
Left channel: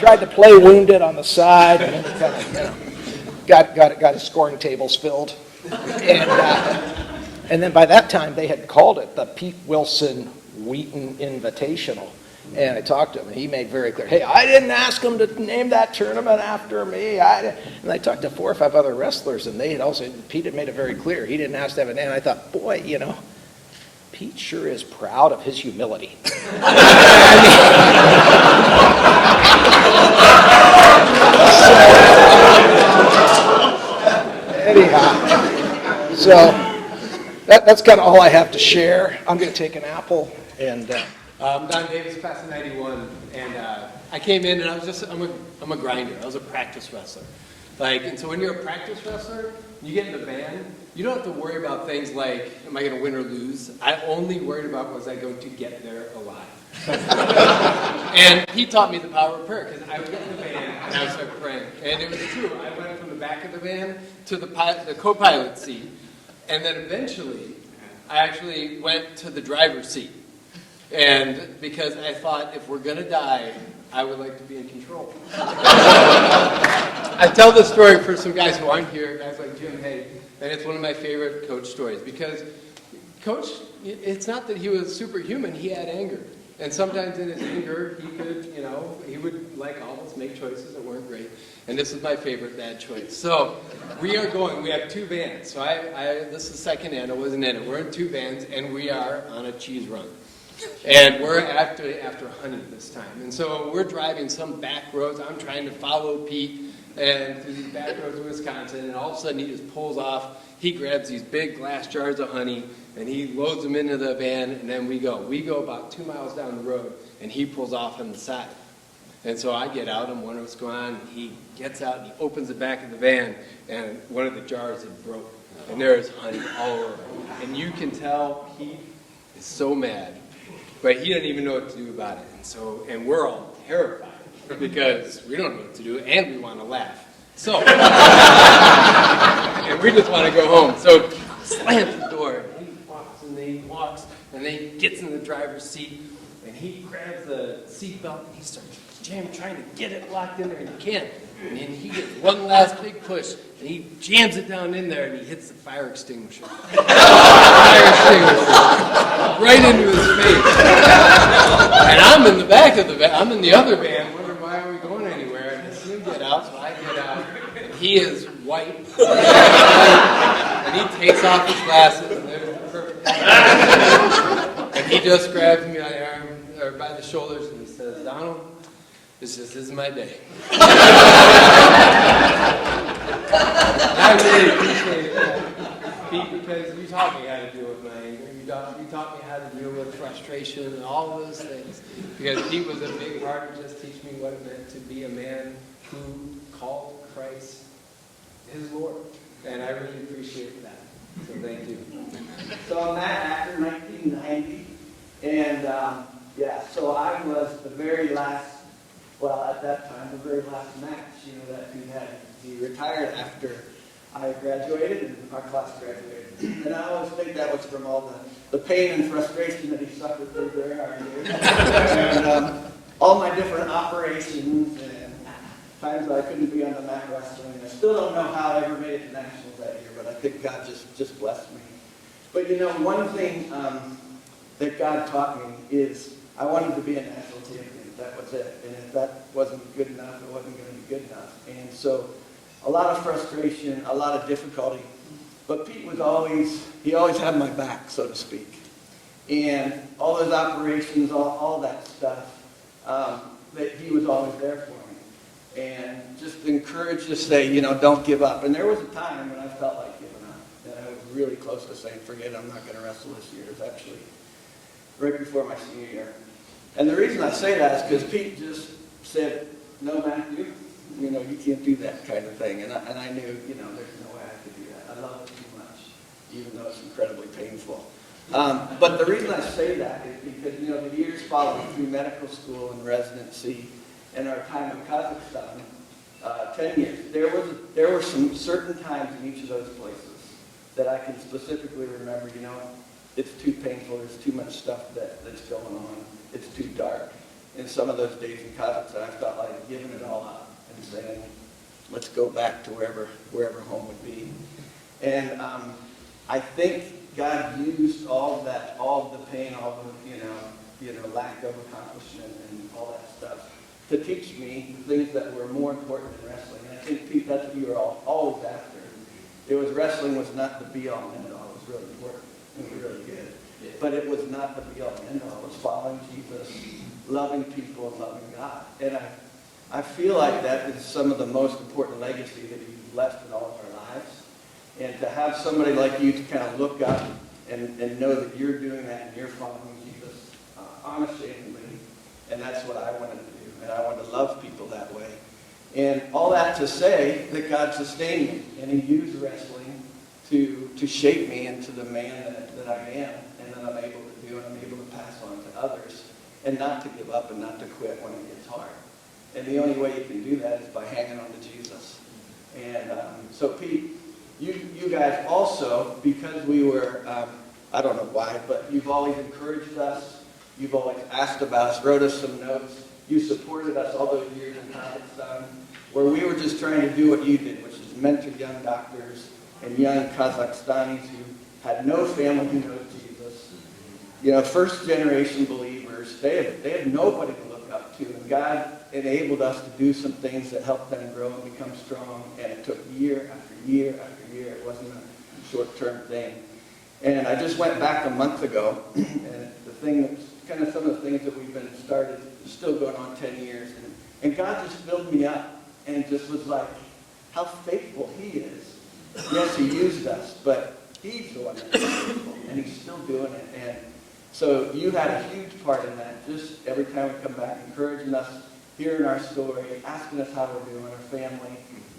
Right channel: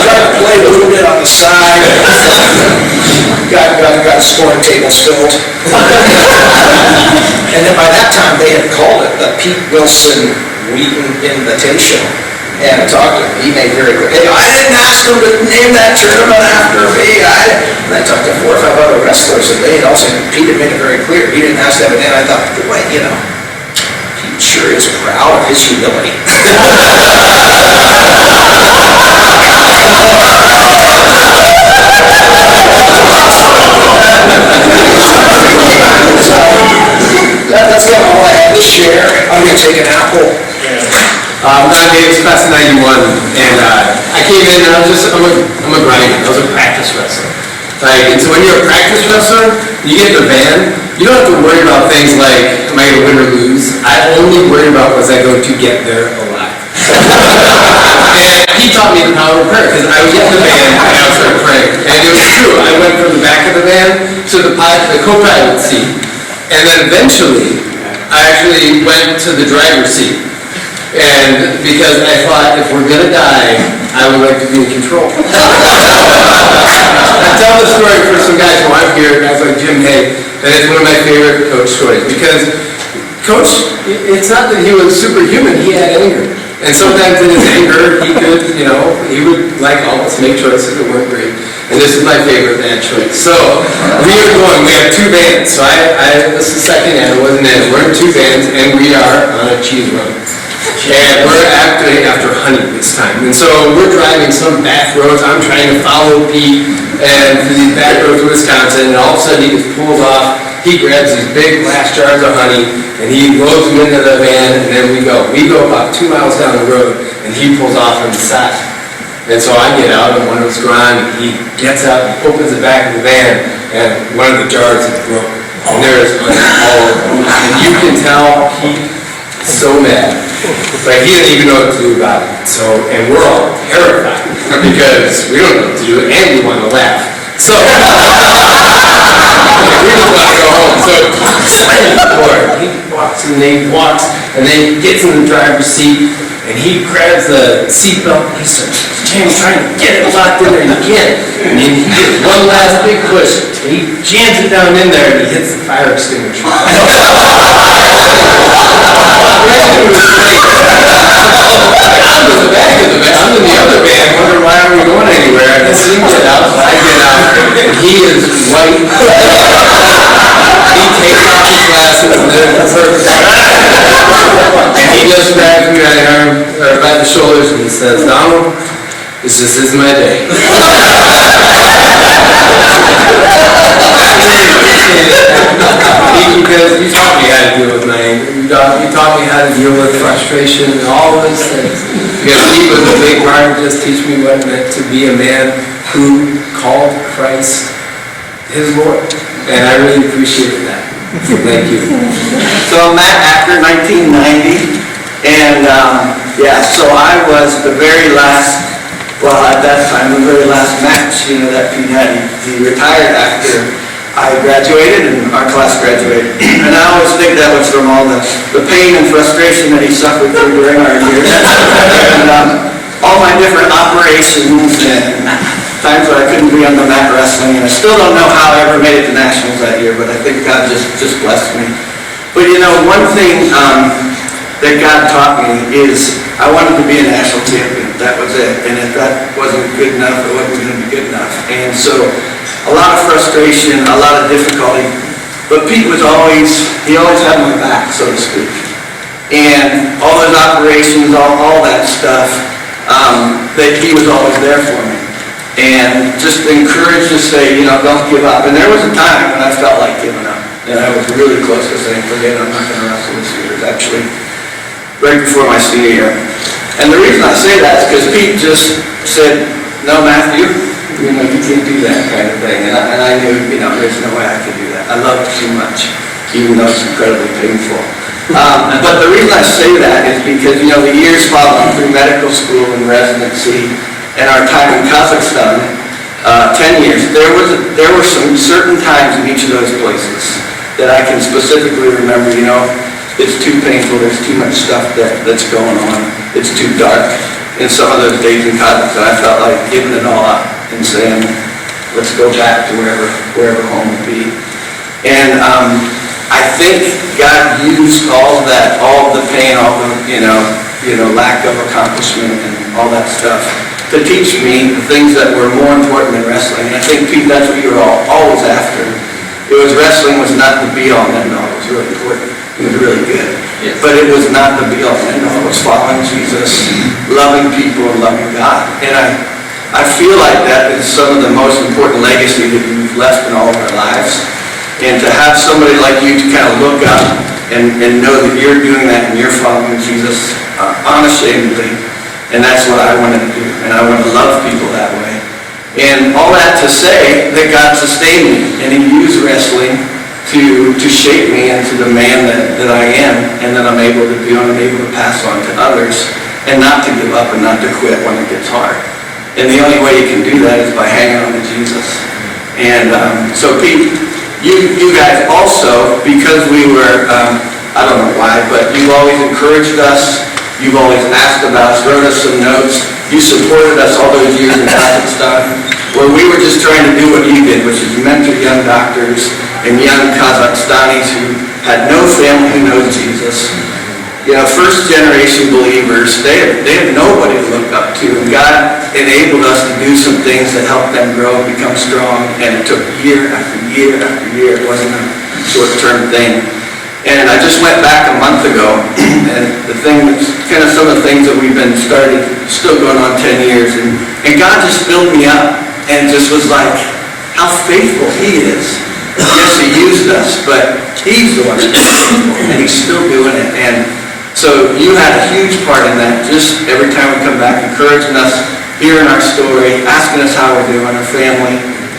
Trying to play a little bit on the side. Got a scoring table filled. And then by that time, they had called it the Pete Willson Wheaton Invitational. And I talked to him, he made very clear, hey, I didn't ask him to name that tournament after me. And I talked to 4 or 5 other wrestlers, and they had also, Pete had made it very clear, he didn't ask to have it in. I thought, boy, Pete sure is proud of his humility. So, that's kind of all I had to share. I'm going to take an apple. I'm Davis, class of 91, and I came in and I'm a grinder. I was a practice wrestler. And so when you're a practice wrestler, you get in the van, you don't have to worry about things like, am I going to win or lose? I only worry about was I going to get there alive. And he taught me the power of prayer, because I was in the van and I started praying. And it was true, I went from the back of the van to the co-pilot seat, and then eventually, I actually went to the driver's seat. And because I thought, if we're gonna die, I would like to be in control. I tell the story for some guys who aren't here, guys like Jim Hay, and it's one of my favorite Coach stories, because Coach, it's not that he was superhuman, he had anger. And sometimes in his anger, he could, he would, like all of us, make choices that weren't great. And this is my favorite bad choice. So, we have 2 bands. So this is the second and it wasn't in. We're in 2 bands, and we are on a cheese run. And we're after honey this time. And so we're driving some back roads. I'm trying to follow Pete and through these back roads of Wisconsin, and all of a sudden he just pulls off. He grabs these big glass jars of honey and he loads them into the van, and then we go. We go about 2 miles down the road and he pulls off on the side. And so I get out, and one of us gone, and he gets out and opens the back of the van, and one of the jars is broken. And there's honey all over. And you can tell Pete is so mad. But he didn't even know what to do about it. So, and we're all terrified because we don't know what to do, and we want to laugh. So, we just want to go home. So, slamming the door. He walks and then he gets in the driver's seat, and he grabs the seatbelt, and he starts trying to get it locked in there, and he can't. And then he gets one last big push, and he jams it down in there, and he hits the fire extinguisher. I'm in the back of the van. I'm in the other van. Wondering why aren't we going anywhere? I see him get out. I get out. And he is white. He takes off his glasses and then and he just grabs me by the arm or by the shoulders and he says, Donald, this just isn't my day. Because you taught me how to deal with my anger. You taught me how to deal with frustration and all of those things. Because he was a big part of just teach me what it meant to be a man who called Christ his Lord. And I really appreciated that. So thank you. So I'm Matt Acker, 1990, and Yeah, so I was the very last, well, at that time, the very last match, that Pete had. He retired after I graduated and our class graduated. And I always think that was from all the pain and frustration that he suffered through during our years. And all my different operations and times where I couldn't be on the mat wrestling. And I still don't know how I ever made it to nationals that year, but I think God just blessed me. But one thing that God taught me is I wanted to be a national champion. That was it. And if that wasn't good enough, it wasn't going to be good enough. And so a lot of frustration, a lot of difficulty. But Pete he always had my back, so to speak. And all those operations, all that stuff, that he was always there for me. And just encouraged to say, don't give up. And there was a time when I felt like giving up. And I was really close to saying, forget it, I'm not going to wrestle this year. It was actually right before my senior year. And the reason I say that is because Pete just said, no, Matthew, you can't do that kind of thing. And I knew, there's no way I could do that. I love it too much, even though it's incredibly painful. But the reason I say that is because, the years following through medical school and residency and our time in Kazakhstan, 10 years, there were some certain times in each of those places that I can specifically remember, it's too painful, there's too much stuff that's going on, it's too dark. In some of those days in Kazakhstan, I felt like giving it all up and saying, let's go back to wherever home would be. And I think God used all of that, all of the pain, all the, lack of accomplishment and all that stuff to teach me the things that were more important than wrestling. And I think, Pete, that's what you were always after. Wrestling was not the be-all and end-all. It was really important. It was really good. Yeah. But it was not the be-all and end-all. It was following Jesus, loving people, and loving God. And I feel like that is some of the most important legacy that you've left in all of our lives. And to have somebody like you to kind of look up and know that you're doing that and you're following Jesus unashamedly. And that's what I wanted to do. And I want to love people that way. And all that to say that God sustained me, and He used wrestling to shape me into the man that I am, and that I'm able to do, and I'm able to pass on to others, and not to give up and not to quit when it gets hard. And the only way you can do that is by hanging on to Jesus. And so Pete, you guys also, because we were, I don't know why, but you've always encouraged us, you've always asked about us, wrote us some notes. You supported us all those years in Kazakhstan, where we were just trying to do what you did, which is mentor young doctors and young Kazakhstanis who had no family who knows Jesus. First generation believers, they have nobody to look up to. And God enabled us to do some things that helped them grow and become strong. And it took year after year after year. It wasn't a short-term thing. And I just went back a month ago, and the thing that's kind of some of the things that we've been started, still going on 10 years, and God just filled me up and just was like, how faithful He is. Yes, He used us, but He's the one that's faithful, and He's still doing it. And so you had a huge part in that, just every time we come back, encouraging us, hearing our story, asking us how we're doing, our family,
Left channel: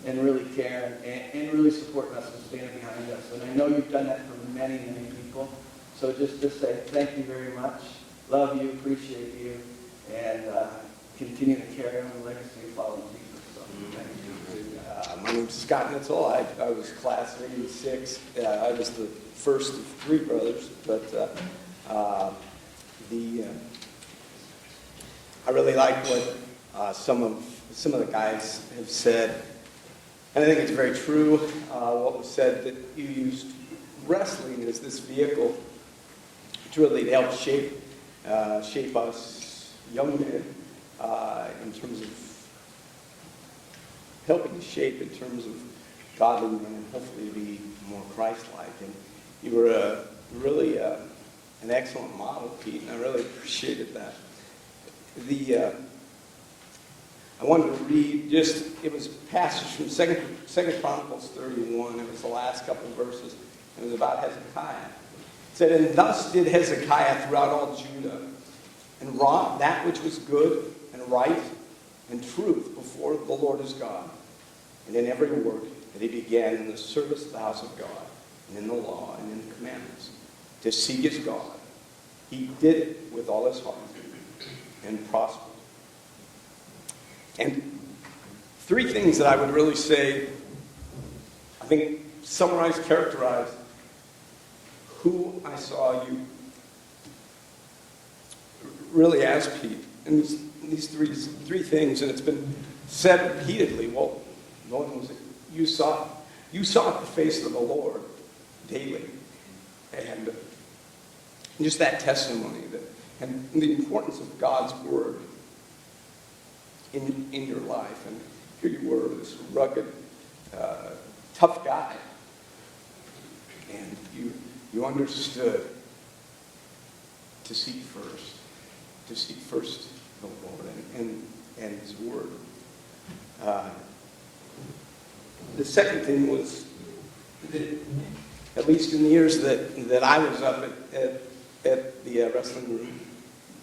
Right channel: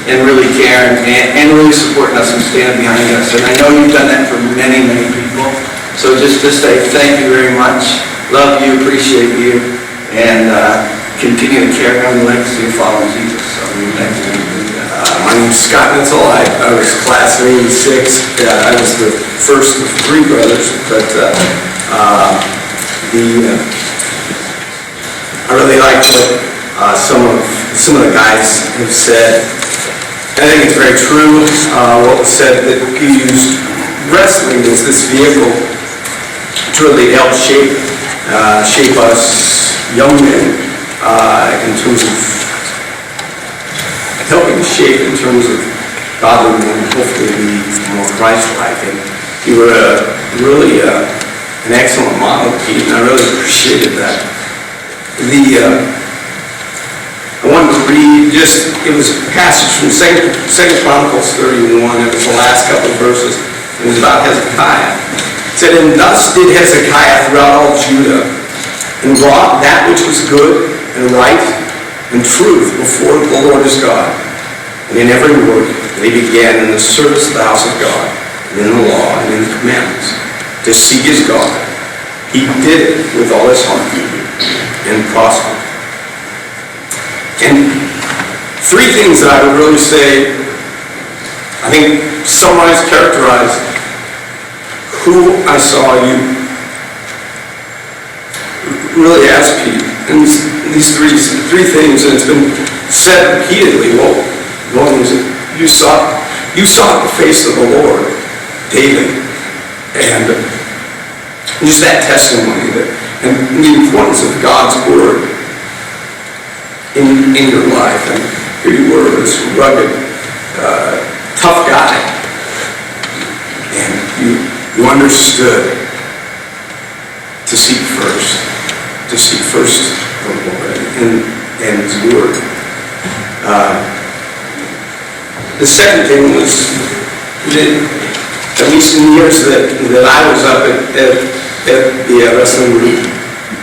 and really caring and really supporting us and standing behind us. And I know you've done that for many, many people. So just to say thank you very much. Love you, appreciate you, and continue to carry on the legacy of following Jesus. So thank you. My name's Scott Nitzel. I was class of 86. I was the first of three brothers, but I really like what some of the guys have said. I think it's very true what was said, that he used wrestling as this vehicle to really help shape us young men in terms of helping shape in terms of godly and hopefully be more Christ-like. And you were really an excellent model, Pete, and I really appreciated that. I wanted to read it was a passage from 2 Chronicles 31. It was the last couple of verses. It was about Hezekiah. It said, "And thus did Hezekiah throughout all Judah, and wrought that which was good and right and truth before the Lord his God. And in every work they began in the service of the house of God, and in the law and in the commandments, to seek his God, He did it with all his heart and prospered. And three things that I would really say, I think, summarize, characterize who I saw you really as Pete. And these three things, and it's been said repeatedly. Well, one was that you sought the face of the Lord daily, and just that testimony that, and the importance of God's word in your life. And here you were, this rugged, tough guy, and you understood to seek first the Lord and His word. The second thing was that, at least in the years that I was up at the wrestling group,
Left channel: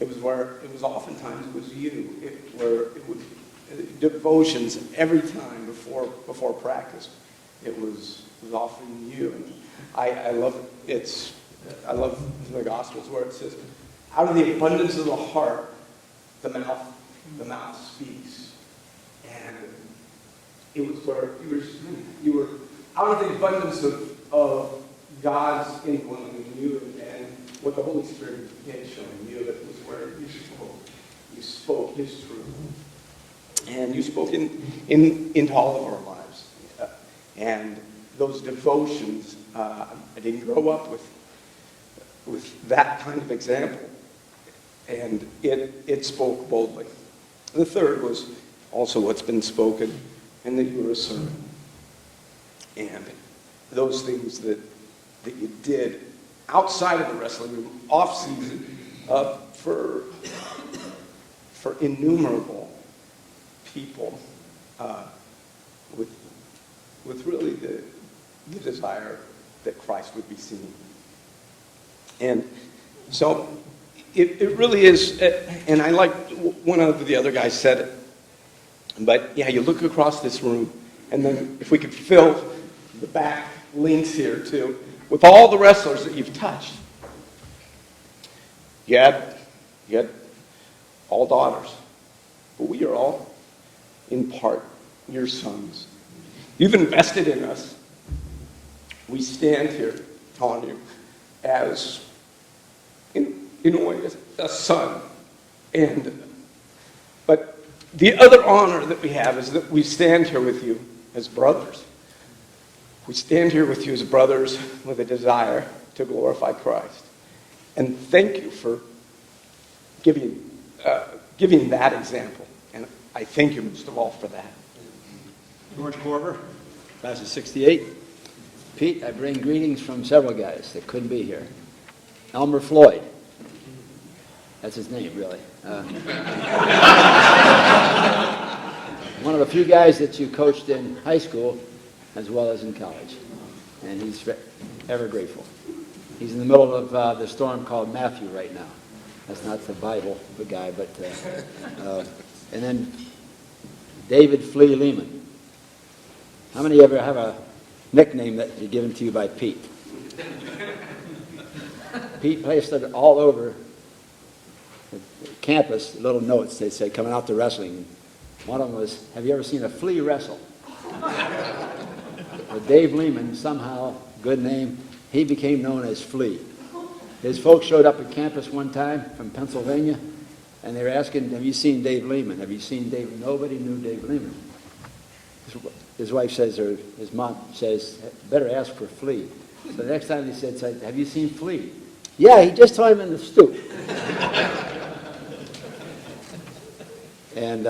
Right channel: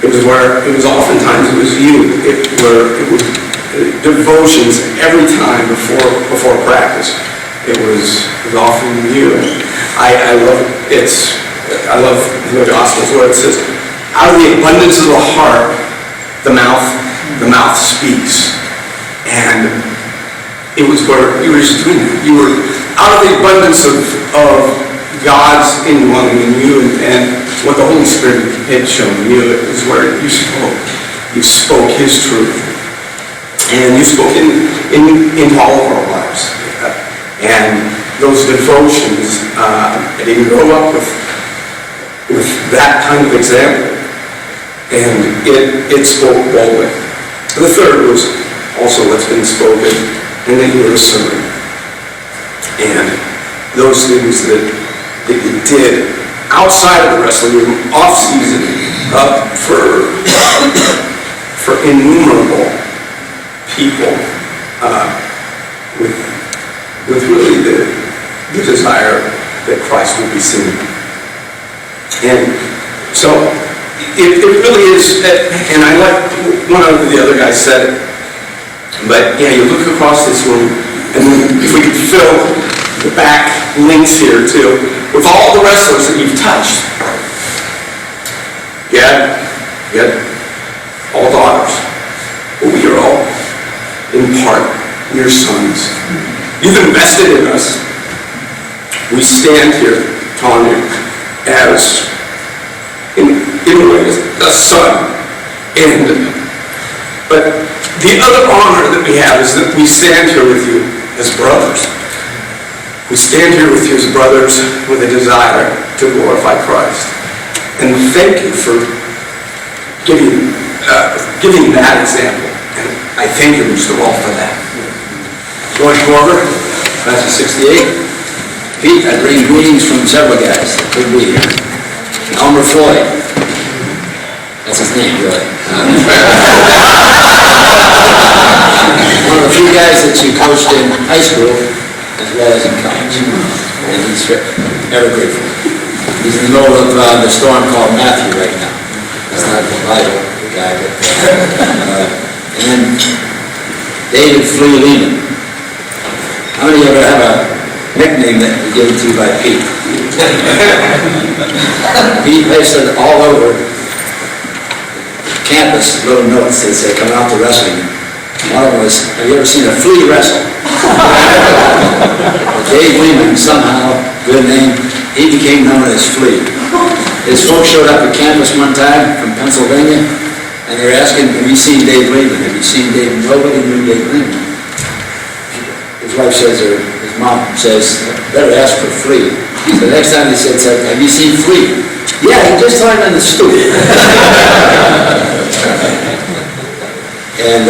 it was oftentimes you. It was devotions every time before practice. It was often you. And I love the Gospels where it says, out of the abundance of the heart, the mouth speaks. And it was where you were just doing that. You were out of the abundance of God's indwelling in you and what the Holy Spirit had shown you. It was where you spoke. You spoke His truth. And you spoke in all of our lives. And those devotions, I didn't grow up with that kind of example. And it spoke boldly. The third was also what's been spoken, and that you were a servant. And those things that you did outside of the wrestling room, off season, for innumerable people, with really the desire that Christ will be seen. And so it really is, and I like one of the other guys said it, but yeah, you look across this room, and if we could fill the back links here too, with all the wrestlers that you've touched. You had all daughters. Well, we are all, in part, your sons. You've invested in us. We stand here, Tanya, as in a way, as a son. But the other honor that we have is that we stand here with you as brothers. We stand here with you as brothers with a desire to glorify Christ. And thank you for giving that example. And I thank you most of all for that. George Corver, class of 68. Pete, I bring greetings from several guys that could be here. Elmer Floyd. That's his name, really. One of the few guys that you coached in high school as well as in college. And he's ever grateful. He's in the middle of the storm called Matthew right now. That's not the Bible, the guy, but and then David Flea Lehman. How many of you ever have a nickname that was given to you by Pete? Pete pasted all over campus little notes that say, coming out to wrestling. One of them was, have you ever seen a flea wrestle? Dave Lehman, somehow, good name, he became known as Flea. His folks showed up at campus one time from Pennsylvania, and they were asking, have you seen Dave Lehman? Have you seen Dave? Nobody knew Dave Lehman. His wife says, or his mom says, better ask for Flea. So the next time they said, have you seen Flea? Yeah, he just turned on the stoop. And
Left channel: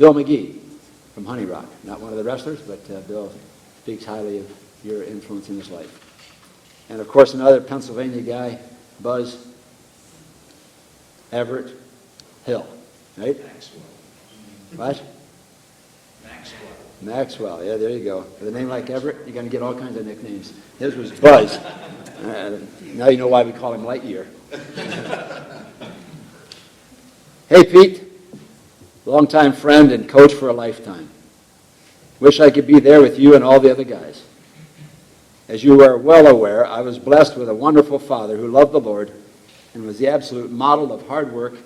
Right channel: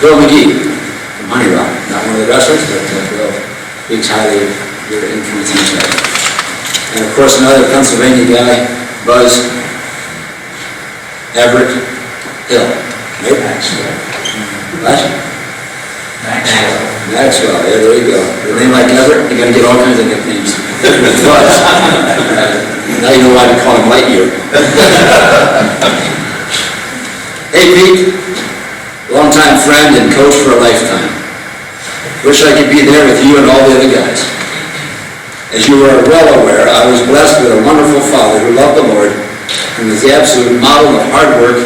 Bill McGee from Honey Rock, not one of the wrestlers, but Bill speaks highly of your influence in his life. And of course, another Pennsylvania guy was Everett Hill. Right? Maxwell. What? Maxwell, yeah, there you go. With a name like Everett, you're going to get all kinds of nicknames. Buzz. Now you know why we call him Lightyear. Hey, Pete. Longtime friend and coach for a lifetime. Wish I could be there with you and all the other guys. As you are well aware, I was blessed with a wonderful father who loved the Lord, who and was the absolute model of hard work,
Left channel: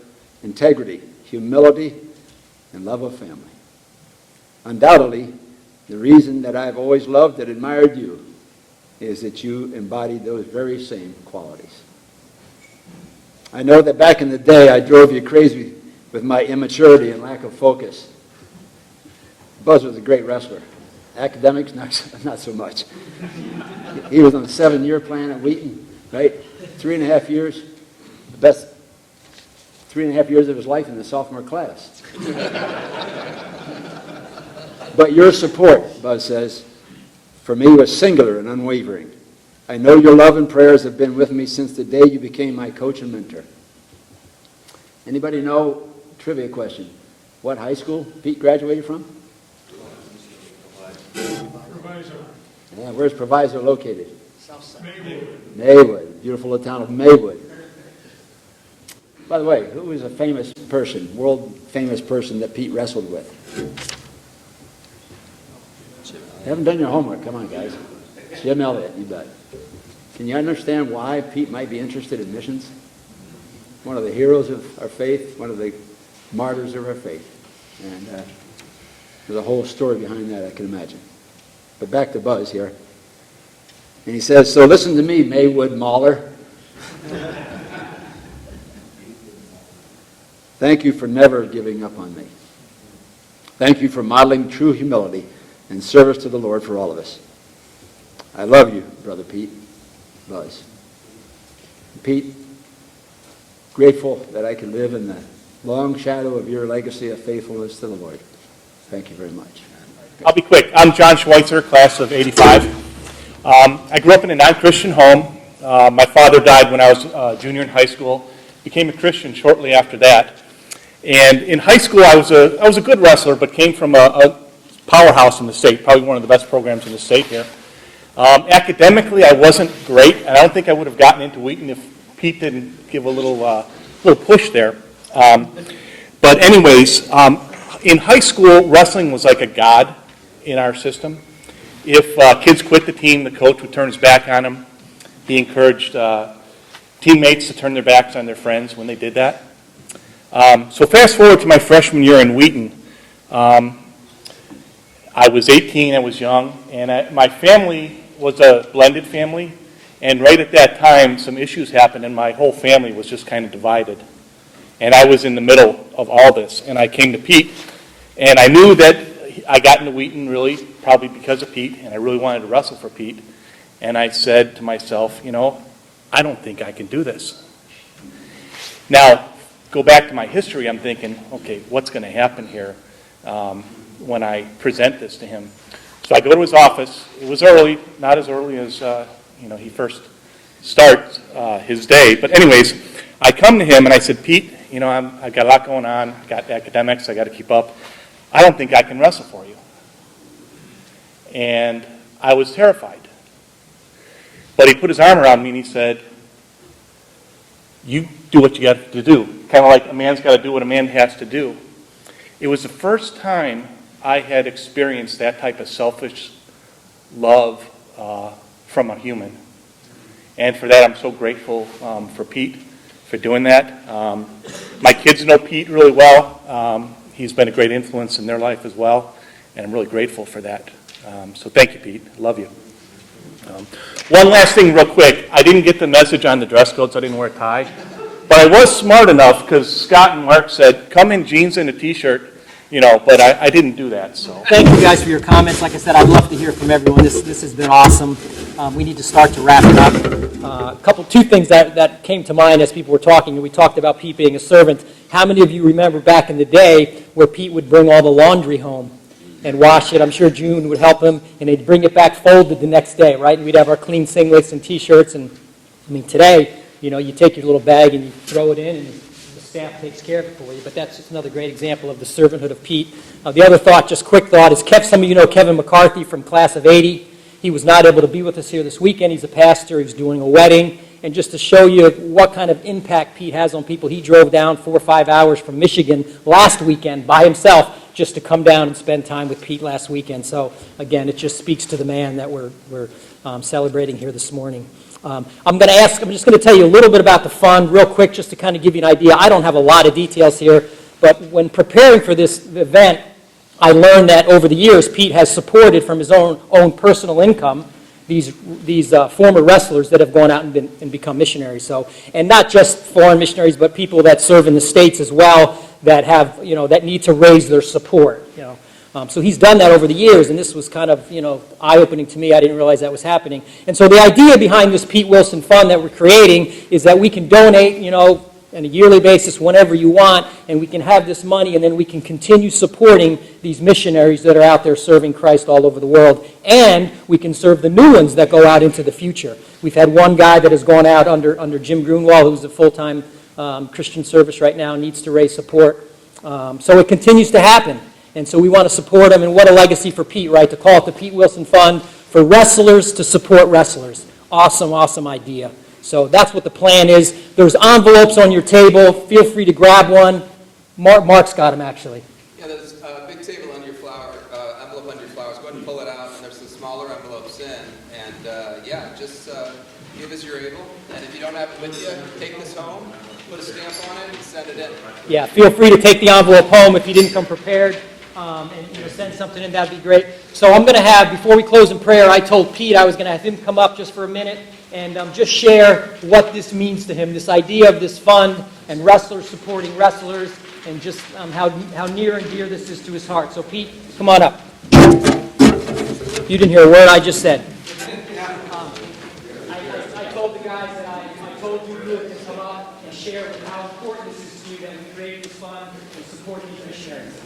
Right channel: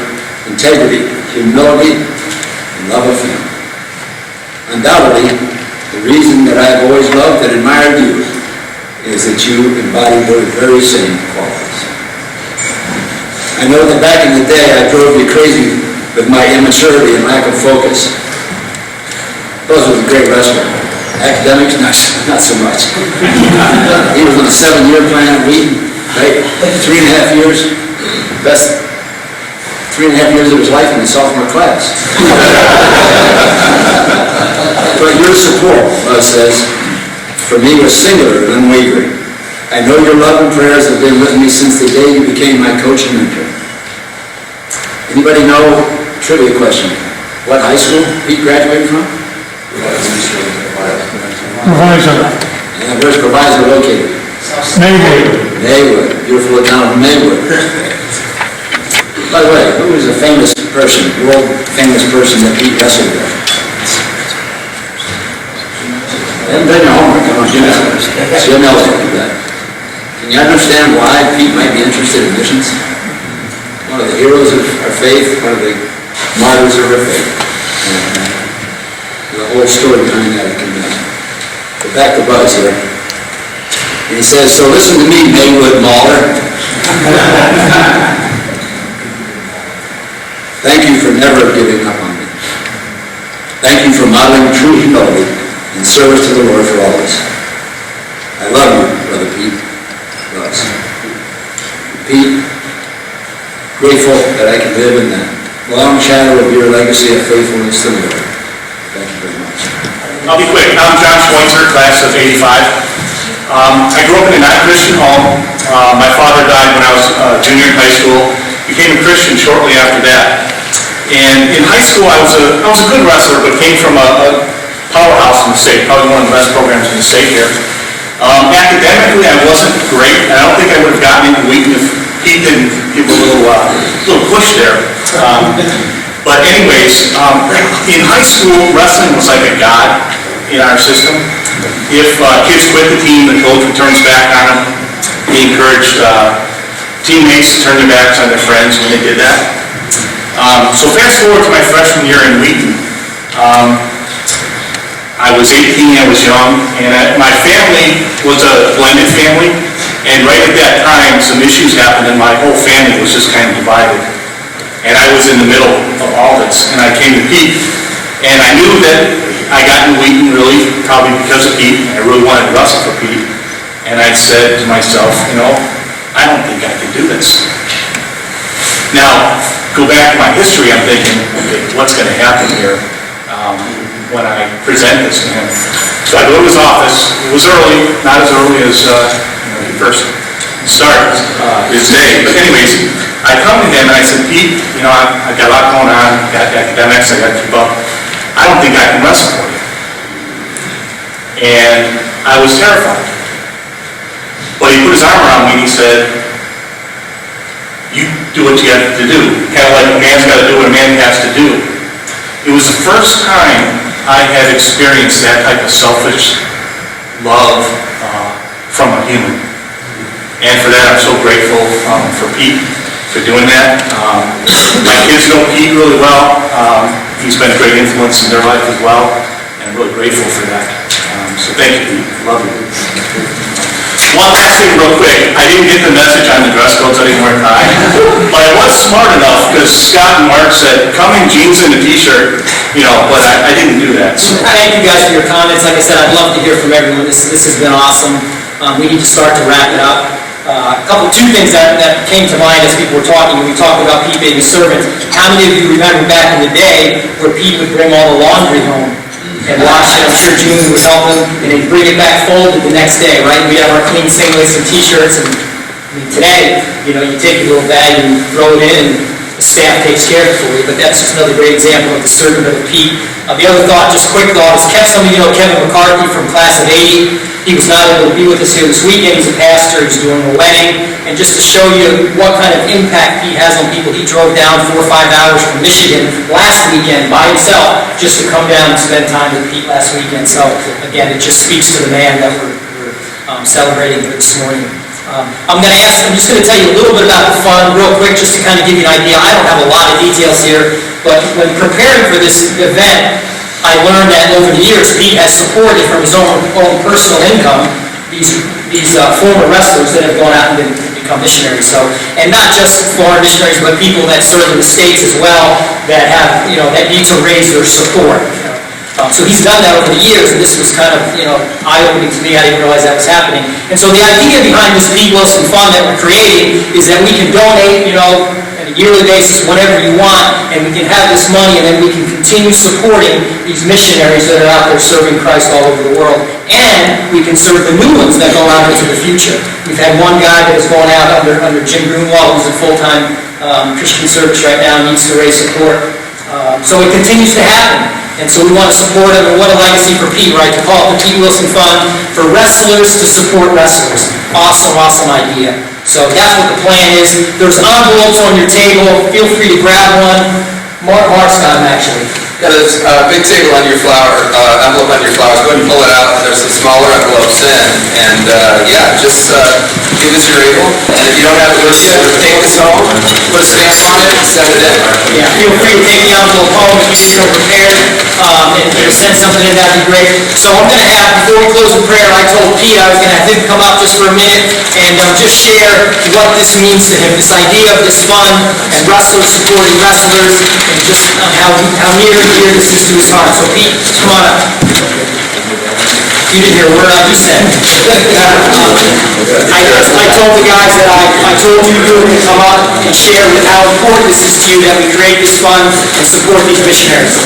integrity, humility, and love of family. Undoubtedly, the reason that I have always loved and admired you is that you embody those very same qualities. I know that back in the day I drove you crazy with my immaturity and lack of focus. Buzz was a great wrestler. Academics, not so much. He was on a 7-year plan at Wheaton, right? 3.5 years. Best 3.5 years of his life in the sophomore class. But your support, Buzz says, for me was singular and unwavering. I know your love and prayers have been with me since the day you became my coach and mentor. Anybody know, trivia question, what high school Pete graduated from? Provisor. Yeah, where's Provisor located? Maywood. Maywood, beautiful town of Maywood. By the way, who is a famous person, world famous person that Pete wrestled with? Haven't done your homework, come on, so you'll know that. Can you understand why Pete might be interested in missions? One of the heroes of our faith, one of the martyrs of our faith. And the whole story behind that, I can go back to Buzz here. And he says, so listen to me, Maywood Mauler. Thank you for never giving up on me. Thank you for modeling true humility and service to the Lord for all of us. I love you, Brother Pete. Buzz. Pete, grateful that I can live in the long shadow of your legacy of faithfulness to the Lord. Thank you very much. I'll be quick. I'm John Schweitzer, class of '85. I grew up in a non-Christian home. My father died when I was a junior in high school. Became a Christian shortly after that. And in high school, I was a good wrestler, but came from a powerhouse in the state, probably one of the best programs in the state here. Academically, I wasn't great. I don't think I would have gotten into Wheaton if Pete didn't give a little push there. But anyways, in high school, wrestling was like a god in our system. If kids quit the team, the coach would turn his back on them. He encouraged teammates to turn their backs on their friends when they did that. So fast forward to my freshman year in Wheaton. I was 18, I was young, and my family was a blended family, and right at that time, some issues happened, and my whole family was just kind of divided. And I was in the middle of all this, and I came to Pete, and I knew that I got into Wheaton really, probably because of Pete, and I really wanted to wrestle for Pete, and I said to myself, I don't think I can do this. Now, go back to my history, I'm thinking, okay, what's going to happen here? When I present this to him. So I go to his office. It was early, not as early as he first started his day. But anyways, I come to him and I said, Pete, I got a lot going on. I got academics, I got to keep up. I don't think I can wrestle for you. And I was terrified. Well, he put his arm around me and he said, you do what you have to do. Kind of like a man's got to do what a man has to do. It was the first time I had experienced that type of selfish love from a human. And for that, I'm so grateful for Pete for doing that. My kids know Pete really well. He's been a great influence in their life as well, and I'm really grateful for that. So thank you, Pete. Love you. One last thing real quick. I didn't get the message on the dress codes anymore, Ty. But I was smart enough because Scott and Mark said, come in jeans and a t-shirt, but I didn't do that. So. Thank you guys for your comments. Like I said, I'd love to hear from everyone. This has been awesome. We need to start to wrap it up. Two things that came to mind as people were talking. We talked about Pete being a servant. How many of you remember back in the day where Pete would bring all the laundry home and wash it? I'm sure June would help him, and he'd bring it back folded the next day, right? We have our clean singlets and t-shirts, and today, you take your little bag and throw it in, and the staff takes care of it for you. But that's just another great example of the servant of Pete. The other thought, just quick thought, is some of you know Kevin McCarthy from class of '80. He was not able to be with us here this weekend. He's a pastor. He's doing a wedding. And just to show you what kind of impact Pete has on people, he drove down 4 or 5 hours from Michigan last weekend by himself just to come down and spend time with Pete last weekend. So again, it just speaks to the man that we're celebrating here this morning. I'm just going to tell you a little bit about the fund real quick, just to kind of give you an idea. I don't have a lot of details here, but when preparing for this event, I learned that over the years, Pete has supported from his own personal income these former wrestlers that have gone out and become missionaries. So, and not just foreign missionaries, but people that serve in the States as well, that have, that need to raise their support. So he's done that over the years, and this was kind of, eye-opening to me. I didn't realize that was happening. And so the idea behind this Pete Willson Fund that we're creating is that we can donate, on a yearly basis, whatever you want, and we can have this money, and then we can continue supporting these missionaries that are out there serving Christ all over the world. And we can serve the new ones that go out into the future. We've had one guy that has gone out under Jim Greenwald, who's a full-time Christian service right now, needs to raise support. So it continues to happen. And so we want to support him, and what a legacy for Pete, right? To call it the Pete Willson Fund for wrestlers to support wrestlers. Awesome, awesome idea. So that's what the plan is. There's envelopes on your table. Feel free to grab one. Mark's got them, actually. Got a big table on your envelope on your flowers. Go ahead and pull it out. There's some smaller envelopes in. And just give us your able. And if you don't have it with you, take this home, put a stamp on it, and send it in. Yeah, feel free to take the envelope home if you didn't feel prepared. And send something in, that'd be great. So I'm going to have, before we close the prayer, I told Pete I was going to have him come up just for a minute and just share what this means to him, this idea of this fund and wrestlers supporting wrestlers, and just how near and dear this is to his heart. So Pete, come on up. You didn't hear a word I just said. I told the guys that I told you were going to come up and share with how important this is to you that we create this fund and support these missionaries.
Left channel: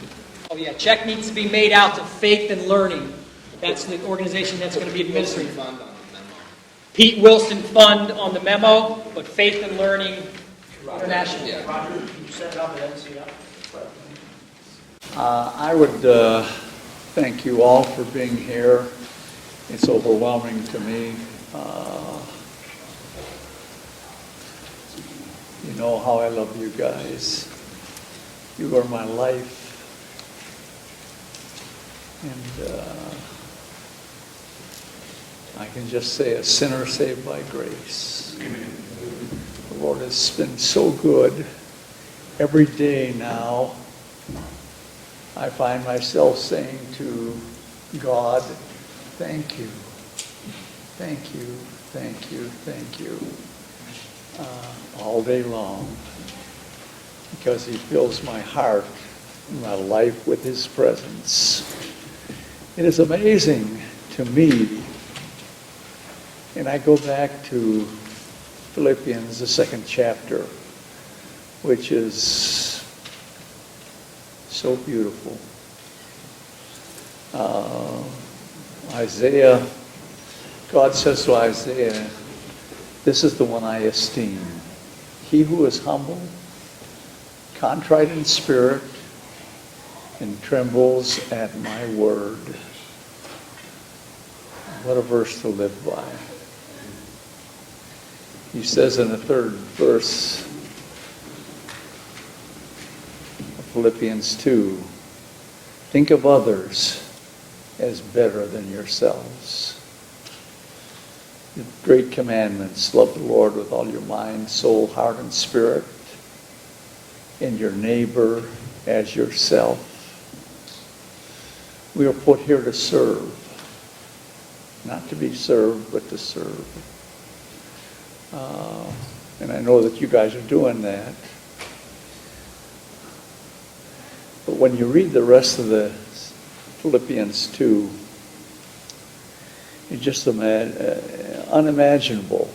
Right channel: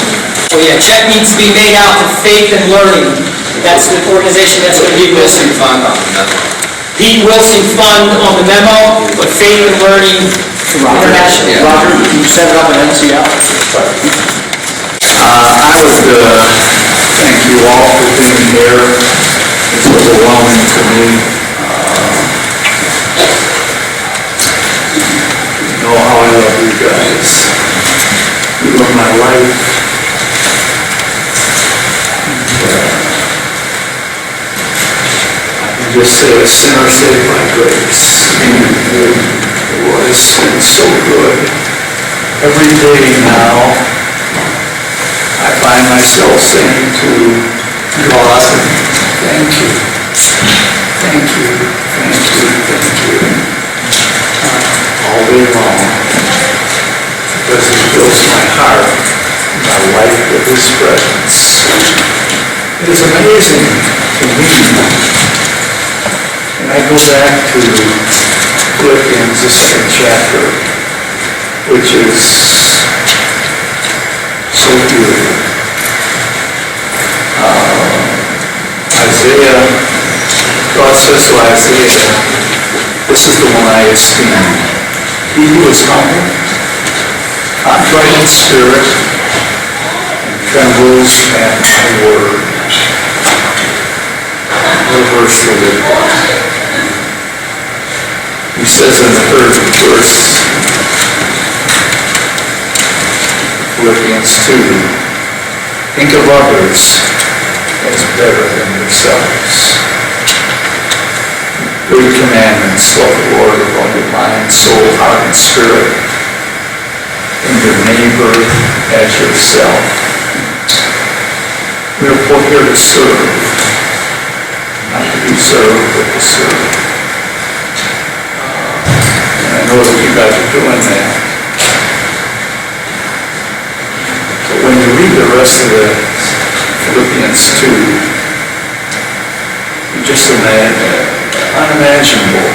Oh yeah, check needs to be made out to Faith and Learning. That's the organization that's going to be Willson Fund on the memo. Pete Willson Fund on the memo, but Faith and Learning International. Yeah. Roger, you set it up at NCL. I would thank you all for being here. It's overwhelming to me. You know how I love you guys. You are my life. I can just say a sinner saved by grace. Lord, it's been so good. Every day now, I find myself saying to God, thank you, thank you, thank you, thank you, all day long, because He fills my heart, my life with His presence. It is amazing to me, and I go back to Philippians, the 2nd chapter, which is so beautiful. Isaiah, God says to Isaiah, this is the one I esteem. He who is humble, contrite in spirit, and trembles at my word. What a verse to live by. He says in the 3rd verse, Philippians 2, think of others as better than yourselves. 3 commandments, love the Lord with all your mind, soul, heart, and spirit, and your neighbor as yourself. We are put here to serve, not to be served, but to serve. And I know that you guys are doing that. But when you read the rest of the Philippians 2, you just unimaginable.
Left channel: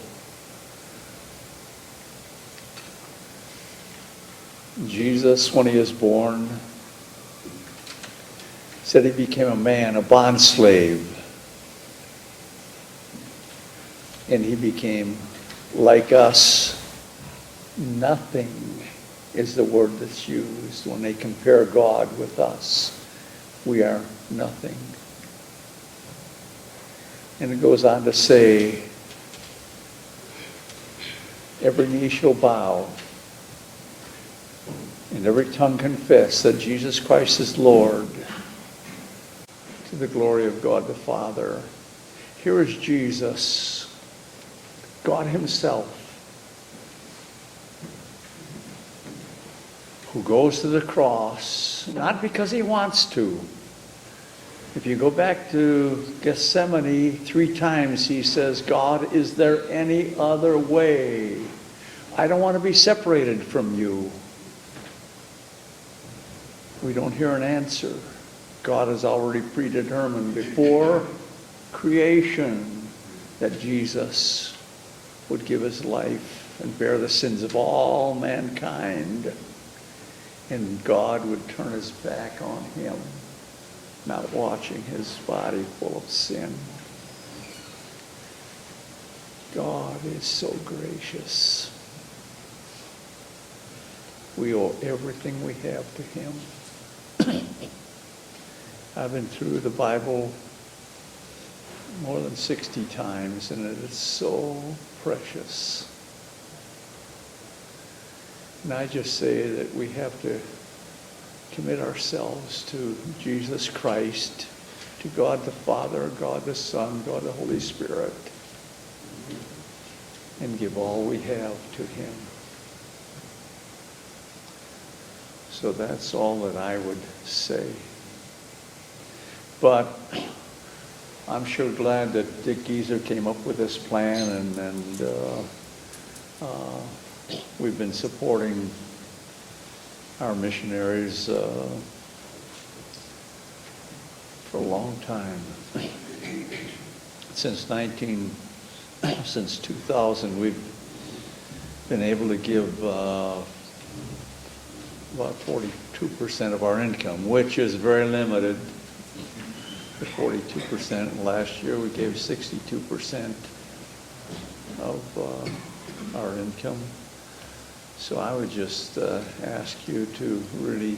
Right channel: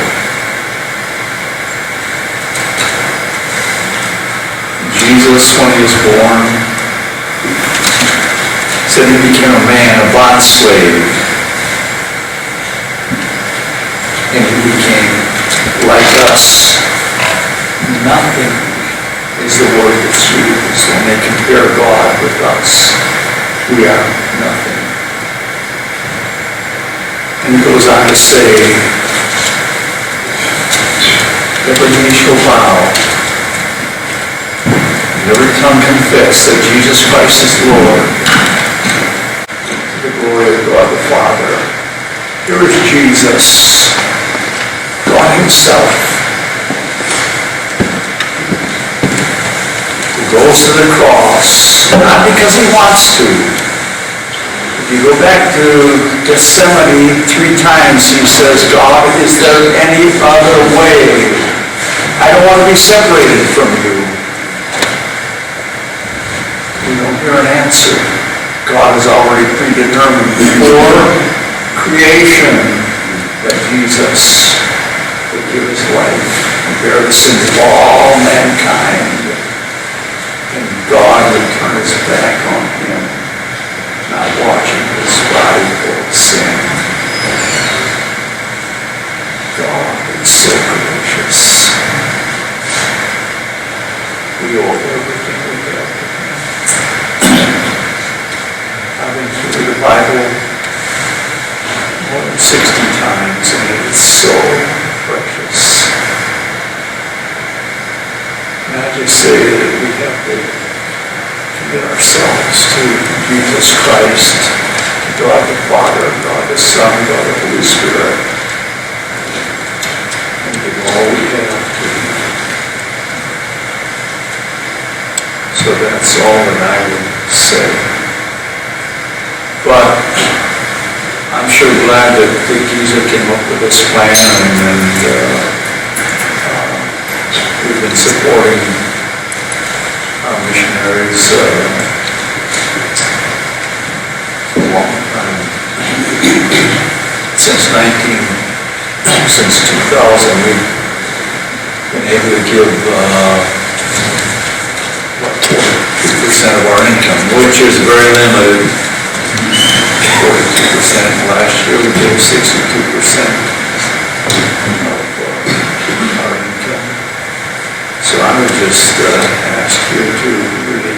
Jesus, when He was born, said He became a man, a bond slave, and He became like us. Nothing is the word that's used when they compare God with us. We are nothing. And He goes on to say, every knee shall bow, and every tongue confess that Jesus Christ is Lord, to the glory of God the Father. Here is Jesus. God himself. He goes to the cross, not because he wants to. If you go back to Gethsemane 3 times, he says, God, is there any other way? I don't want to be separated from you. We don't hear an answer. God has already predetermined before creation that Jesus would give his life and bear the sins of all mankind. And God would turn his back on him, not watching his body full of sin. God is so gracious. We owe everything we have to him. I've been through the Bible more than 60 times, and it is so precious. And I just say that we have to commit ourselves to Jesus Christ, God the Father, God the Son, God the Holy Spirit, and give all we have to him. So that's all that I would say. But I'm sure glad that Dick Geezer came up with this plan, and we've been supporting our missionaries for a long time. Since 2000, we've been able to give 42% of our income, which is very limited. 42%. Last year we gave 62% of our income. So I would just ask you to really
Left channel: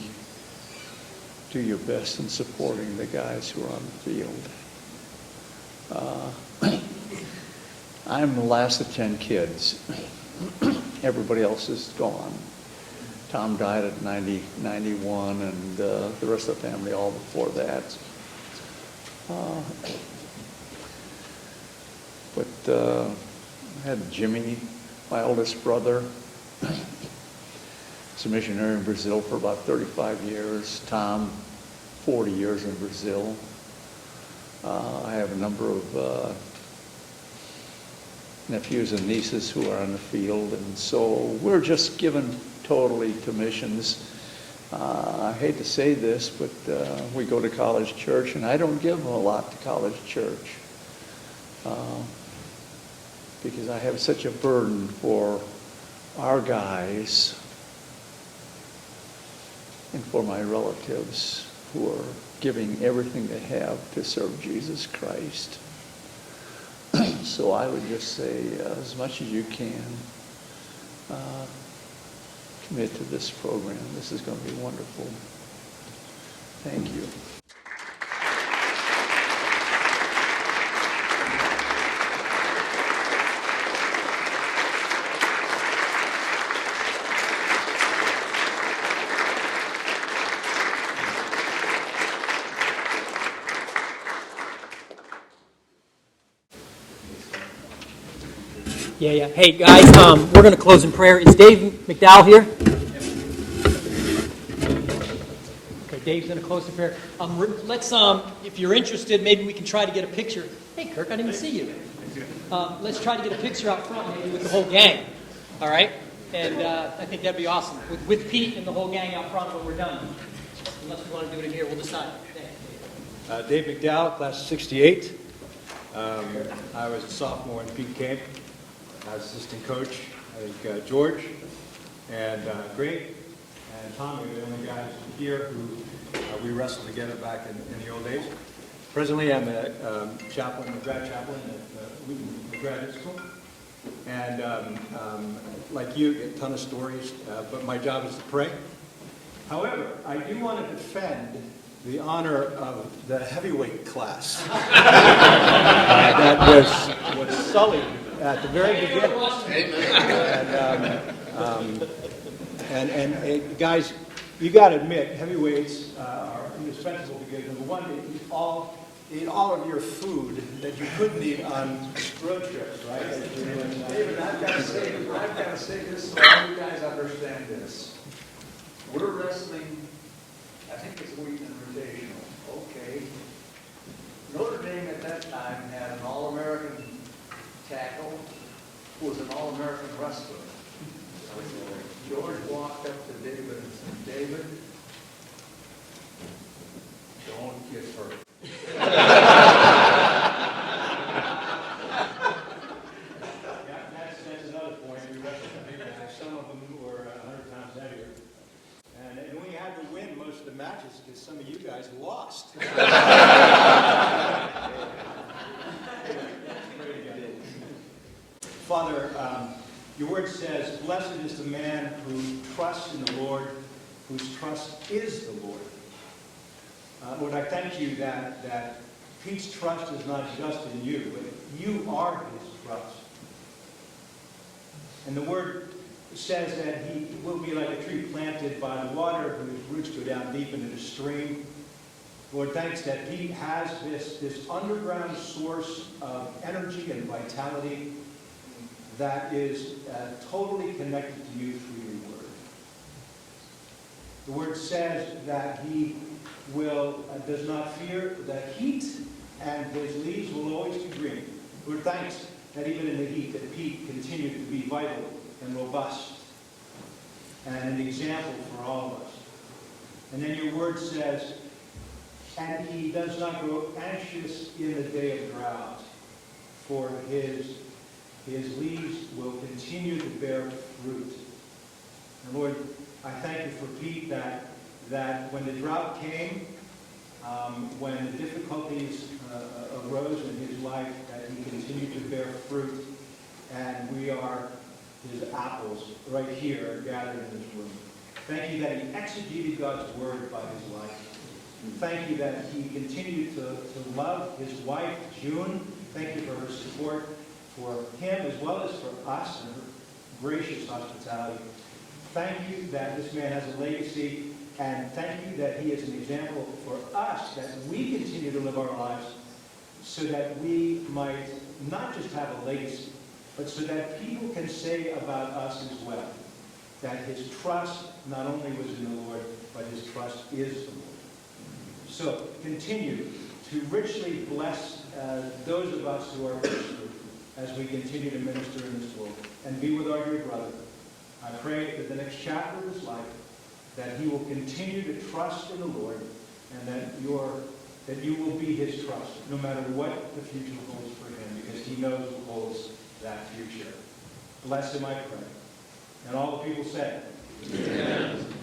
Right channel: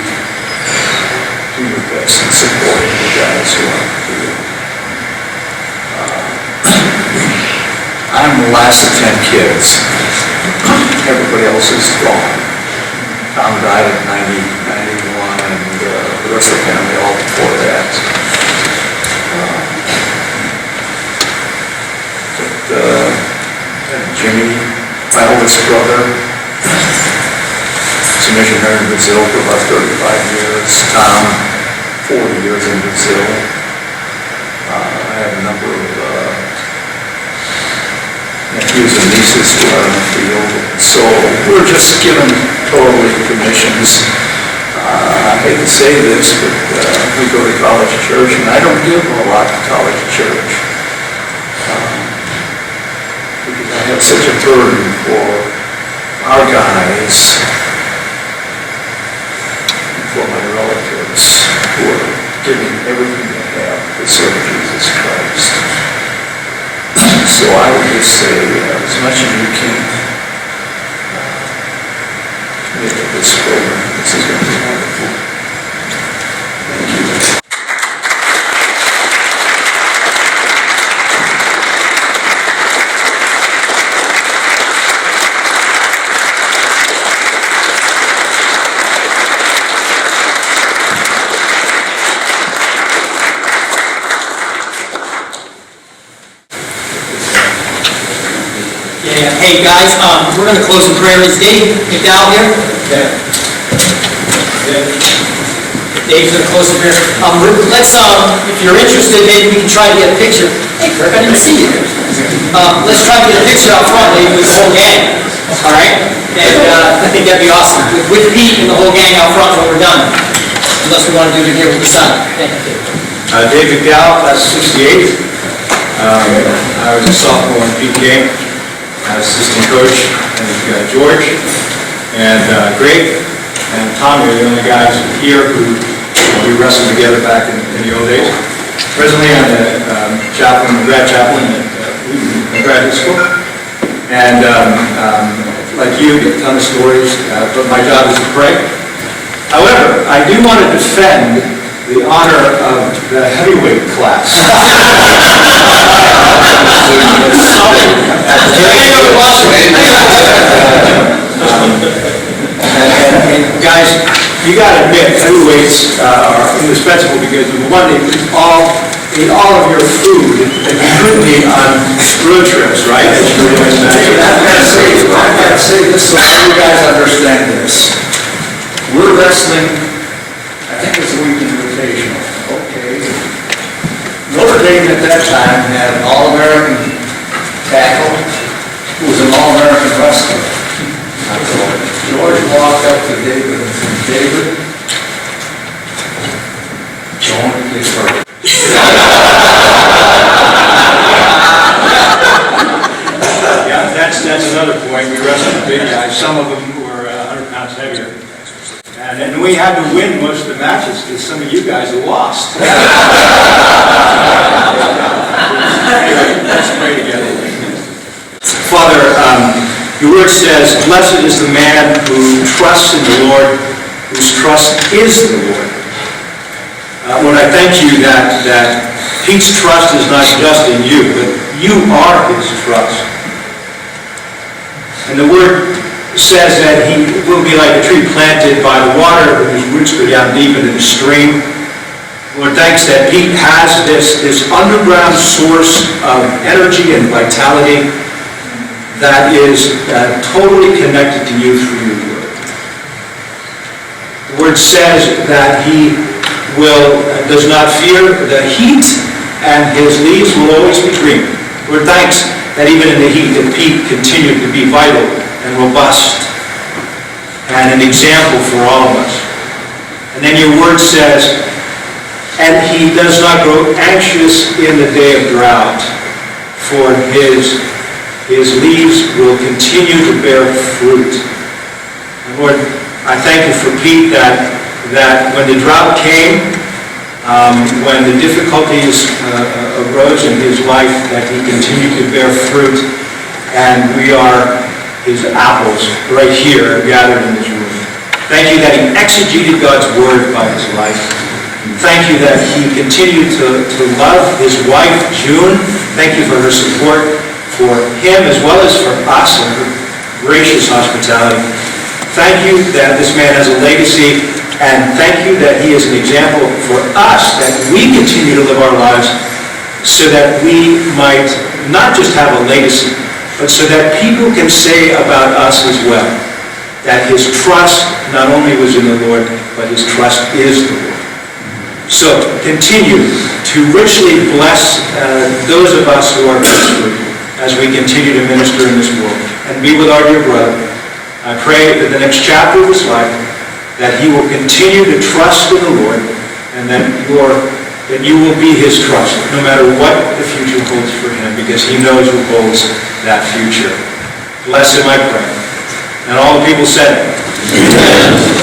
do your best in supporting the guys who want to do it. I'm the last of 10 kids. Everybody else is gone. Tom died at 91, and the rest of the family all before that. Jimmy, my oldest brother, is a missionary in Brazil for about 35 years. Tom, 40 years in Brazil. I have a number of nephews and nieces who are in the field. So we're just given totally commissions. I hate to say this, but we go to college church, and I don't give a lot to college church. Because I have such a burden for our guys and for my relatives who are giving everything they have to serve Jesus Christ. So I would just say, as much as you can, commit to this program. This is going to be wonderful. Thank you. Hey guys, we're going to close in prayer. Is Dave McDowell here? Yeah. Dave's going to close in prayer. Let's, if you're interested, maybe we can try to get a picture. Hey Kirk, I didn't see you there. Let's try to get a picture out front, maybe with the whole gang. All right? And I think that'd be awesome. With Pete and the whole gang out front when we're done. Unless we want to do it here with the son. Thank you. Dave McDowell, class 68. I was a sophomore in Pete game. Assistant coach, and George, and Greg, and Tommy are the only guys here who we wrestled together back in the old days. Presently, I'm a grad chaplain at Wheaton Graduate School, and like you, get a ton of stories, but my job is to pray. However, I do want to defend the honor of the heavyweight class. And guys, you got to admit, heavyweights are indispensable because number one, they eat all of your food that you couldn't eat on road trips, right? As you were doing that. that's another point. We wrestled the big guys. Some of them were 100 pounds heavier. And we had to win most of the matches because some of you guys lost. Anyway, let's pray together. Father, your word says, blessed is the man who trusts in the Lord, whose trust is the Lord. Lord, I thank you that Pete's trust is not just in you, but you are his trust. And the word says that he will be like a tree planted by the water, whose roots go down deep into the stream. Lord, thanks that Pete has this underground source of energy and vitality that is totally connected to you through your word. The word says that he does not fear the heat, and his leaves will always be green. Lord, thanks that even in the heat that Pete continued to be vital and robust and an example for all of us. And then your word says, and he does not grow anxious in the day of drought, for his leaves will continue to bear fruit. And Lord, I thank you for Pete that when the drought came, when the difficulties arose in his life, that he continued to bear fruit, and we are his apples right here gathered in this room. Thank you that he exegeted God's word by his life. Thank you that he continued to love his wife, June. Thank you for her support for him as well as for us and her gracious hospitality. Thank you that this man has a legacy, and thank you that he is an example for us, that we continue to live our lives so that we might not just have a legacy, but so that people can say about us as well, that his trust not only was in the Lord, but his trust is the Lord. So continue to richly bless those of us who are ministering as we continue to minister in this world. And be with our dear brother. I pray that the next chapter of his life, that he will continue to trust in the Lord, and that you will be his trust, no matter what the future holds for him, because he knows who holds that future. Bless him, I pray. And all the people said, Amen.